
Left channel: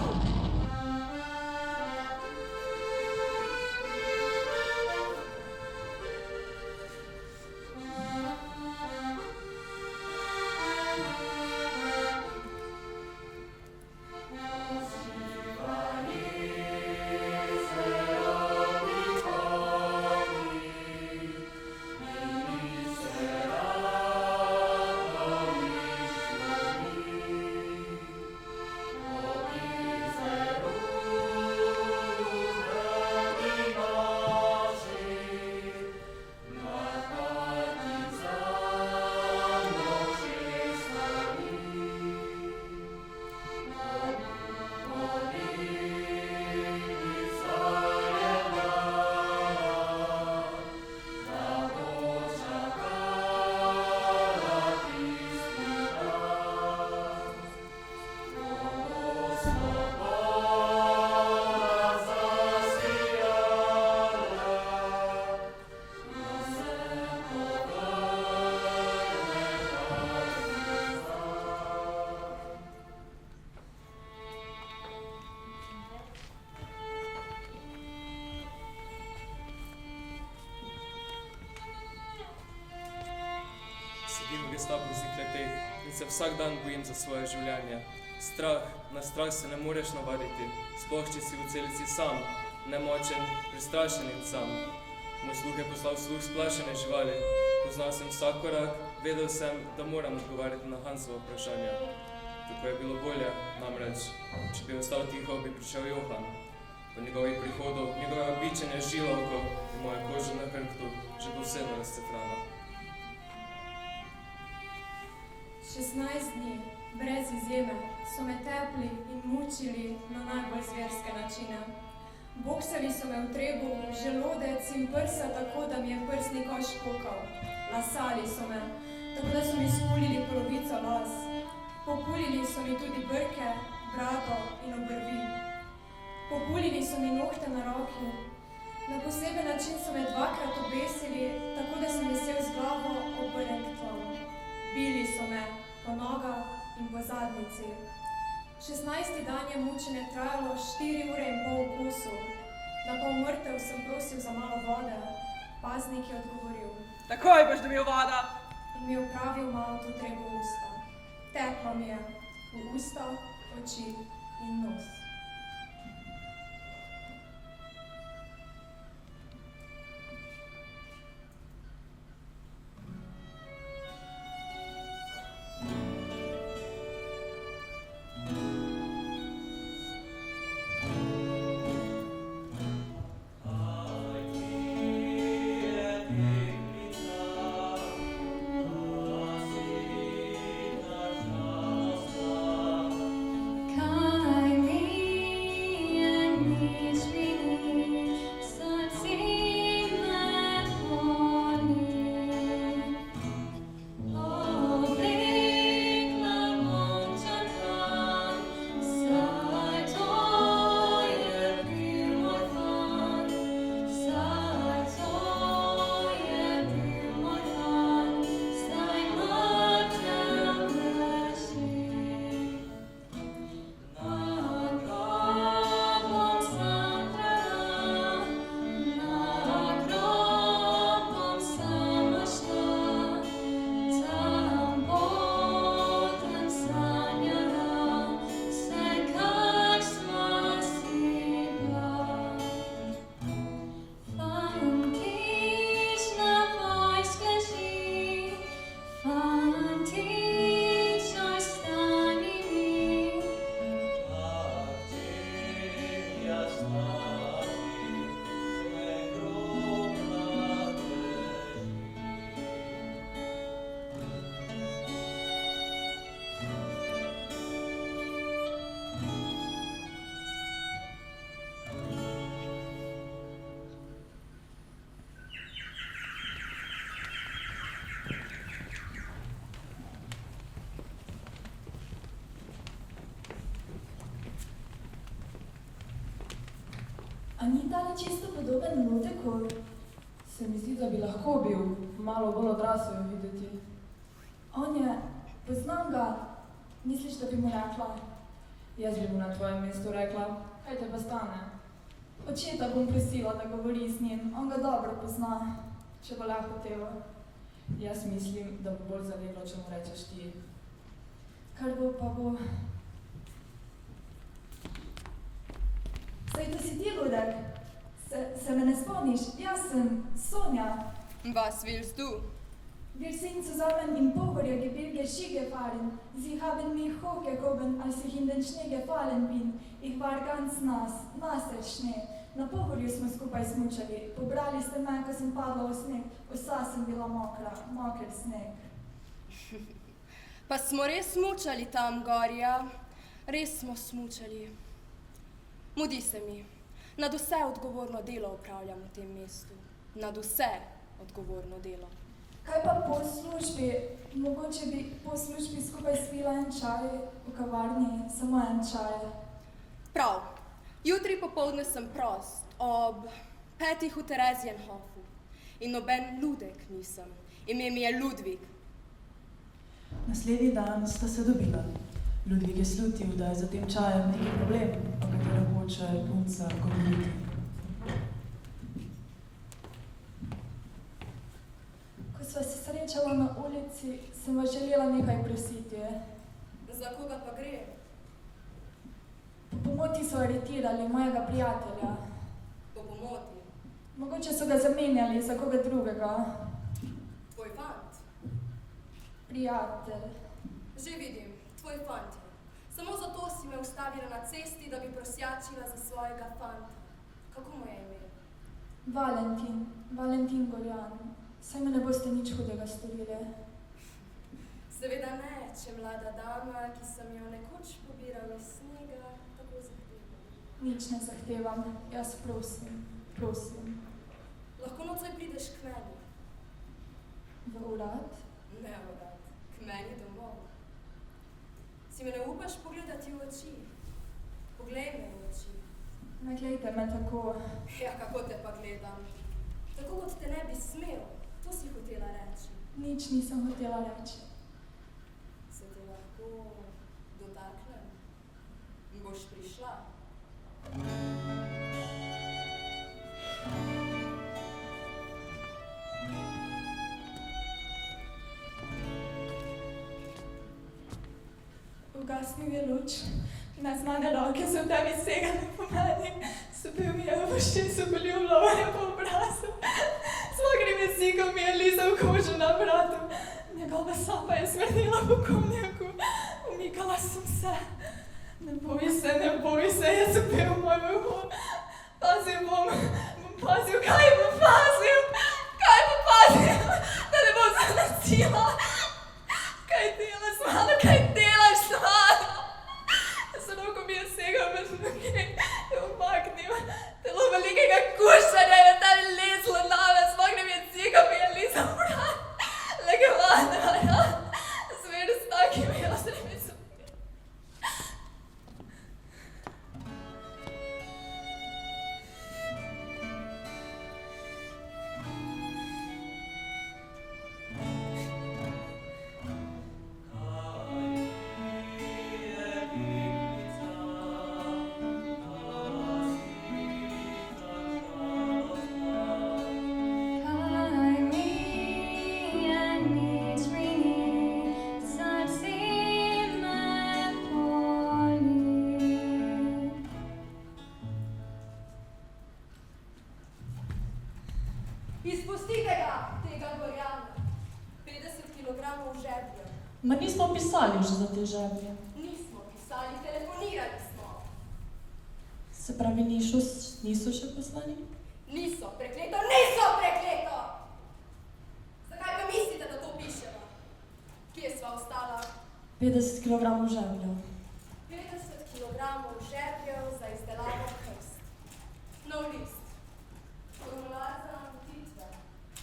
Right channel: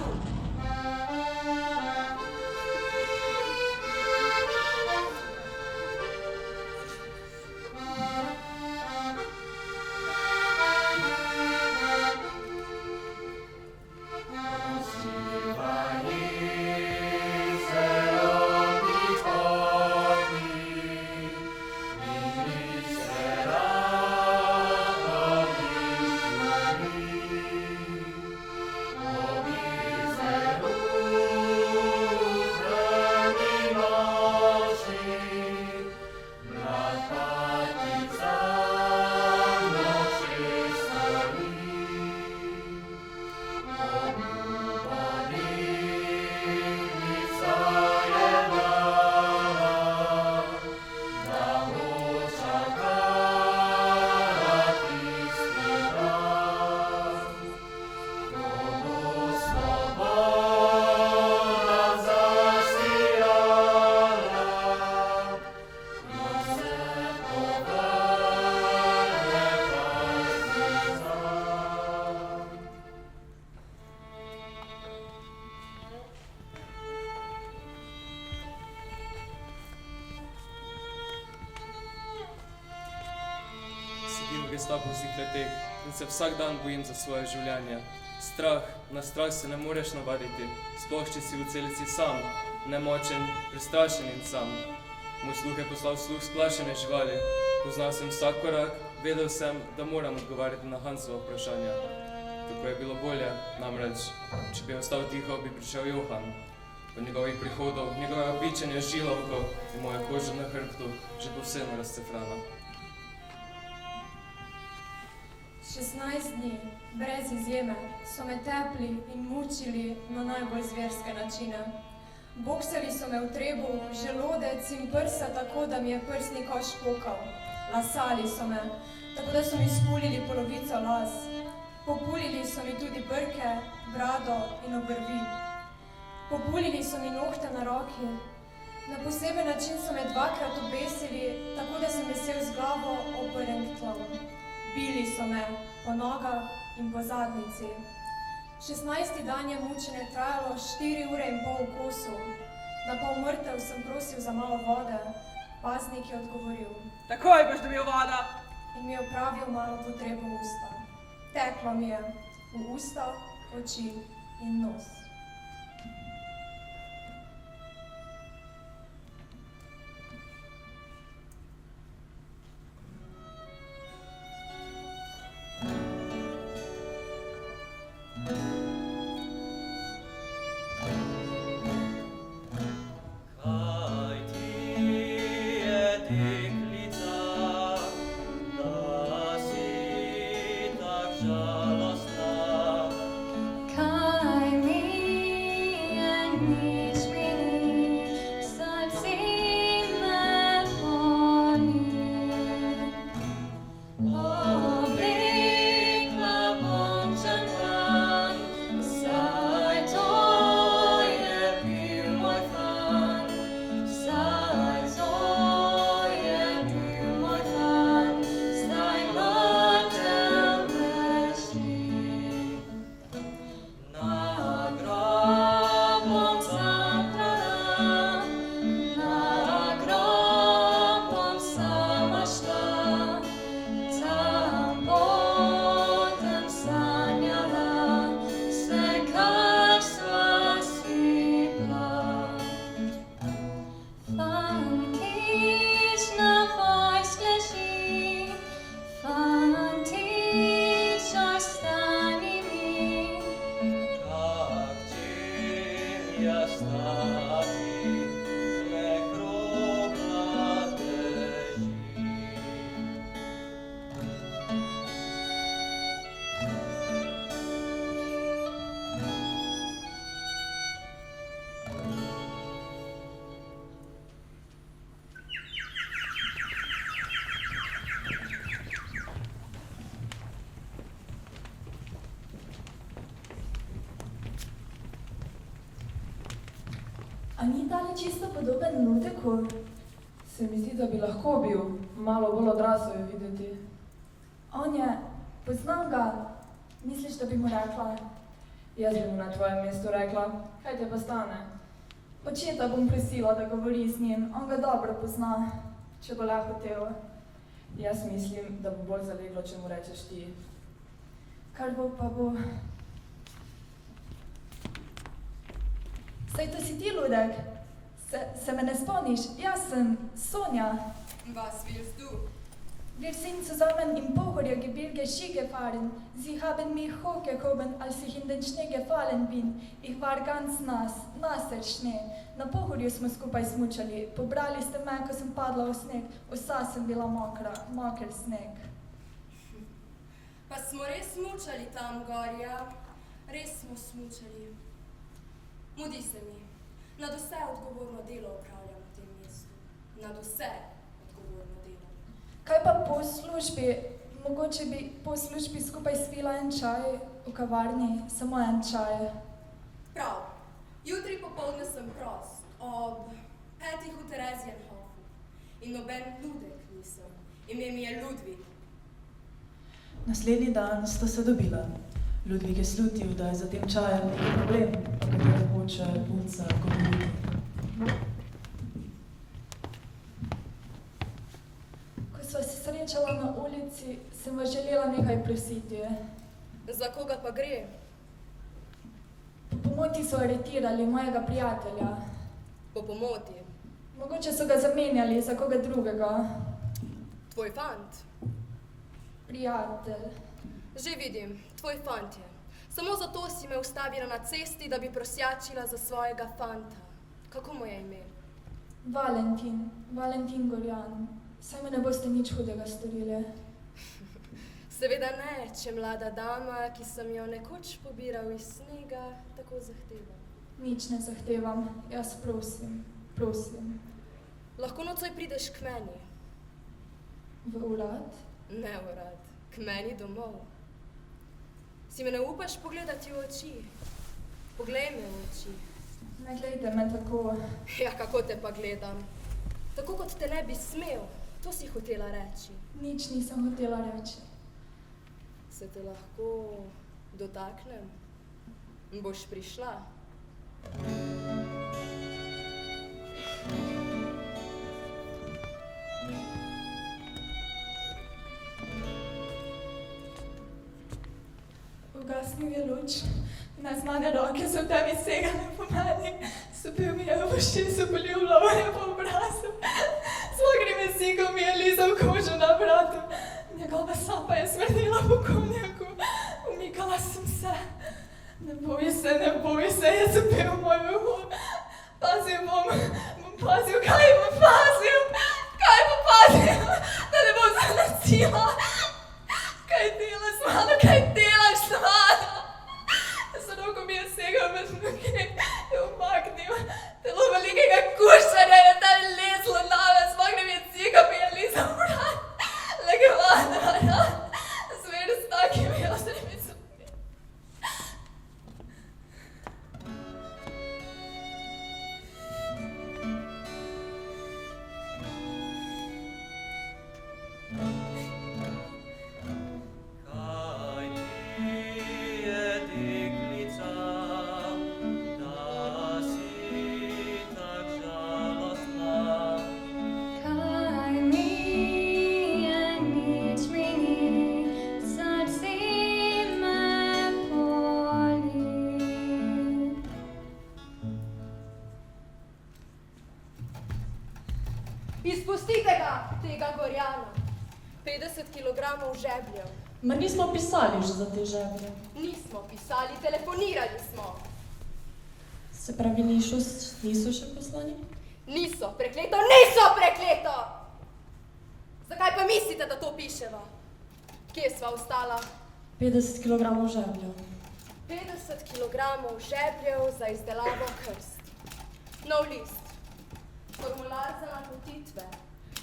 Sedim v gestapovskih kleteh in se vsak dan bojim za svoje življenje. Strah, na strah se ne moreš navaditi, sploh če si v celici sam, nemočen, prestrašen in sam. Moj sluh je poslal sluh splašene živali, poznal sem vsak korak, vedel sem, da moram odgovarjati na Hansova vprašanja. Tako je bilo bolje, namreč, če bi ostal tiho, bi prišel Johan. Po njegovih prihodov, njegove bičenje žilovko in moja koža na hrbtu že povsem razcefrana. 16 dni, brez izjeme, so me tepli in mučili na najbolj zverske načine. Boksali so me v trebuh, želodec in prsa tako, da mi je prsni koš pokal. Lasali so me, tako da so mi spulili polovico las. Populili so mi tudi brke, brado in obrvi. Populili so mi nohte na roki. Na poseben način so me dvakrat obesili, tako da sem visel z glavo obrnjen k tlu. Bili so me po nogah in po zadnjici. 16. dan je mučenje trajalo 4 ure in pol v kosu. Na pol mrtev sem prosil za malo vode. Paznik je odgovoril: Takoj boš dobil voda! In mi je opravil malo potrebo v usta. Teklo mi je v usta, oči in nos. A ni tale čisto podoben Nuteku? Se mi zdi, da bi lahko bil, malo bolj odrasel je videti. On je, poznam ga, Misliš, da bi mu rekla? Jaz bi mu na tvojem mestu rekla, kaj te pa stane? Očeta bom prosila, da govori z njim, on ga dobro pozna, če bo le hotel. Jaz mislim, da bo bolj zaleglo, če mu rečeš ti. Kar bo, pa bo. Saj to si ti, Ludek? Se me ne spomniš? Jaz sem Sonja. Was willst du? Wir sind zusammen im Pohoriergebirge Ski gefahren. Sie haben mich hochgehoben, als ich in den Schnee gefallen bin. Ich war ganz nass, nasser Schnee. Na Pohorju smo skupaj smučali. Pobrali ste me, ko sem padla v sneg. Vsa sem bila mokra, moker sneg. Pa smo res smučali tam gorja. Res smo smučali. Mudi se mi. Nad vse odgovorno delo upravljam v tem mestu. Nad vse odgovorno delo. Kaj pa po službi? Mogoče bi po službi skupaj spila en čaj v kavarni, samo en čaj. Prav. Jutri popoldne sem prost, ob 5 v Terezijenhofu. In noben Ludek nisem. Ime mi je Ludvik. Naslednji dan sta se dobila. Ludvik je slutil, da je za tem čajem neki problem, o katerem hoče punca govoriti. Ko sva se srečala na ulici, sem vas želela nekaj prositi. Za koga pa gre? Po pomoti so aretirali mojega prijatelja. Po pomoti? Mogoče so ga zamenjali za koga drugega. Tvoj fant? Prijatelj. Že vidim, tvoj fant je. Samo zato si me ustavila na cesti, da bi prosjačila za svojega fanta. Kako mu je ime? Valentin Gorjan. Saj me ne boste nič hudega storili. Seveda ne, če mlada dama, ki sem jo nekoč pobiral iz snega, tako zahteva. Nič ne zahtevam, jaz prosim. Lahko nocoj prideš k meni. V urad? Ne v urad, k meni domov. Si me ne upaš pogledati v oči? Poglej me v oči. Ne glejte me tako. Ja, kako te pa gledam? Tako kot te ne bi smel, to si hotela reči. Nič nisem hotela reči. Se te lahko dotaknem? Boš prišla? Ugasnil je luč, neznane roke so v tebi segale po meni, sopil mi je v ušesu, poljubljal me je po obrazu, z mokrim jezikom mi je lizal kožo na vratu, njegova sapa je smrdila po konjaku, umikala sem se. Ne boj se, je sopil moj uho. Pazil bom pazil, kaj bom pazil, da ne bom zanosila. Kaj delaš, Mano, kaj delaš, Mano? Z roko mi je segal med noge, je umaknil. Telo velikega kušarja je tam lezlo name, z mokrim jezikom mi je lizal vrat. Legvana, zmer s takimi ostrimi zubmi. Izpustite ga, tega Gorjana. 50 kilogramov žebljev. Ma nismo pisali že za te žeblje. Nismo pisali, telefonirali smo. Se pravi, niso še poslani? Niso prekleto! Zakaj pa mislite, da to piševa? Kje sva ostala? 50 kilogramov žebljev. 50 kilogramov žebljev za izdelavo krst. Nov list. Formular za napotitve.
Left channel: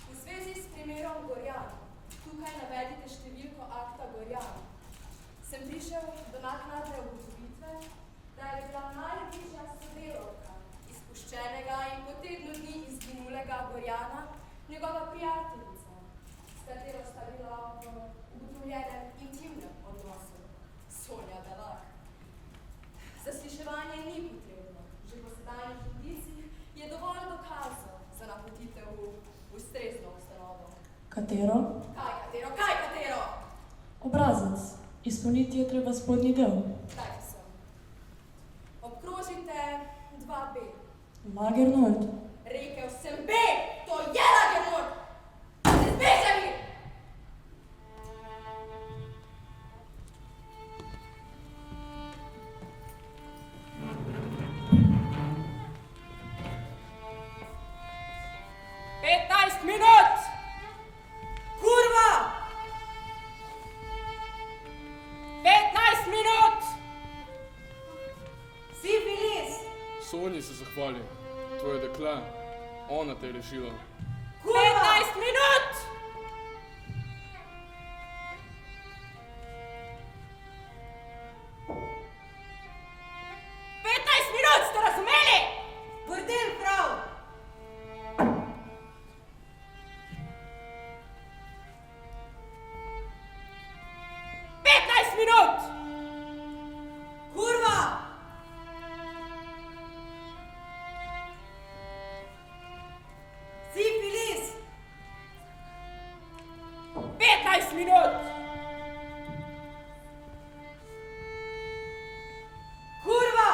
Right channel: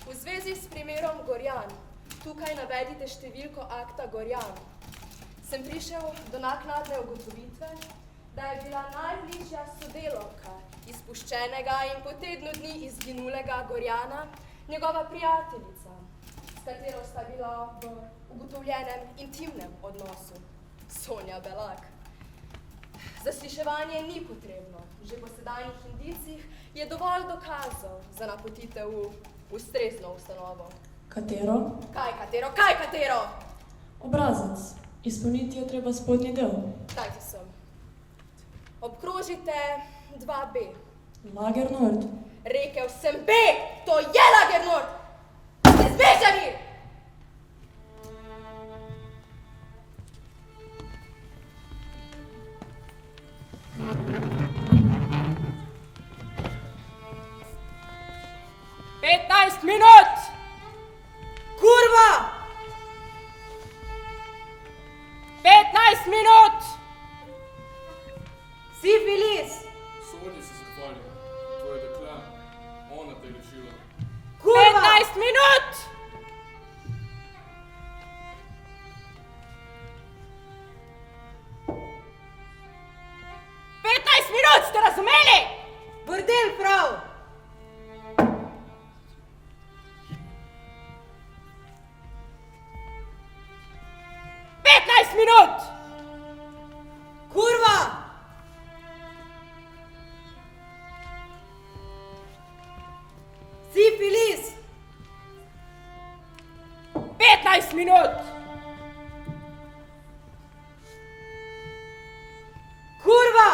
V zvezi s primerom Gorjan, tukaj navedite številko akta Gorjan. Sem prišel do naknadne ugotovitve, da je bila najbližja sodelovka izpuščenega in po tednu dni izginulega Gorjana njegova prijateljica, s katero sta bila v ugotovljenem intimnem odnosu. Sonja Belak. Zasliševanje ni potrebno. Že po sedajnih indicih je dovolj dokazov za napotitev v ustrezno ustanovo. Katero? Kaj katero? Obrazec. Izpolniti je treba spodnji del. Dajte sem. Obkrožite 2B. Lager Nord. Rekel sem B, to je Lager Nord! Ste zbežani! Minut! Kurva! 15 minut! Sifilis! Sonji se zahvali. Tvoje dekle. Ona te je rešila. 15 minut! Ste razumeli? Bordel prav! Minut! Kurva! Sifilis! 15 minut! Kurva!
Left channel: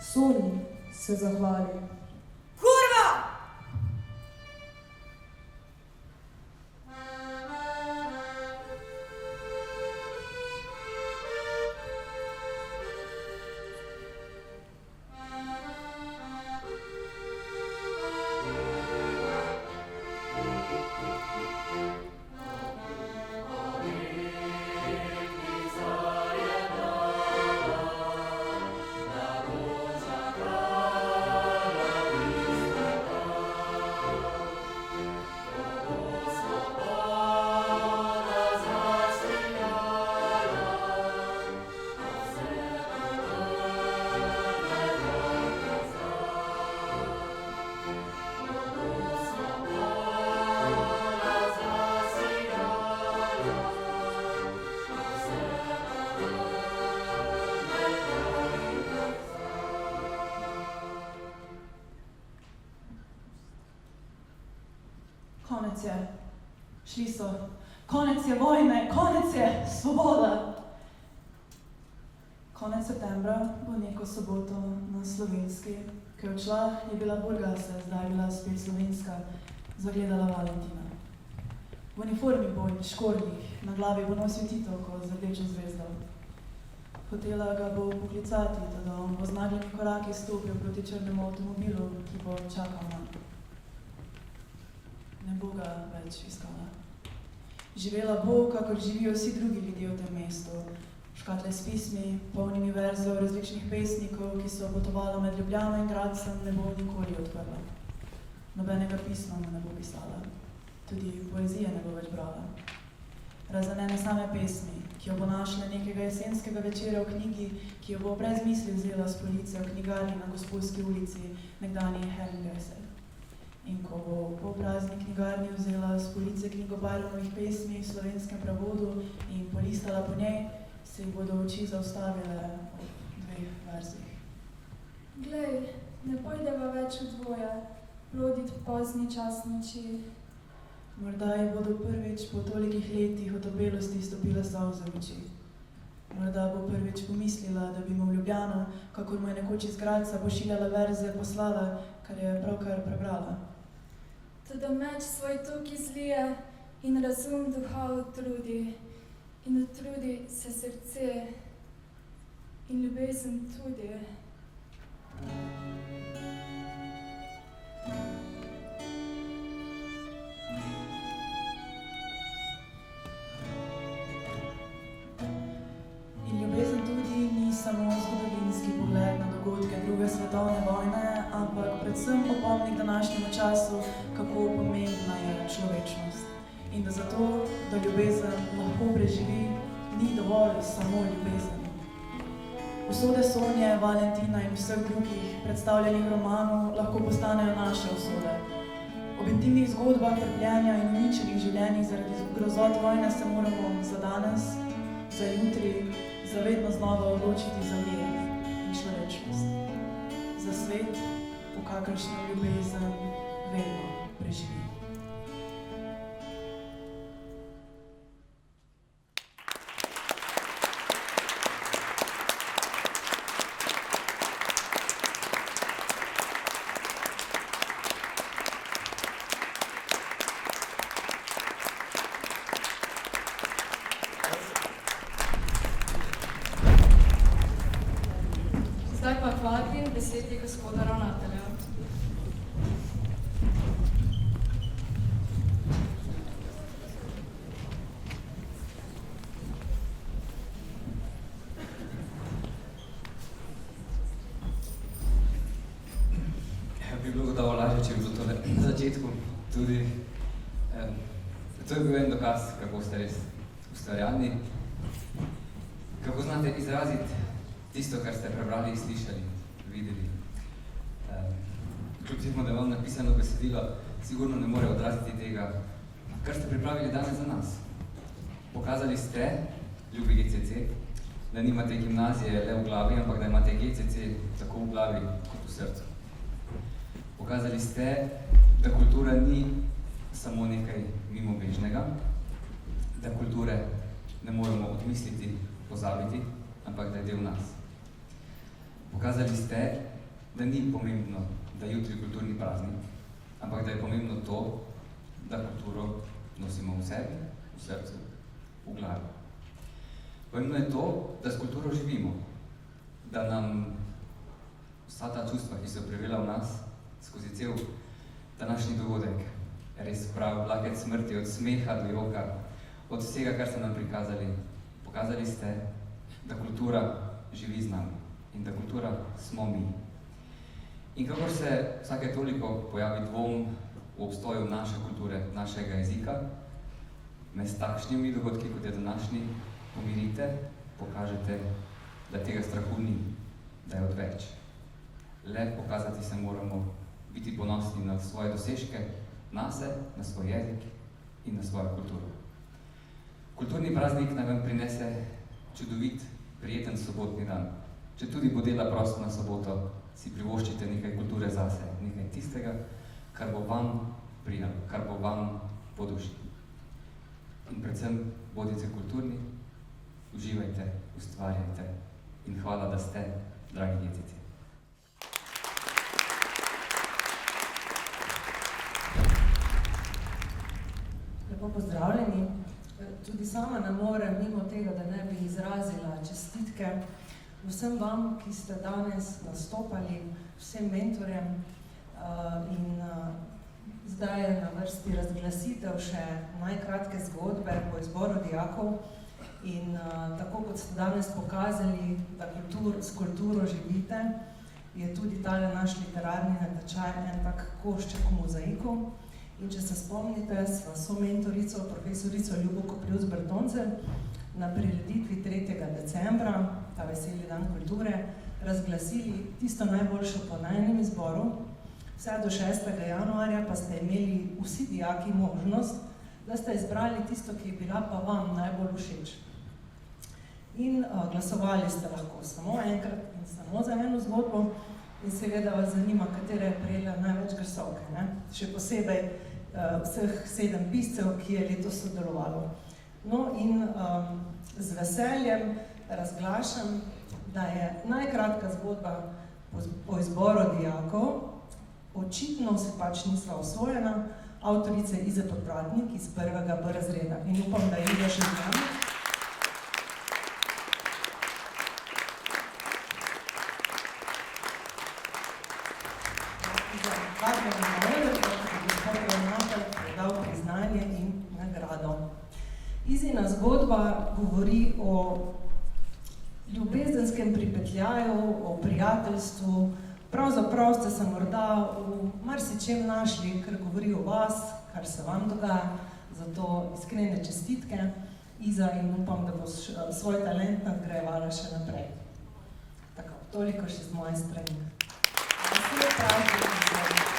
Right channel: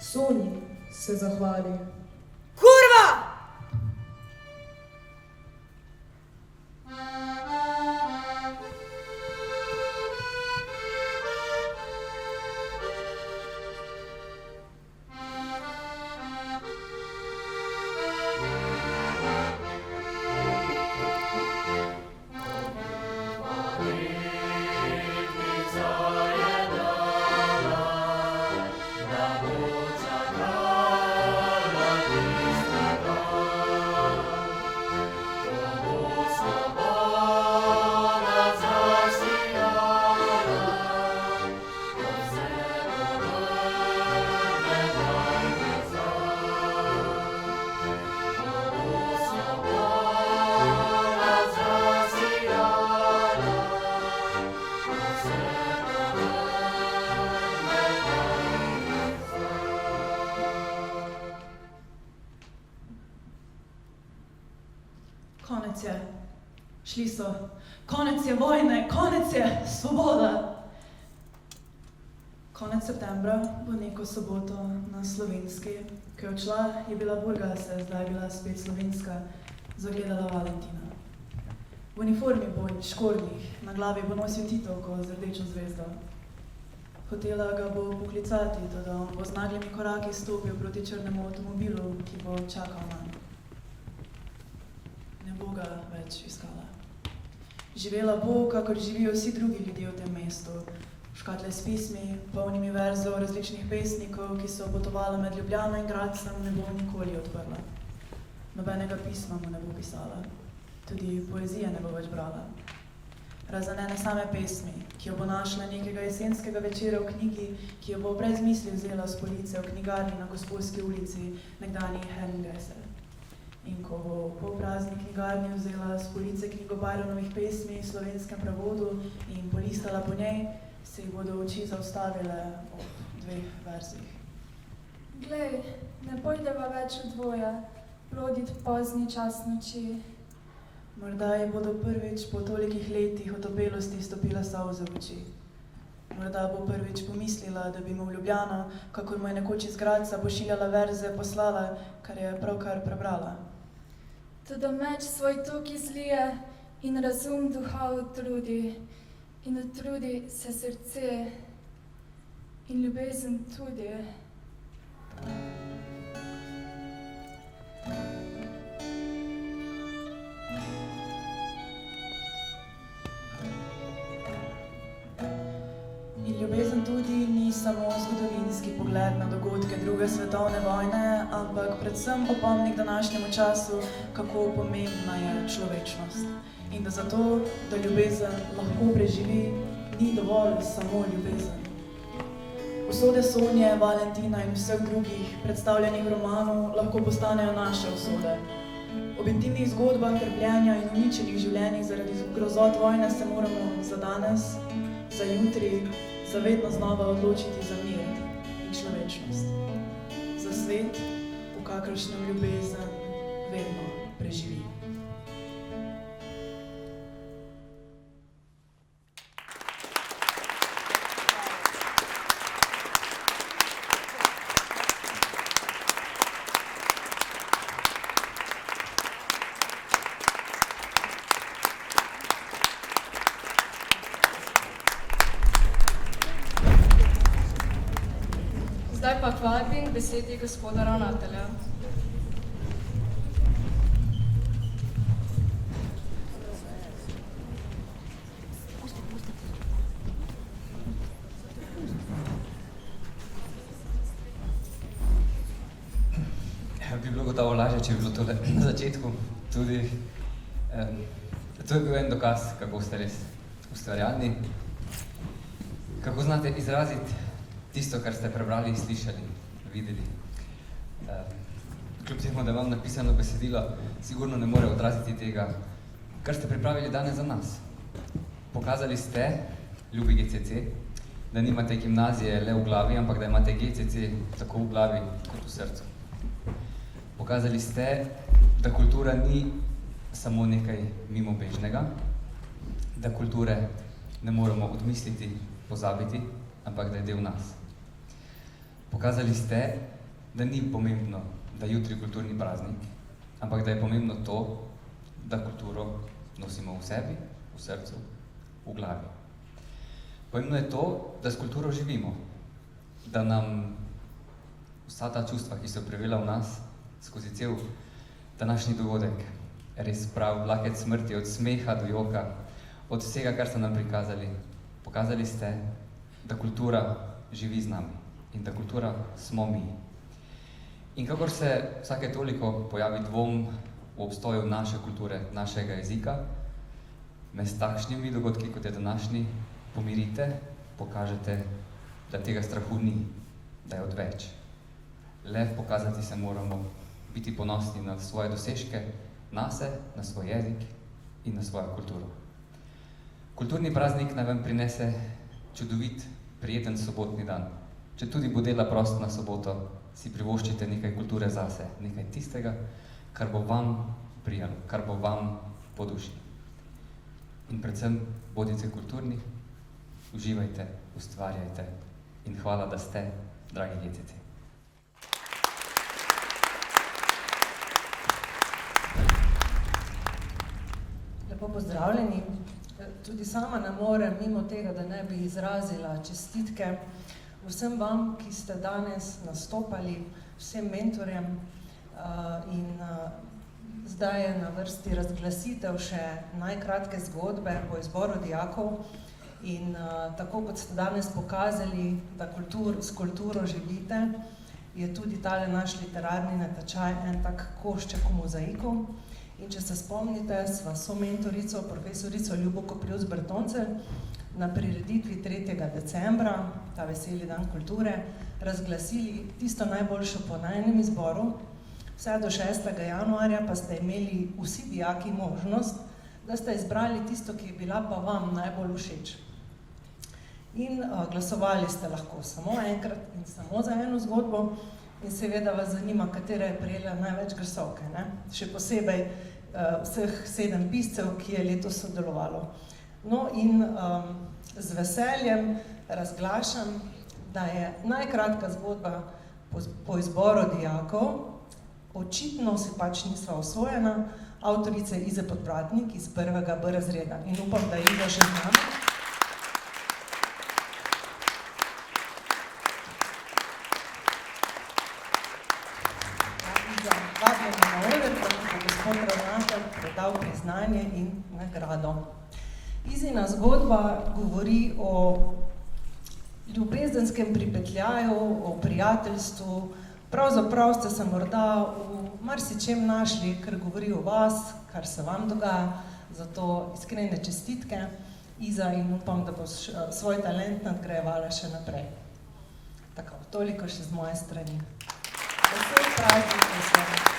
Sonji se zahvali. Kurva! Konec je. Šli so. Konec je vojne, konec je svoboda. Konec septembra bo neko soboto na Slovenski, ko je odšla, je bila Burgase, zdaj je bila spet Slovenska, zagledala Valentina. V uniformi bo in škornjih, na glavi bo nosil titovko z rdečo zvezdo. Hotela ga bo poklicati, da on bo z naglimi koraki stopil proti črnemu avtomobilu, ki bo čakal na. Ne bo ga več iskala. Živela bo, kakor živijo vsi drugi ljudje v tem mestu. Škatle s pismi, polnimi verzov različnih pesnikov, ki so potovali med Ljubljano in Gradcem, ne bo nikoli odprla. Nobenega pisma mu ne bo pisala. Tudi poezije ne bo več brala. Razen ene same pesmi, ki jo bo našla nekega jesenskega večera v knjigi, ki jo bo brez misli vzela s police v knjigarni na Gosposki ulici, nekdanji Herrengasse. In ko bo po prazni knjigarni vzela s police knjigo Byronovih pesmi v slovenskem prevodu in polistala po njej, se ji bodo oči zaustavile ob 2 verzih. Glej, ne pojdeva več v dvoje, blodit pozni čas noči. Morda ji bodo prvič po tolikih letih otopelosti stopila solze v oči. Morda bo prvič pomislila, da bi mu v Ljubljano, kakor mu je nekoč iz Gradca pošiljala verze, poslala, kar je pravkar prebrala. Toda meč svoj tok izlije in razum duha utrudi, in utrudi se srce in ljubezen tudi. In ljubezen tudi ni samo zgodovinski pogled na dogodke druge svetovne vojne, ampak predvsem opomnik današnjemu času, kako pomembna je človečnost. In da zato, da ljubezen lahko preživi, ni dovolj samo ljubezen. Usode Sonje, Valentina in vseh drugih predstavljenih v romanu lahko postanejo naše usode. Ob intimnih zgodbah trpljenja in uničenih življenjih zaradi grozot vojne se moramo za danes, za jutri, za vedno znova odločiti za mir in človečnost. Za svet, v kakršnem ljubezen vedno preživi. Zdaj pa vabim besedi gospoda ravnatelja. Bi bilo gotovo lažje, če bi bilo tole na začetku tudi. To je bil en dokaz, kako ste res ustvarjalni, kako znate izraziti tisto, kar ste prebrali, slišali, videli. Kljub temu, da imam napisano besedilo, sigurno ne more odraziti tega, kar ste pripravili danes za nas. Pokazali ste, ljubi GCC, da nimate gimnazije le v glavi, ampak da imate GCC tako v glavi kot v srcu. Pokazali ste, da kultura ni samo nekaj mimobežnega, da kulture ne moremo odmisliti, pozabiti, ampak da je del nas. Pokazali ste, da ni pomembno, da jutri kulturni praznik, ampak da je pomembno to, da kulturo nosimo v sebi, v srcu, v glavi. Pomembno je to, da s kulturo živimo, da nam vsa ta čustva, ki so prevela v nas, skozi cel današnji dogodek, res prav vlakec smrti, od smeha do joka, od vsega, kar ste nam prikazali. Pokazali ste, da kultura živi z nami in da kultura smo mi. In kakor se vsake toliko pojavi dvom v obstoju naše kulture, našega jezika, me s takšnimi dogodki, kot je današnji, pomirite, pokažete, da tega strahu ni, da je odveč. Le pokazati se moramo, biti ponosni na svoje dosežke, nase, na svoj jezik in na svojo kulturo. Kulturni praznik naj vam prinese čudovit, prijeten sobotni dan. Če tudi bo dela prosto na soboto, si privoščite nekaj kulture zase, nekaj tistega, kar bo vam prijemno, kar bo vam po duši. In predvsem bodite kulturni, uživajte, ustvarjajte in hvala, da ste, dragi GCC. Lepo pozdravljeni. Tudi sama ne morem mimo tega, da ne bi izrazila čestitke vsem vam, ki ste danes nastopali, vsem mentorjem in zdaj je na vrsti razglasitev še najkratke zgodbe po izboru dijakov in tako kot ste danes pokazali, da s kulturo živite, je tudi tale naš literarni natečaj en tak košček v mozaiku. In če se spomnite, sva somentorico, profesorico Ljubo Koprivc-Bertoncelj na prireditvi 3. decembra, ta veseli dan kulture, razglasili tisto najboljšo po najnem izboru. Vse do 6. januarja pa ste imeli vsi dijaki možnost, da ste izbrali tisto, ki je bila pa vam najbolj všeč. In glasovali ste lahko samo enkrat in samo za eno zgodbo. In seveda vas zanima, katera je prejela največ glasovke, ne? Še posebej vseh 7 piscev, ki je letos sodelovalo. No in z veseljem razglašam, da je najkratka zgodba po izboru dijakov, očitno se pač nisva osvojena, avtorice Ize Podpratnik iz 1. B razreda. In upam, da je Iza še z nami. Priznanje in nagrado. Izina zgodba govori o ljubezenskem pripetljaju, o prijateljstvu. Pravzaprav ste se morda v marsičem našli, ker govori o vas, kar se vam dogaja, zato iskrene čestitke, Iza, in upam, da boš svoj talent nadgrajevala še naprej. Tako, toliko še z moje strani. Vesel praznik.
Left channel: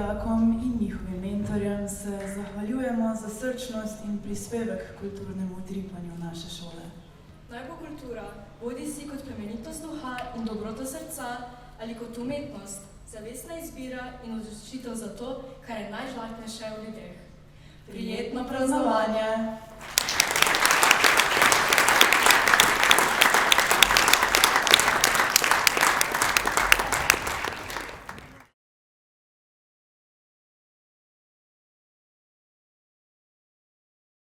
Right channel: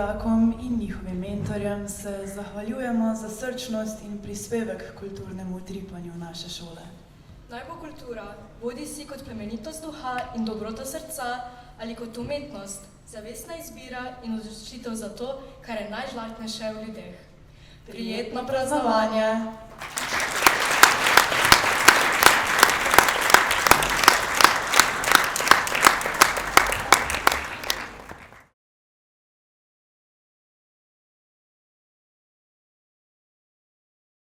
dijakom in njihovim mentorjem se zahvaljujemo za srčnost in prispevek k kulturnemu utripanju naše šole. Naj bo kultura, bodi si kot plemenitost duha in dobrota srca, ali kot umetnost, zavestna izbira in odločitev za to, kar je najžlahtnejše v ljudeh. Prijetno praznovanje!